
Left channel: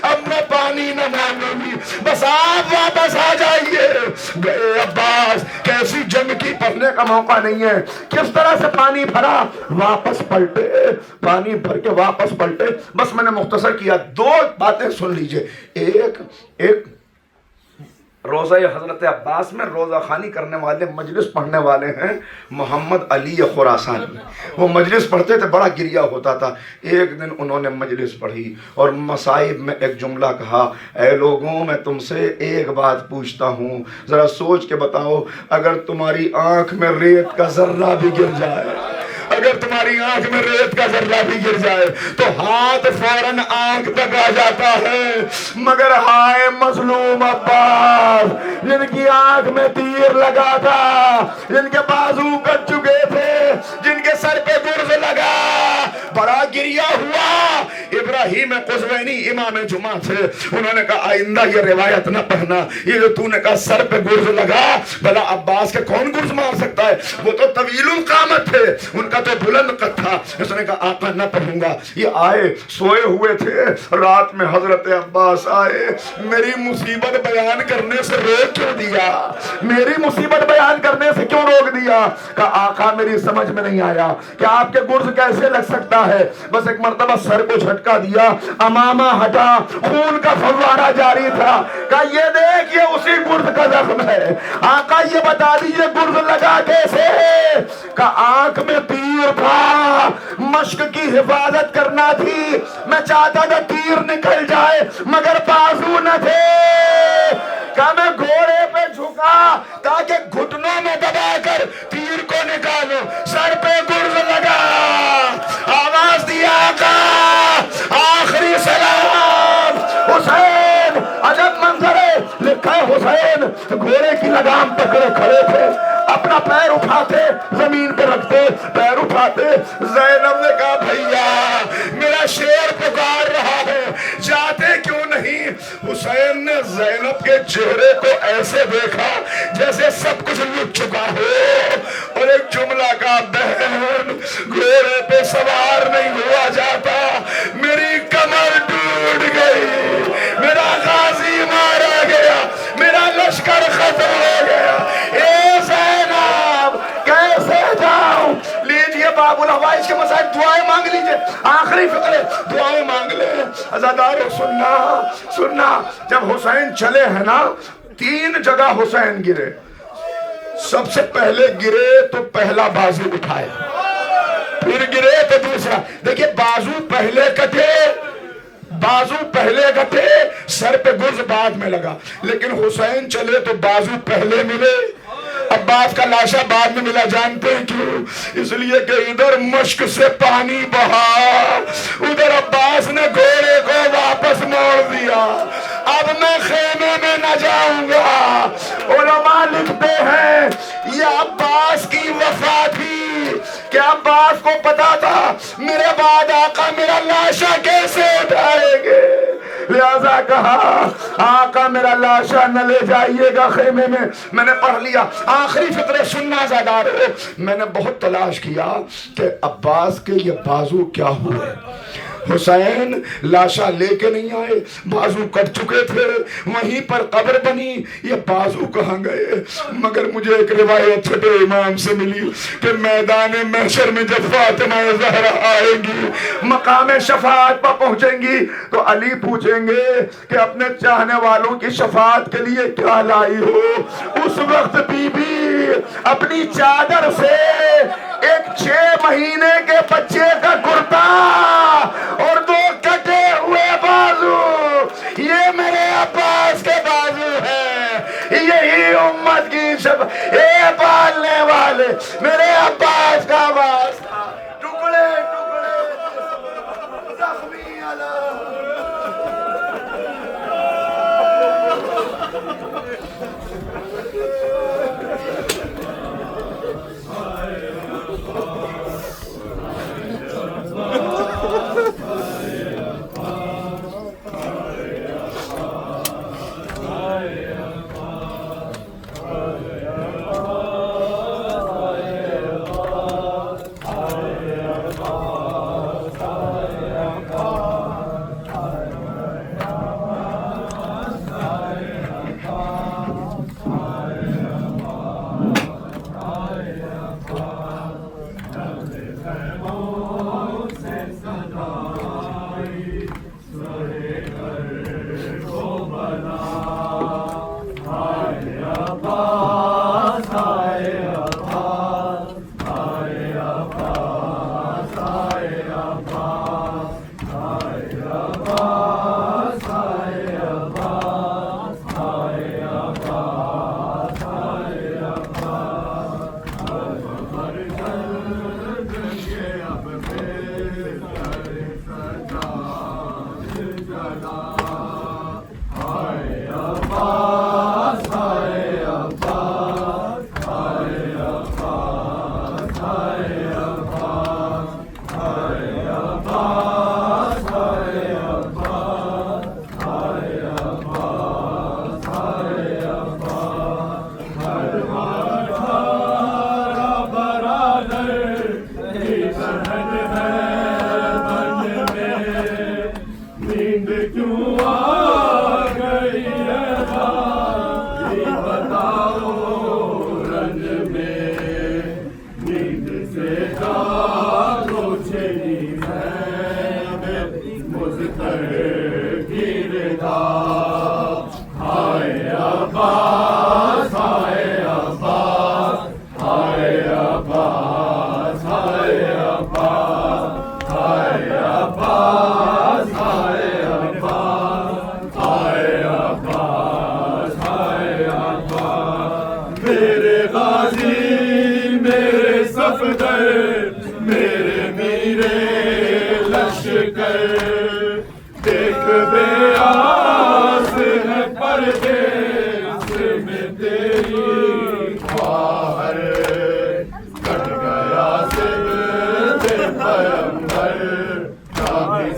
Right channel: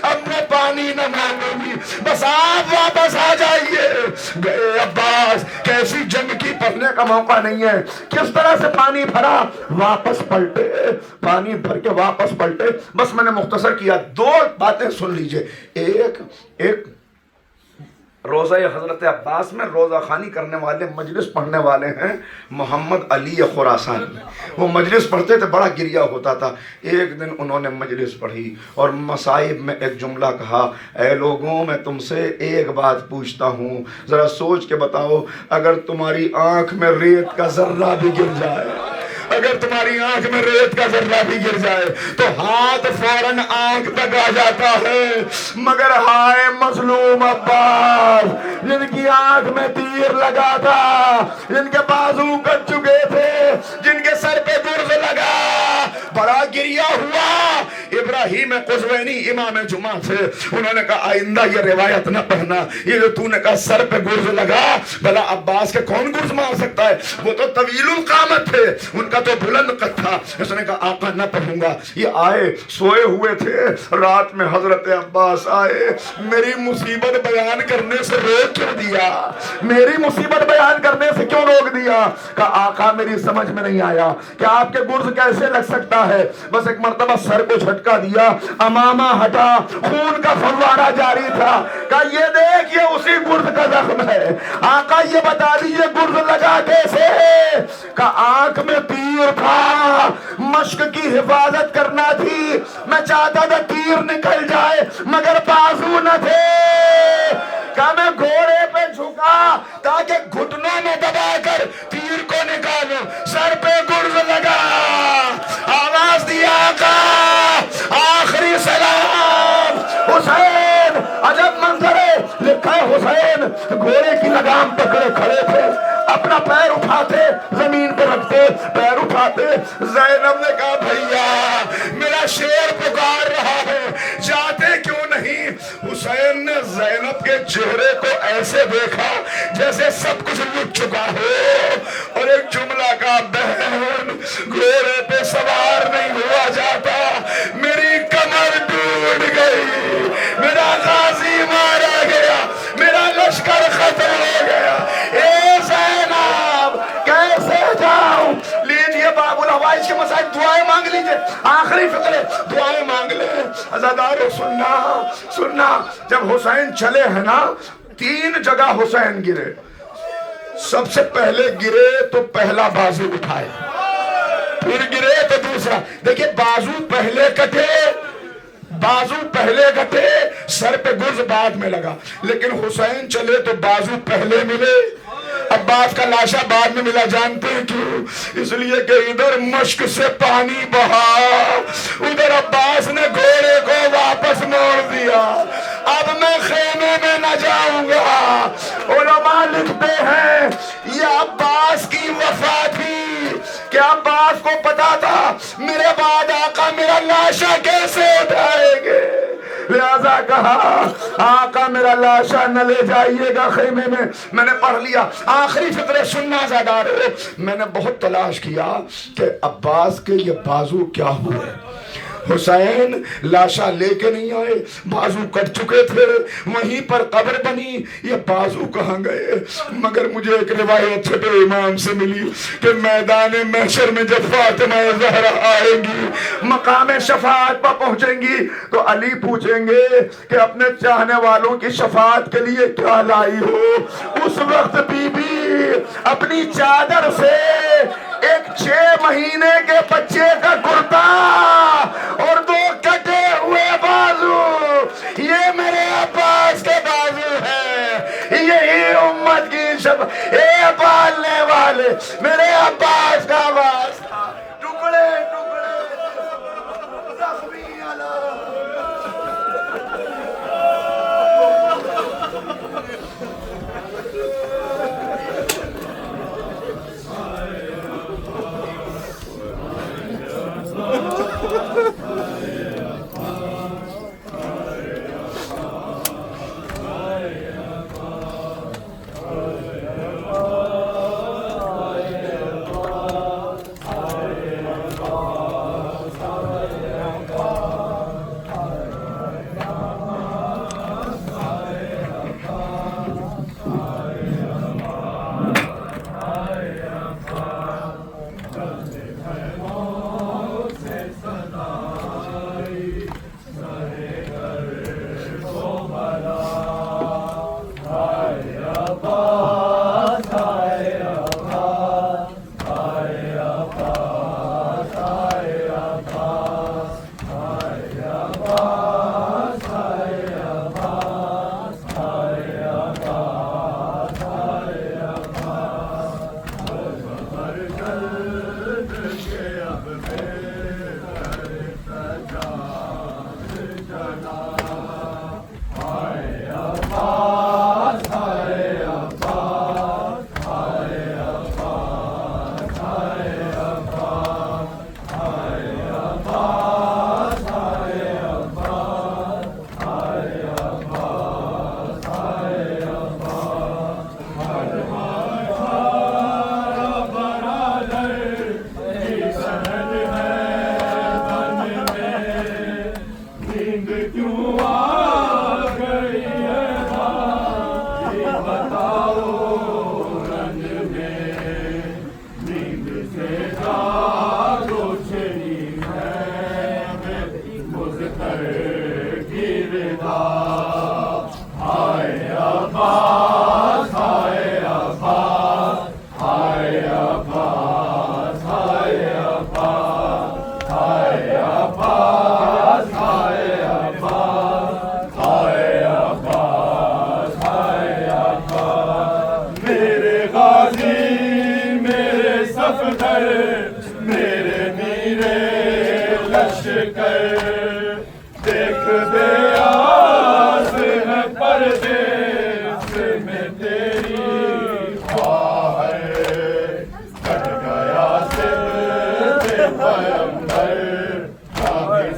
اب میں پانی نہ مانگوں گی, بس آپ واپس آ جائیے. گئے عباس, کیسی جنگ کی, پڑھنے کا موقع نہیں ہے. کس طرح سے پانی بھرا, واپس پلٹے, پانی بھر کے واپس پلٹے. بس میں نے مختصر کیا, دو باتیں سن لیجئے. ایک روزہ حضرت عباس میں روزہ خوانی کرنے والے, مجلس پڑھنے والے ہیں محمد علی خراسانی. وہ مجلس پڑھتے تھے, بڑا گریہ ہوتا تھا. ایک دن انہوں نے مجلس پڑھی اور مصائب میں ایک جملہ کہا, اے لوگوں میں تم سے ایک بات پوچھتا ہوں, ذرا سوچ کے بتاؤ, اگر تمہاری آنکھ میں ریت کا ذرہ بھی گر جائے, اگر تمہاری آنکھ میں ریت کا ذرہ بھی گر جائے تو ہاتھ فوراً آنکھ تک آ جاتا ہے, مگر ہائے مظلوم عباس, جن کی آنکھ میں تیر لگا تھا, جن کے بازو کٹ چکے تھے, جن کے سر پہ گرز لگا, بڑا گریہ ہوا. ابراہیم قزوینی امام جمعہ تھے, انہوں نے کہا آئندہ یہ روایت نہ پڑھنا, یہ جو تو نے کہا سر پہ گرز لگا, بھلا عباس کے کون گرز مار سکتا ہے, وہ تو طویل القامت تھے, ان کا تو بلند قد تھا. اس نے کہا آقا نہ پڑھوں گا. یہ آئے, سوئے ہوئے تھے, رات میں حضرت عباس آئے, میری مصیبت بیان کرنے سے روک کیوں دیا, میری مصیبت بیان کرنے سے کیوں روک دیا. کہا آقا میری سمجھ میں نہیں آیا کہ آپ کے گرز کیسے لگ سکتا ہے. بس ایک مرتبہ سر کو جھٹکا دیا, امامہ ہٹا, خون کا فوارہ جاری تھا. کہا یہ دیکھ, یہ اسی گرز کا زخم ہے. آقا یہ بتا دیجئے گرز لگا کیسے. کہا آنکھ میں تیر تھا, مشق کی حفاظت کرنا تھی, میں چاہتا تھا تیر نکل جائے مگر بازو نہ تھے. کہا میں گھوڑے پہ جھکا تاکہ گھٹنوں میں دبا کر تیر کو نکالوں, سر پہ گرز لگا, آواز دیا آقا آخری سلام. حسین عجب منظر ہے, لکھا ہے حسین گھوڑے کی لگام پکڑے کھڑے تھے, اپنا پیر اٹھاتے زمین پہ رکھتے, پیر اٹھاتے. زینب نے کہا بھیا میرا شیر پکار رہا ہے, جاتے کیوں نہیں؟ حسین نے زینب کے چہرے کو ایسے دیکھا جیسے سب کچھ لٹ چکا ہو، اور ایک جملہ کا، بہن گھوڑے پہ سوار نہیں ہوا جاتا، میری کمر ٹوٹ گئی، میرا غازی مارا گیا، میرا لشکر ختم ہو گیا، اے زینب کیسے جاؤں؟ لیجئے باب الحوائج کے مسائل، دعائیں مانگ لیجئے، آخری فقرے دعائیں مانگ لیں۔ عزادارو سننا، جب حسین چلے ہیں نا 3 جگہ حسین گرے، سب سے پہلے گرے تو پہلا بازو اٹھائے، پھر گرے تو دوسرا، دیکھیں بازو پہلے کٹے، سر پہ گرز بعد میں لگا، لیکن حسین چلے تو بازو پہلے ملے، عباس کا لاشا بعد میں ملا۔ جانتے ہیں کیوں؟ اس لیے کہ ادھر مشک سے پانی بہا، ادھر عباس نے گھوڑے کو واپس موڑ دیا، اب میں خیمے میں نہ جاؤں گا۔ علماء لکھتے ہیں یہ عباس کی وفا تھی کہ عباس کو پتا تھا میرے بعد آقا میرا لاشا کیسے اٹھائیں گے، لہذا کہا آقا میرا لاشا نہ لے جائیے گا خیمے میں۔ میں نے پڑھ لیا آخری فقرے، سننا زادارو، میں نے بہت تلاش کیا کہ عباس کے یہ بازو کیا ہوئے۔ حسین لاشا لے کے نہیں آئے، بازو کٹ چکے تھے، وہیں پر قبر بنی، یہ بازو کہاں گئے؟ مگر مجھے ایک روایت چھٹے امام سے ملی کہ میدان محشر میں جب فاطمہ زہرا آئیں گی، مقام شفاعت پر پہنچیں گی، تو علی پوچھیں گے کہ اپنے چاہنے والوں کی شفاعت کے لیے کیا لائی ہو؟ اس وقت بی بی اپنی چادر سے ایک 6 مہینے کے بچے کا کرتا اور 2 کٹے ہوئے بازو، یہ میرے عباس کے بازو ہیں، یہی امت کی اے پالنے والے میرے عباس کا باز تھا، ٹکڑے زخمی علم۔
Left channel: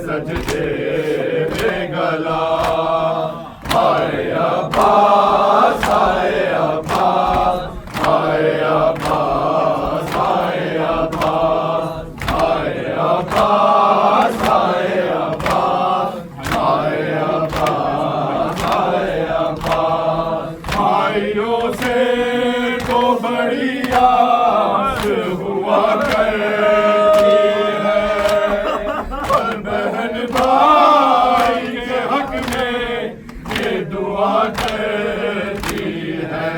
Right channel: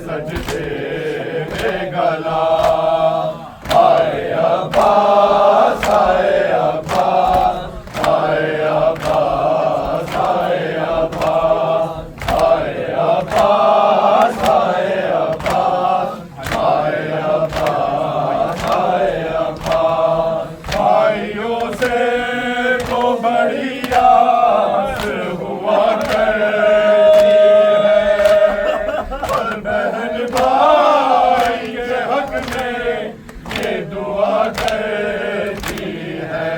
سجدے میں ہوا کہتی ہے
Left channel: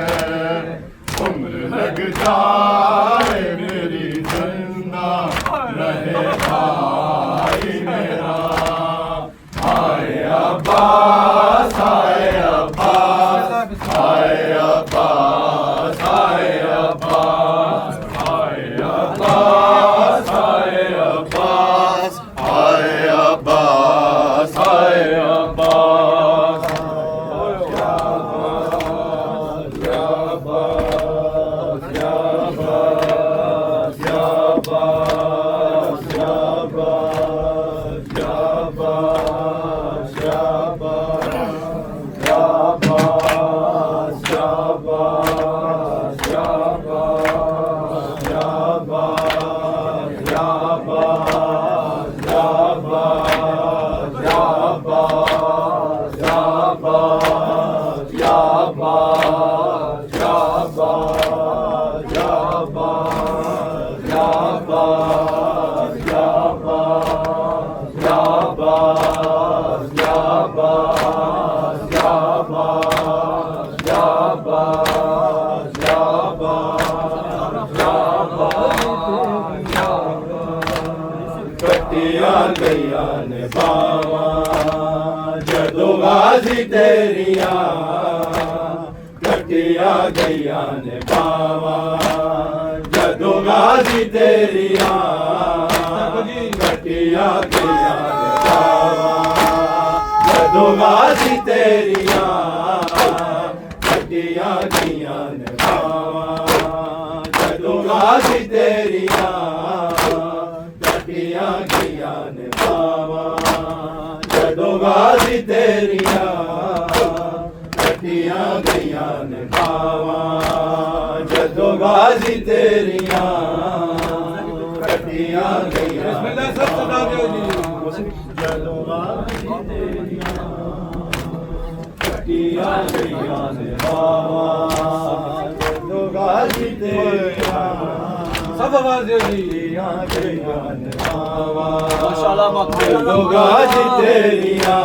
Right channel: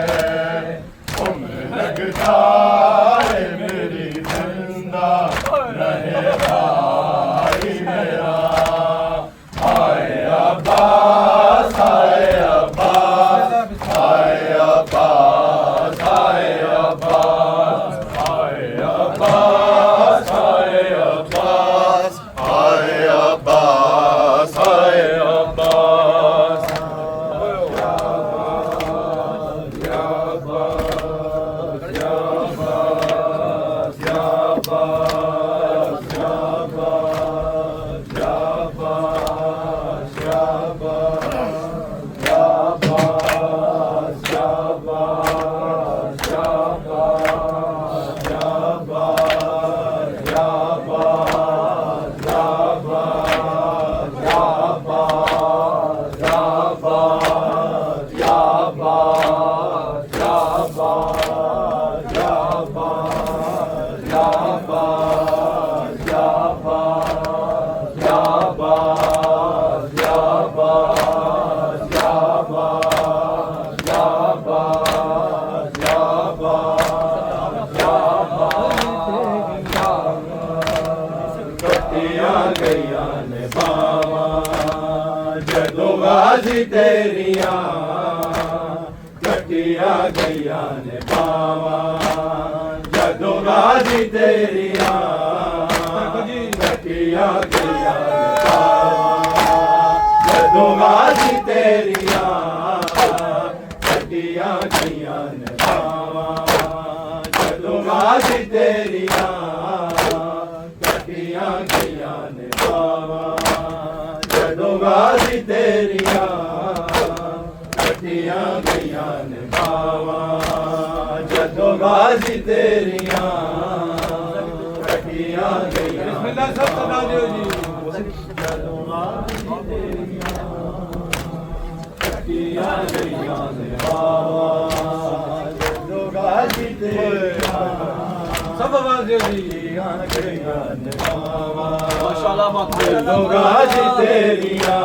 عمر لگ جائے میری زندہ رہے بھائی میرا آئے عباس آئے عباس آئے عباس آئے عباس آئے عباس آئے عباس آئے عباس آئے عباس کٹیاں گئیاں نے باواں جدو غازی تیریاں کٹیاں گئیاں نے باواں جدو غازی تیریاں کٹیاں گئیاں نے باواں جدو غازی تیریاں کٹیاں گئیاں نے باواں جدو غازی تیریاں کٹیاں گئیاں نے باواں جدو غازی تیریاں کٹیاں گئیاں نے باواں جدو غازی تیریاں کٹیاں گئیاں جدو غازی تیریاں کٹیاں گئیاں نے باواں جدو غازی تیریاں سب آوازیں کٹیاں گئیاں نے باواں جدو غازی تیریاں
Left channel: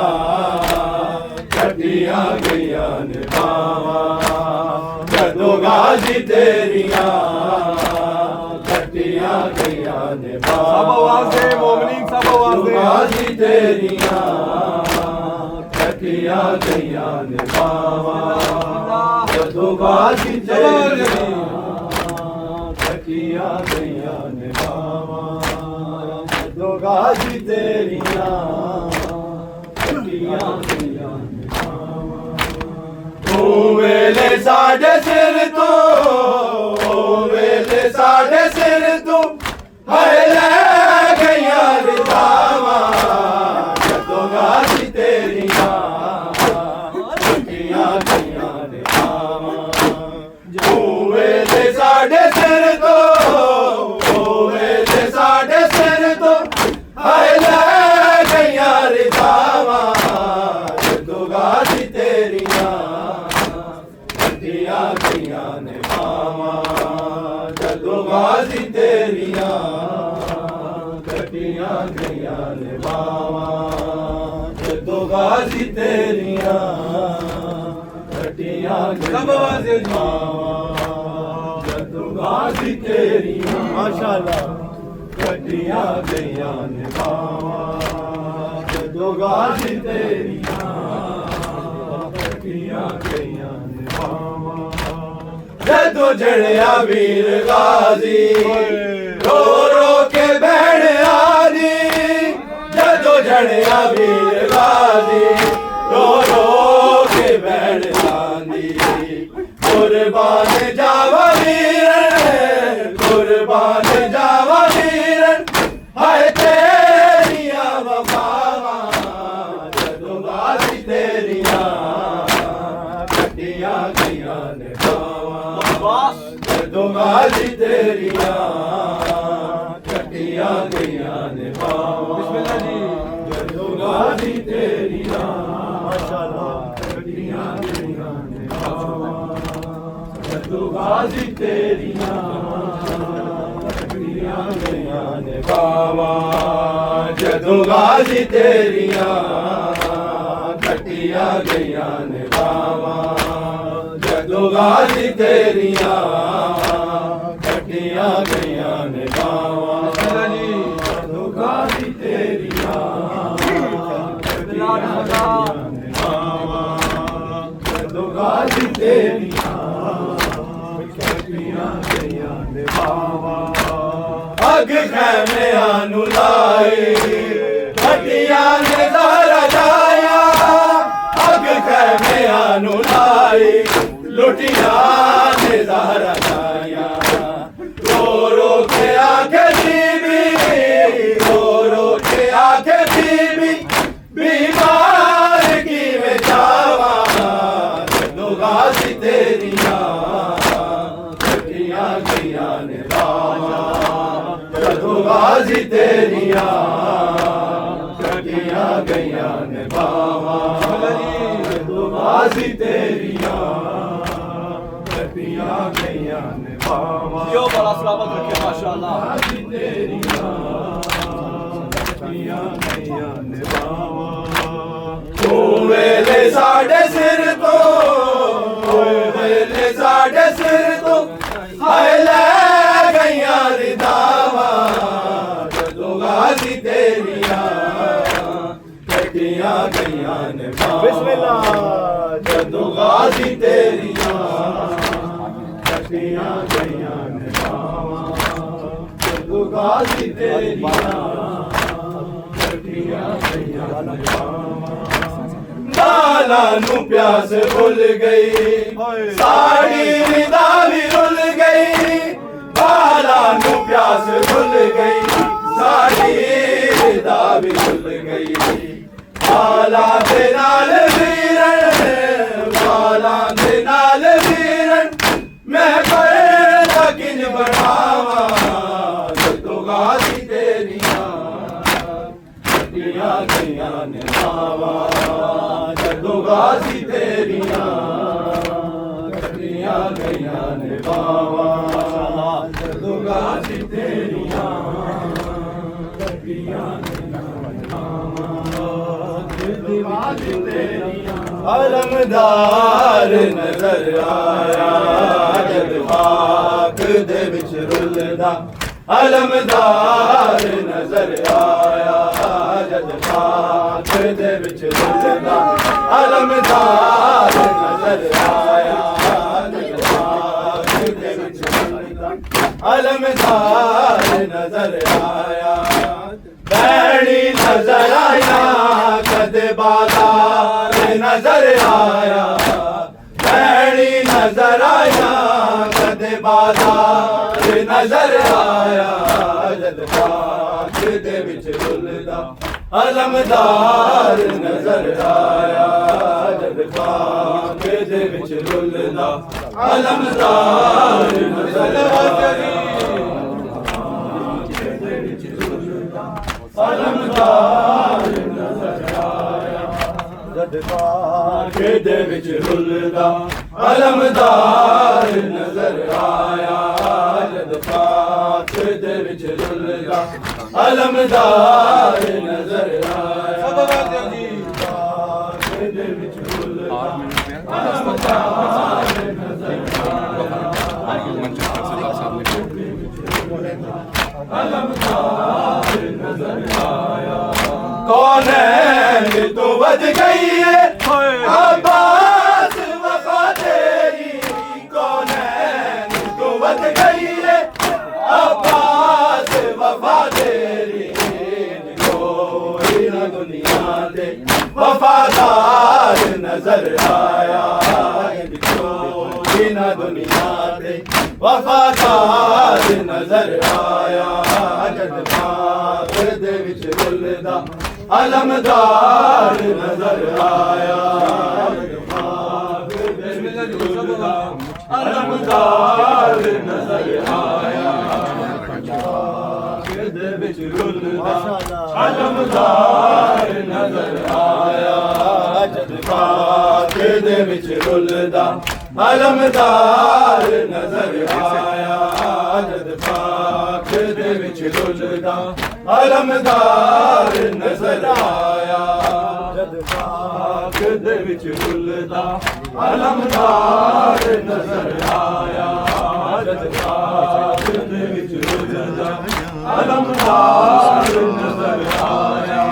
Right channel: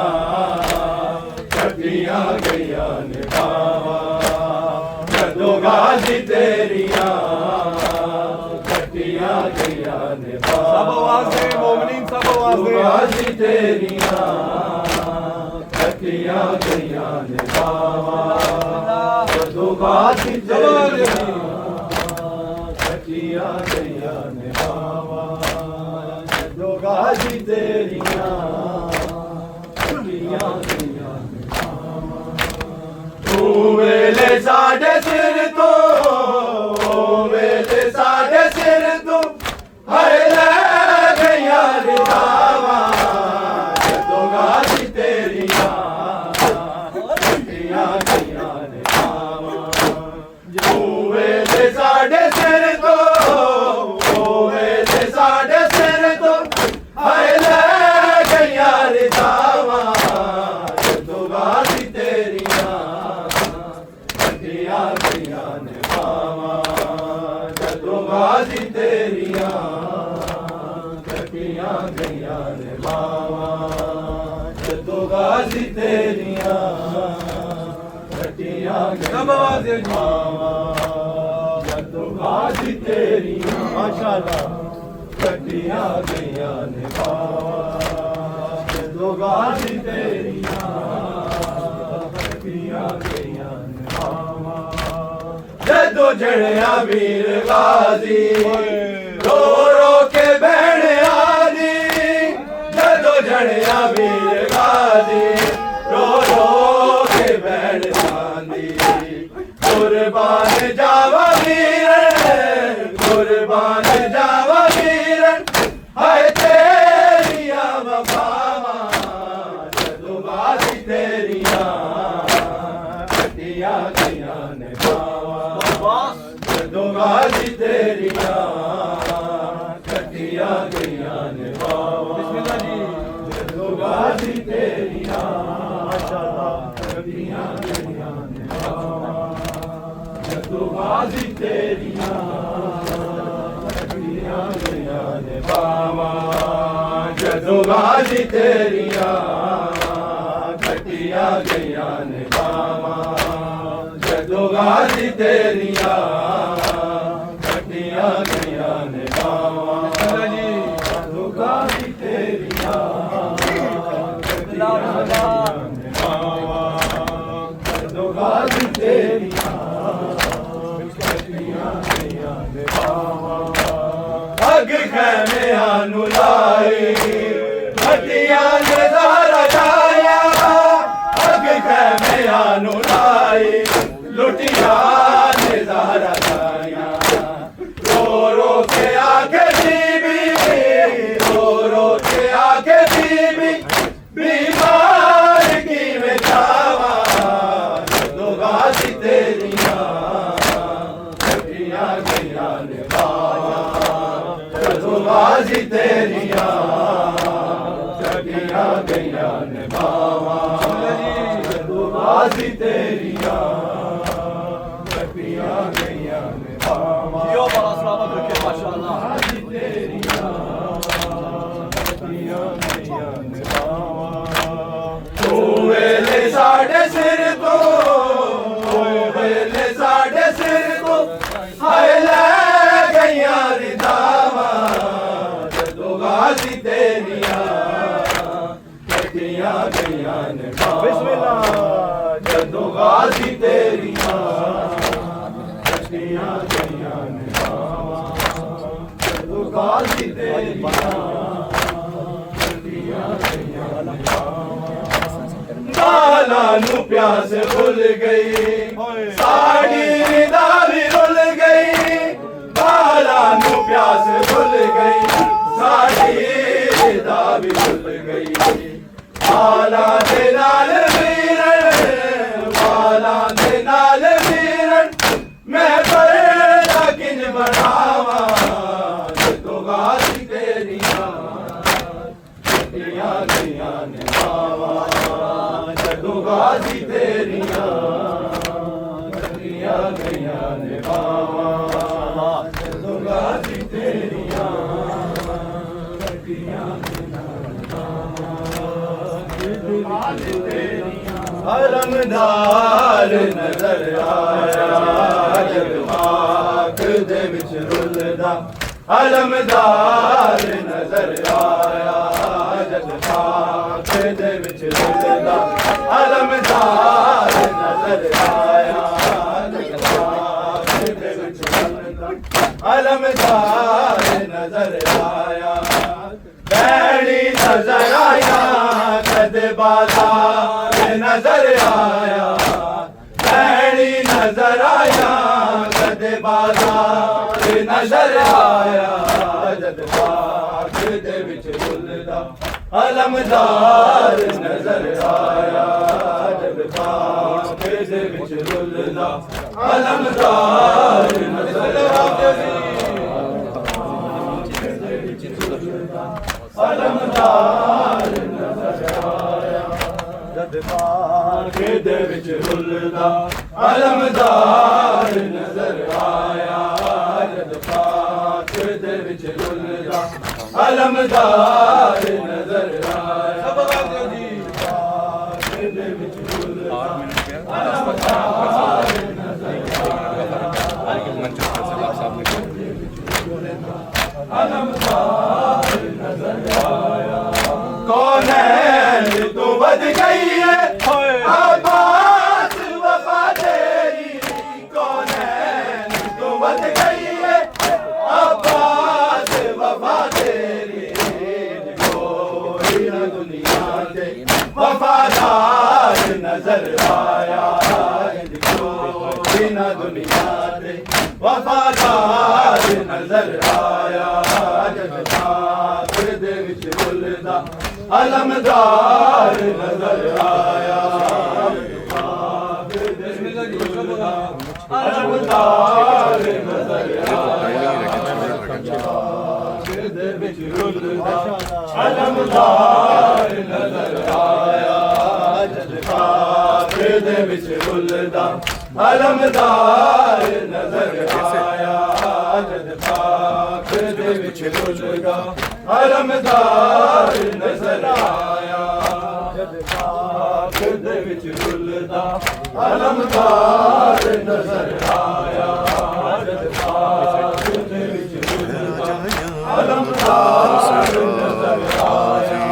کٹیاں گئیاں نے باواں جدو غازی تیریاں کٹیاں گئیاں نے باواں سب آوازیں مومنین سب آوازیں غازی تیریاں کٹیاں گئیاں نے باواں جدو غازی تیریاں کٹیاں گئیاں نے باواں جدو غازی تیریاں کٹیاں گئیاں نے باواں ویلے ساڈے سر تو ویلے ساڈے سر تو ہائے لے گئیاں رضاواں جدو غازی تیریاں کٹیاں گئیاں نے باواں ویلے ساڈے سر تو ویلے ساڈے سر تو ہائے لے گئیاں رضاواں جدو غازی تیریاں کٹیاں گئیاں نے باواں جدو غازی تیریاں کٹیاں گئیاں نے باواں جدو غازی تیریاں کٹیاں گئیاں نے باواں جدو غازی تیریاں ماشاءاللہ کٹیاں گئیاں نے باواں جدو غازی تیریاں کٹیاں گئیاں نے باواں جدو جڑیا ویر غازی رو رو کے بہنیاں دی جدو جڑیا ویر غازی رو رو کے بہنیاں دی قربان جاوا ویرن قربان جاوا ویرن ہائے تیریاں وفاواں جدو غازی تیریاں کٹیاں گئیاں نے باواں جدو غازی تیریاں کٹیاں گئیاں نے باواں جدو غازی تیریاں کٹیاں گئیاں نے باواں جدو غازی تیریاں کٹیاں گئیاں نے باواں جدو غازی تیریاں کٹیاں گئیاں نے باواں جدو غازی تیریاں کٹیاں گئیاں نے باواں جدو غازی تیریاں کٹیاں گئیاں نے باواں جدو غازی تیریاں کٹیاں گئیاں نے باواں اگ خیمے آنو لائے کٹیاں نے زہرا جایا اگ خیمے آنو لائے لٹیاں نے زہرا جایا رو رو کے آکے بی بی رو رو کے آکے بی بی بیمار کی میں جاواں جدو غازی تیریاں کٹیاں گئیاں نے باواں جدو غازی تیریاں کٹیاں گئیاں نے باواں جدو غازی تیریاں کٹیاں گئیاں نے باواں جو بڑا سلامت رکھے ماشاءاللہ غازی تیریاں کٹیاں گئیاں نے باواں تو ویلے ساڈے سر تو ویلے ساڈے سر تو ہائے لے گئیاں رداواں جدو غازی تیریاں کٹیاں گئیاں نے باواں جدو غازی تیریاں کٹیاں گئیاں نے باواں جدو غازی تیریاں کٹیاں گئیاں نے باواں لالا نو پیاس بھول گئی ساڑی ردا بھی رول گئی لالا نو پیاس بھول گئی ساڑی ردا بھی رول گئی بالا دے نال ویرن بالا دے نال ویرن میں پیدا کن بڑھاواں جدو غازی تیریاں کٹیاں گئیاں نے باواں جدو غازی تیریاں کٹیاں گئیاں نے باواں جدو غازی تیریاں کٹیاں گئیاں نے باواں علمدار نظر آیا جد خاک دے وچ رلدا علمدار نظر آیا جد خاک دے وچ رلدا علمدار نظر آیا جد خاک دے وچ رلدا علمدار نظر آیا بیڑی نظر آیا کدے بازار نظر آیا بیڑی نظر آیا کدے بازار نظر آیا جد خاک دے وچ رلدا علمدار نظر آیا جد خاک دے وچ رلدا علمدار نظر آیا علمدار نظر آیا جد خاک دے وچ رلدا علمدار نظر آیا جد خاک دے وچ رلدا علمدار نظر آیا خاک دے وچ رلدا علمدار نظر آیا علمدار نظر آیا کونین تو ود گئی ہے عباس وفا تیری کونین تو ود گئی ہے عباس وفا تیری کوئی نہ دنیا دے وفادار نظر آیا کوئی نہ دنیا دے وفادار نظر آیا جد خاک دے وچ رلدا علمدار نظر آیا جد خاک دے وچ رلدا علمدار نظر آیا جد خاک دے وچ رلدا علمدار نظر آیا جد خاک دے وچ رلدا علمدار نظر آیا جد خاک دے وچ رلدا علمدار نظر آیا جد خاک دے وچ رلدا علمدار نظر آیا جد پاک دے وچ رلدا علمدار نظر آیا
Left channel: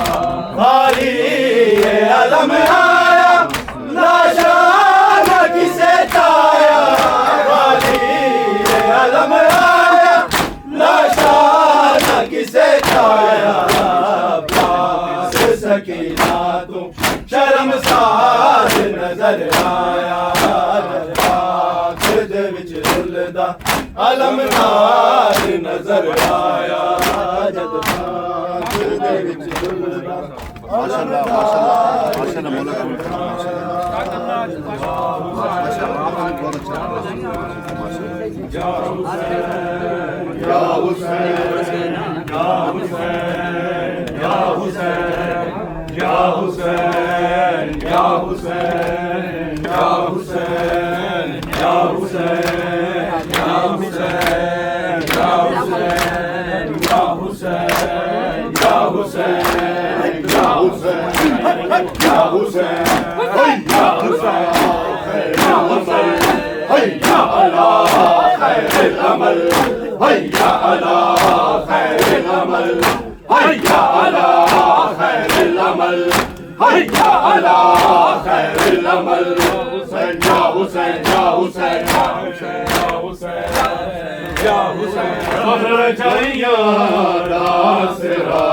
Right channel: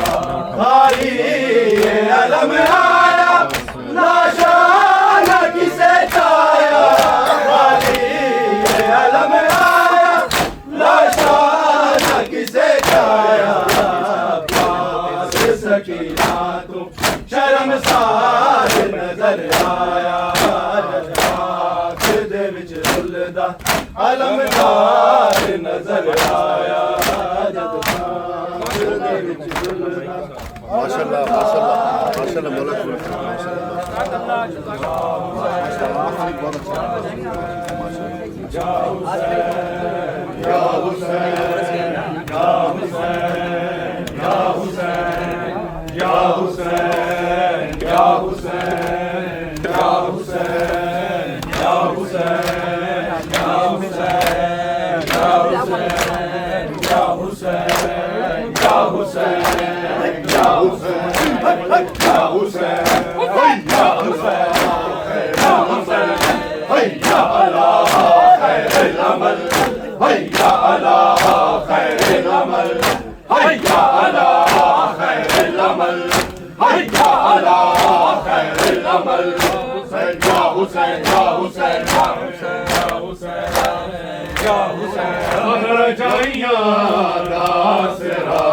بھائی یہ علم آیا ناشان کسے چایا بھائی یہ علم آیا ناشان کسے چایا پیاس سکینہ تم شرمسار نظر آیا جد پاک دے وچ رلدا علمدار نظر آیا جد پاک دے وچ رلدا ماشاءاللہ ماشاءاللہ مولا کو یا حسین یا حسین یا حسین یا حسین یا حسین یا حسین یا حسین یا حسین یا حسین یا حسین یا حسین یا حسین یا حسین حیا علی خیر العمل حیا علی خیر العمل حیا علی خیر العمل حیا علی خیر العمل یا حسین یا حسین یا حسین یا حسین ہر جائیاں داسرا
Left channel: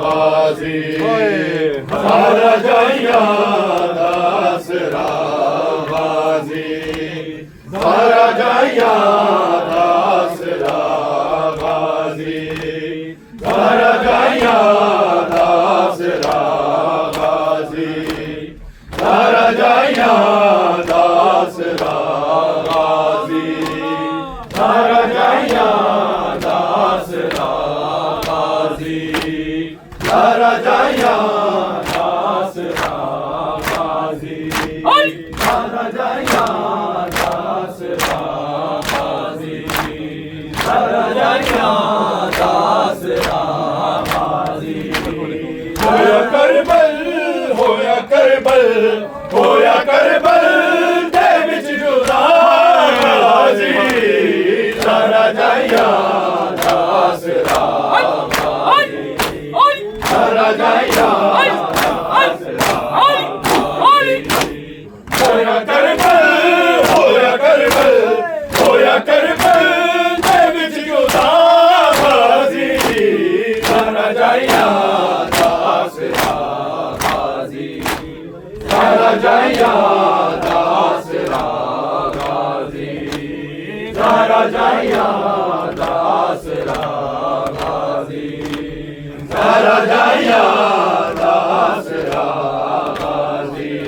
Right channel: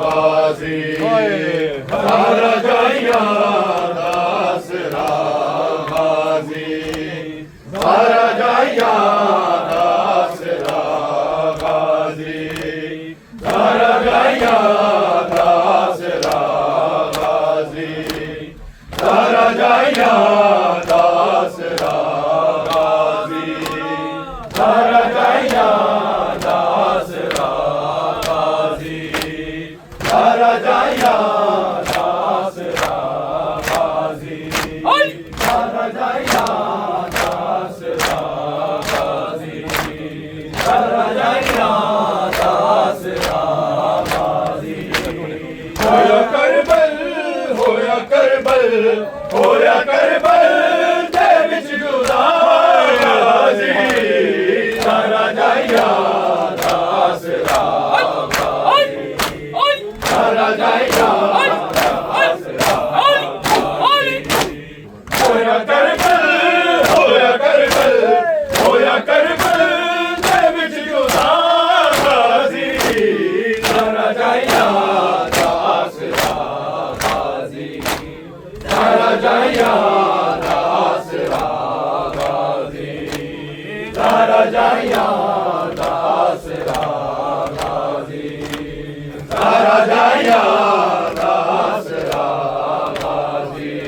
غازی ہر جائیاں داسرا غازی ہر جائیاں داسرا غازی ہر جائیاں داسرا غازی ہر جائیاں داسرا غازی ہر جائیاں داسرا غازی ہر جائیاں داسرا غازی ہر جائیاں داسرا غازی ہر جائیاں داسرا غازی ہویا کربل ہویا کربل ہویا کربل دے وچ جدا غازی ہر جائیاں داسرا غازی ہر جائیاں داسرا ہویا کربل ہویا کربل ہویا کربل دے وچ جدا غازی ہر جائیاں داسرا غازی ہر جائیاں داسرا غازی ہر جائیاں داسرا غازی ہر جائیاں داسرا غازی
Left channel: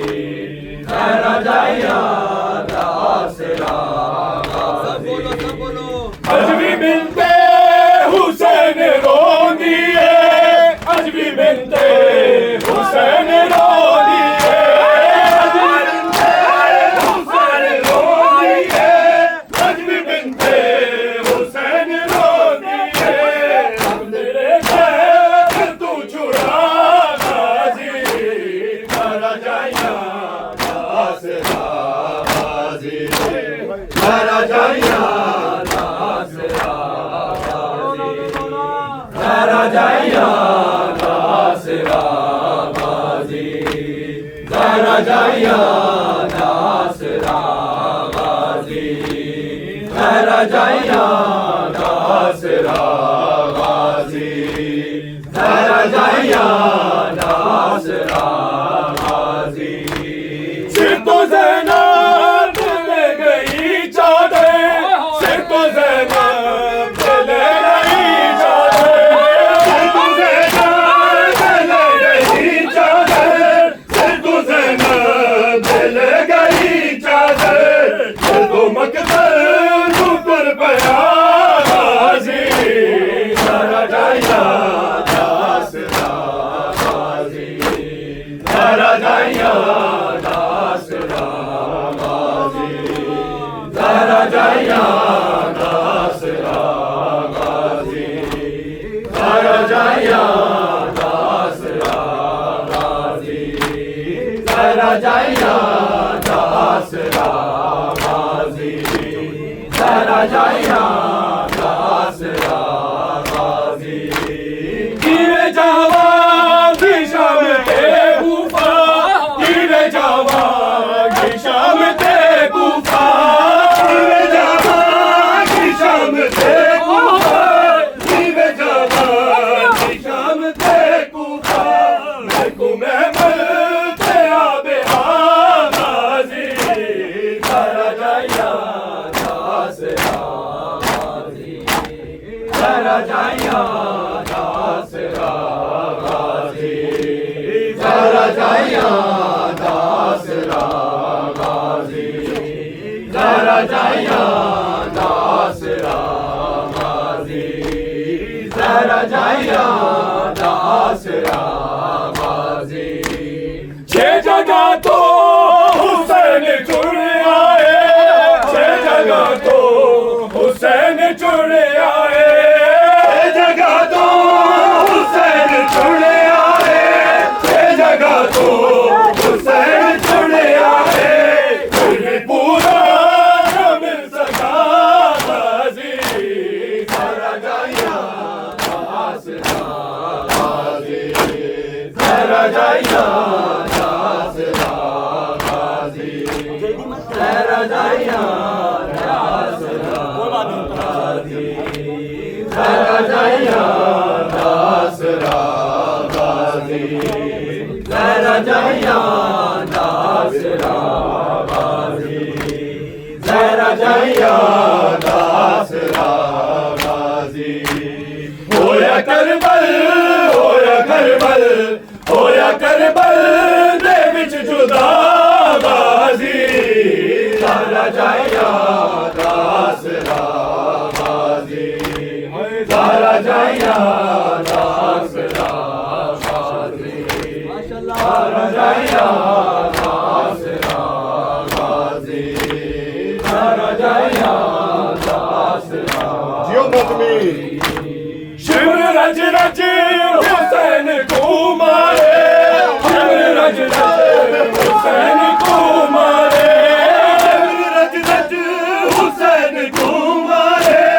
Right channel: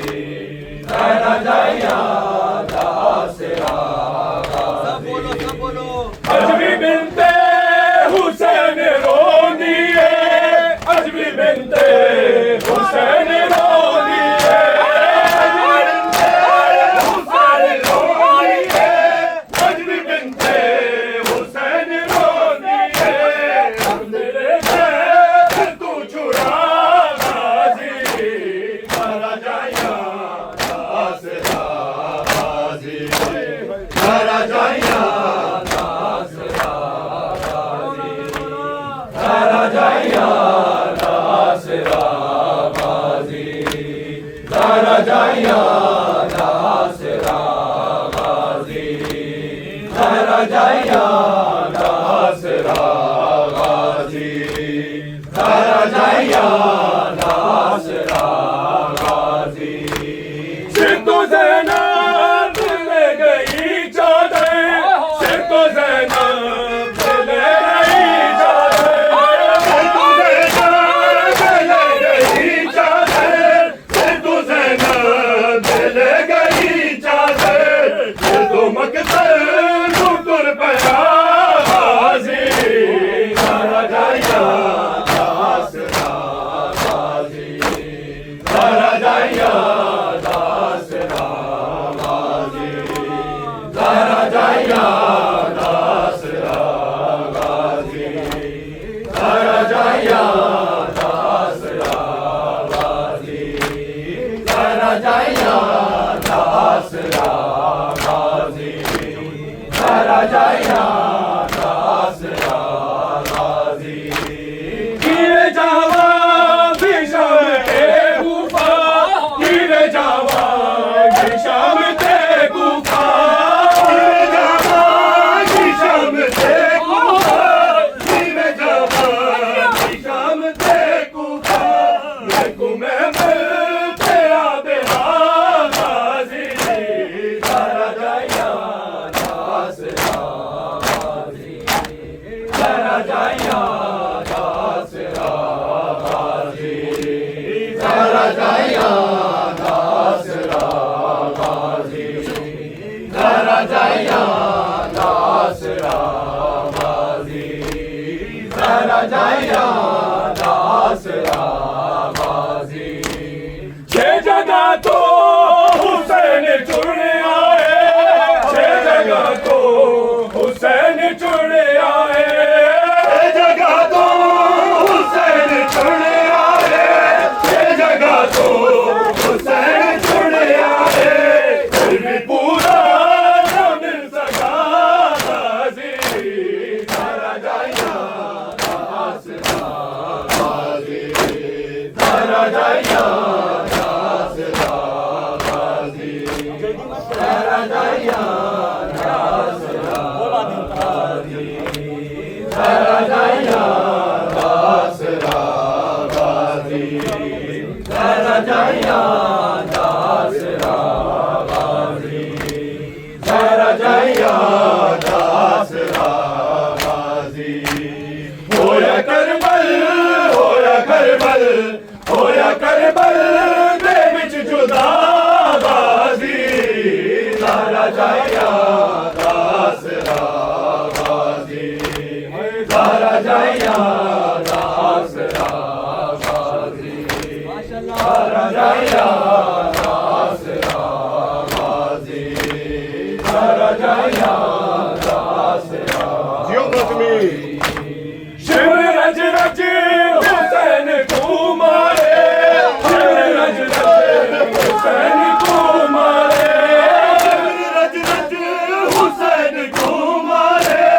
ہر جائیاں داسرا غازی اج بھی بنتے حسین روندی ہے اج بھی بنتے حسین روندی ہے اج بھی بنتے حسین روندی ہے اج بھی بنتے حسین روندی ہے تیرے گھر تو چھڑا غازی ہر جائیاں داسرا غازی ہر جائیاں داسرا ہر جائیاں داسرا غازی ہر جائیاں داسرا غازی ہر جائیاں داسرا غازی ہر جائیاں داسرا غازی سر تو زینب لے گئی چادر سر تو زینب لے گئی چادر سر تو زینب لے گئی چادر سر تو زینب لے گئی چادر سر تو مقتل تو تر پیا غازی ہر جائیاں داسرا غازی ہر جائیاں داسرا غازی ہر جائیاں داسرا غازی ہر جائیاں داسرا غازی ہر آسرا غازی زہرا جائیا آسرا غازی گیر جوان کی شام تے کوفہ گیر جوان کی شام تے کوفہ گیر جوان کی شام تے کوفہ گیر جوان کی شام تے کوفہ محکوم ملتے آب غازی زہرا جائیا آسرا غازی زہرا جائیا آسرا غازی زہرا جائیا آسرا غازی زہرا جائیا آسرا غازی زہرا جائیا آسرا غازی چھ جگہ تو حسین چڑ آئے چھ جگہ تو حسین چڑ آئے چھ جگہ تو حسین چڑ آئے چھ جگہ تو حسین چڑ آئے پھر پورا نہ مل سکا غازی زہرا جائیا آسرا غازی زہرا جائیا آسرا غازی زہرا جائیا آسرا غازی زہرا جائیا آسرا غازی زہرا جائیا آسرا غازی زہرا جائیا آسرا غازی ہویا کربل ہویا کربل ہویا کربل دے وچ جدا غازی زہرا جائیا آسرا غازی زہرا جائیا آسرا غازی زہرا جائیا آسرا غازی زہرا جائیا آسرا شمر رج رج حسین کو مارے شمر رج رج حسین کو مارے شمر رج رج حسین کو مارے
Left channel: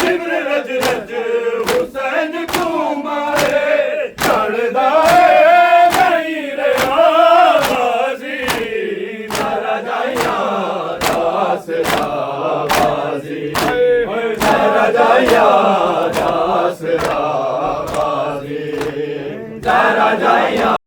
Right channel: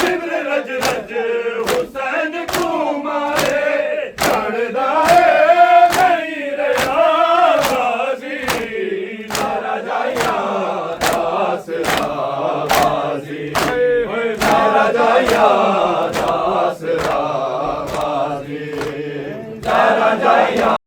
شمر رج رج حسین کو مارے چڑھدا ہے غیر غازی زہرا جائیا آسرا غازی زہرا جائیا آسرا غازی زہرا جائیا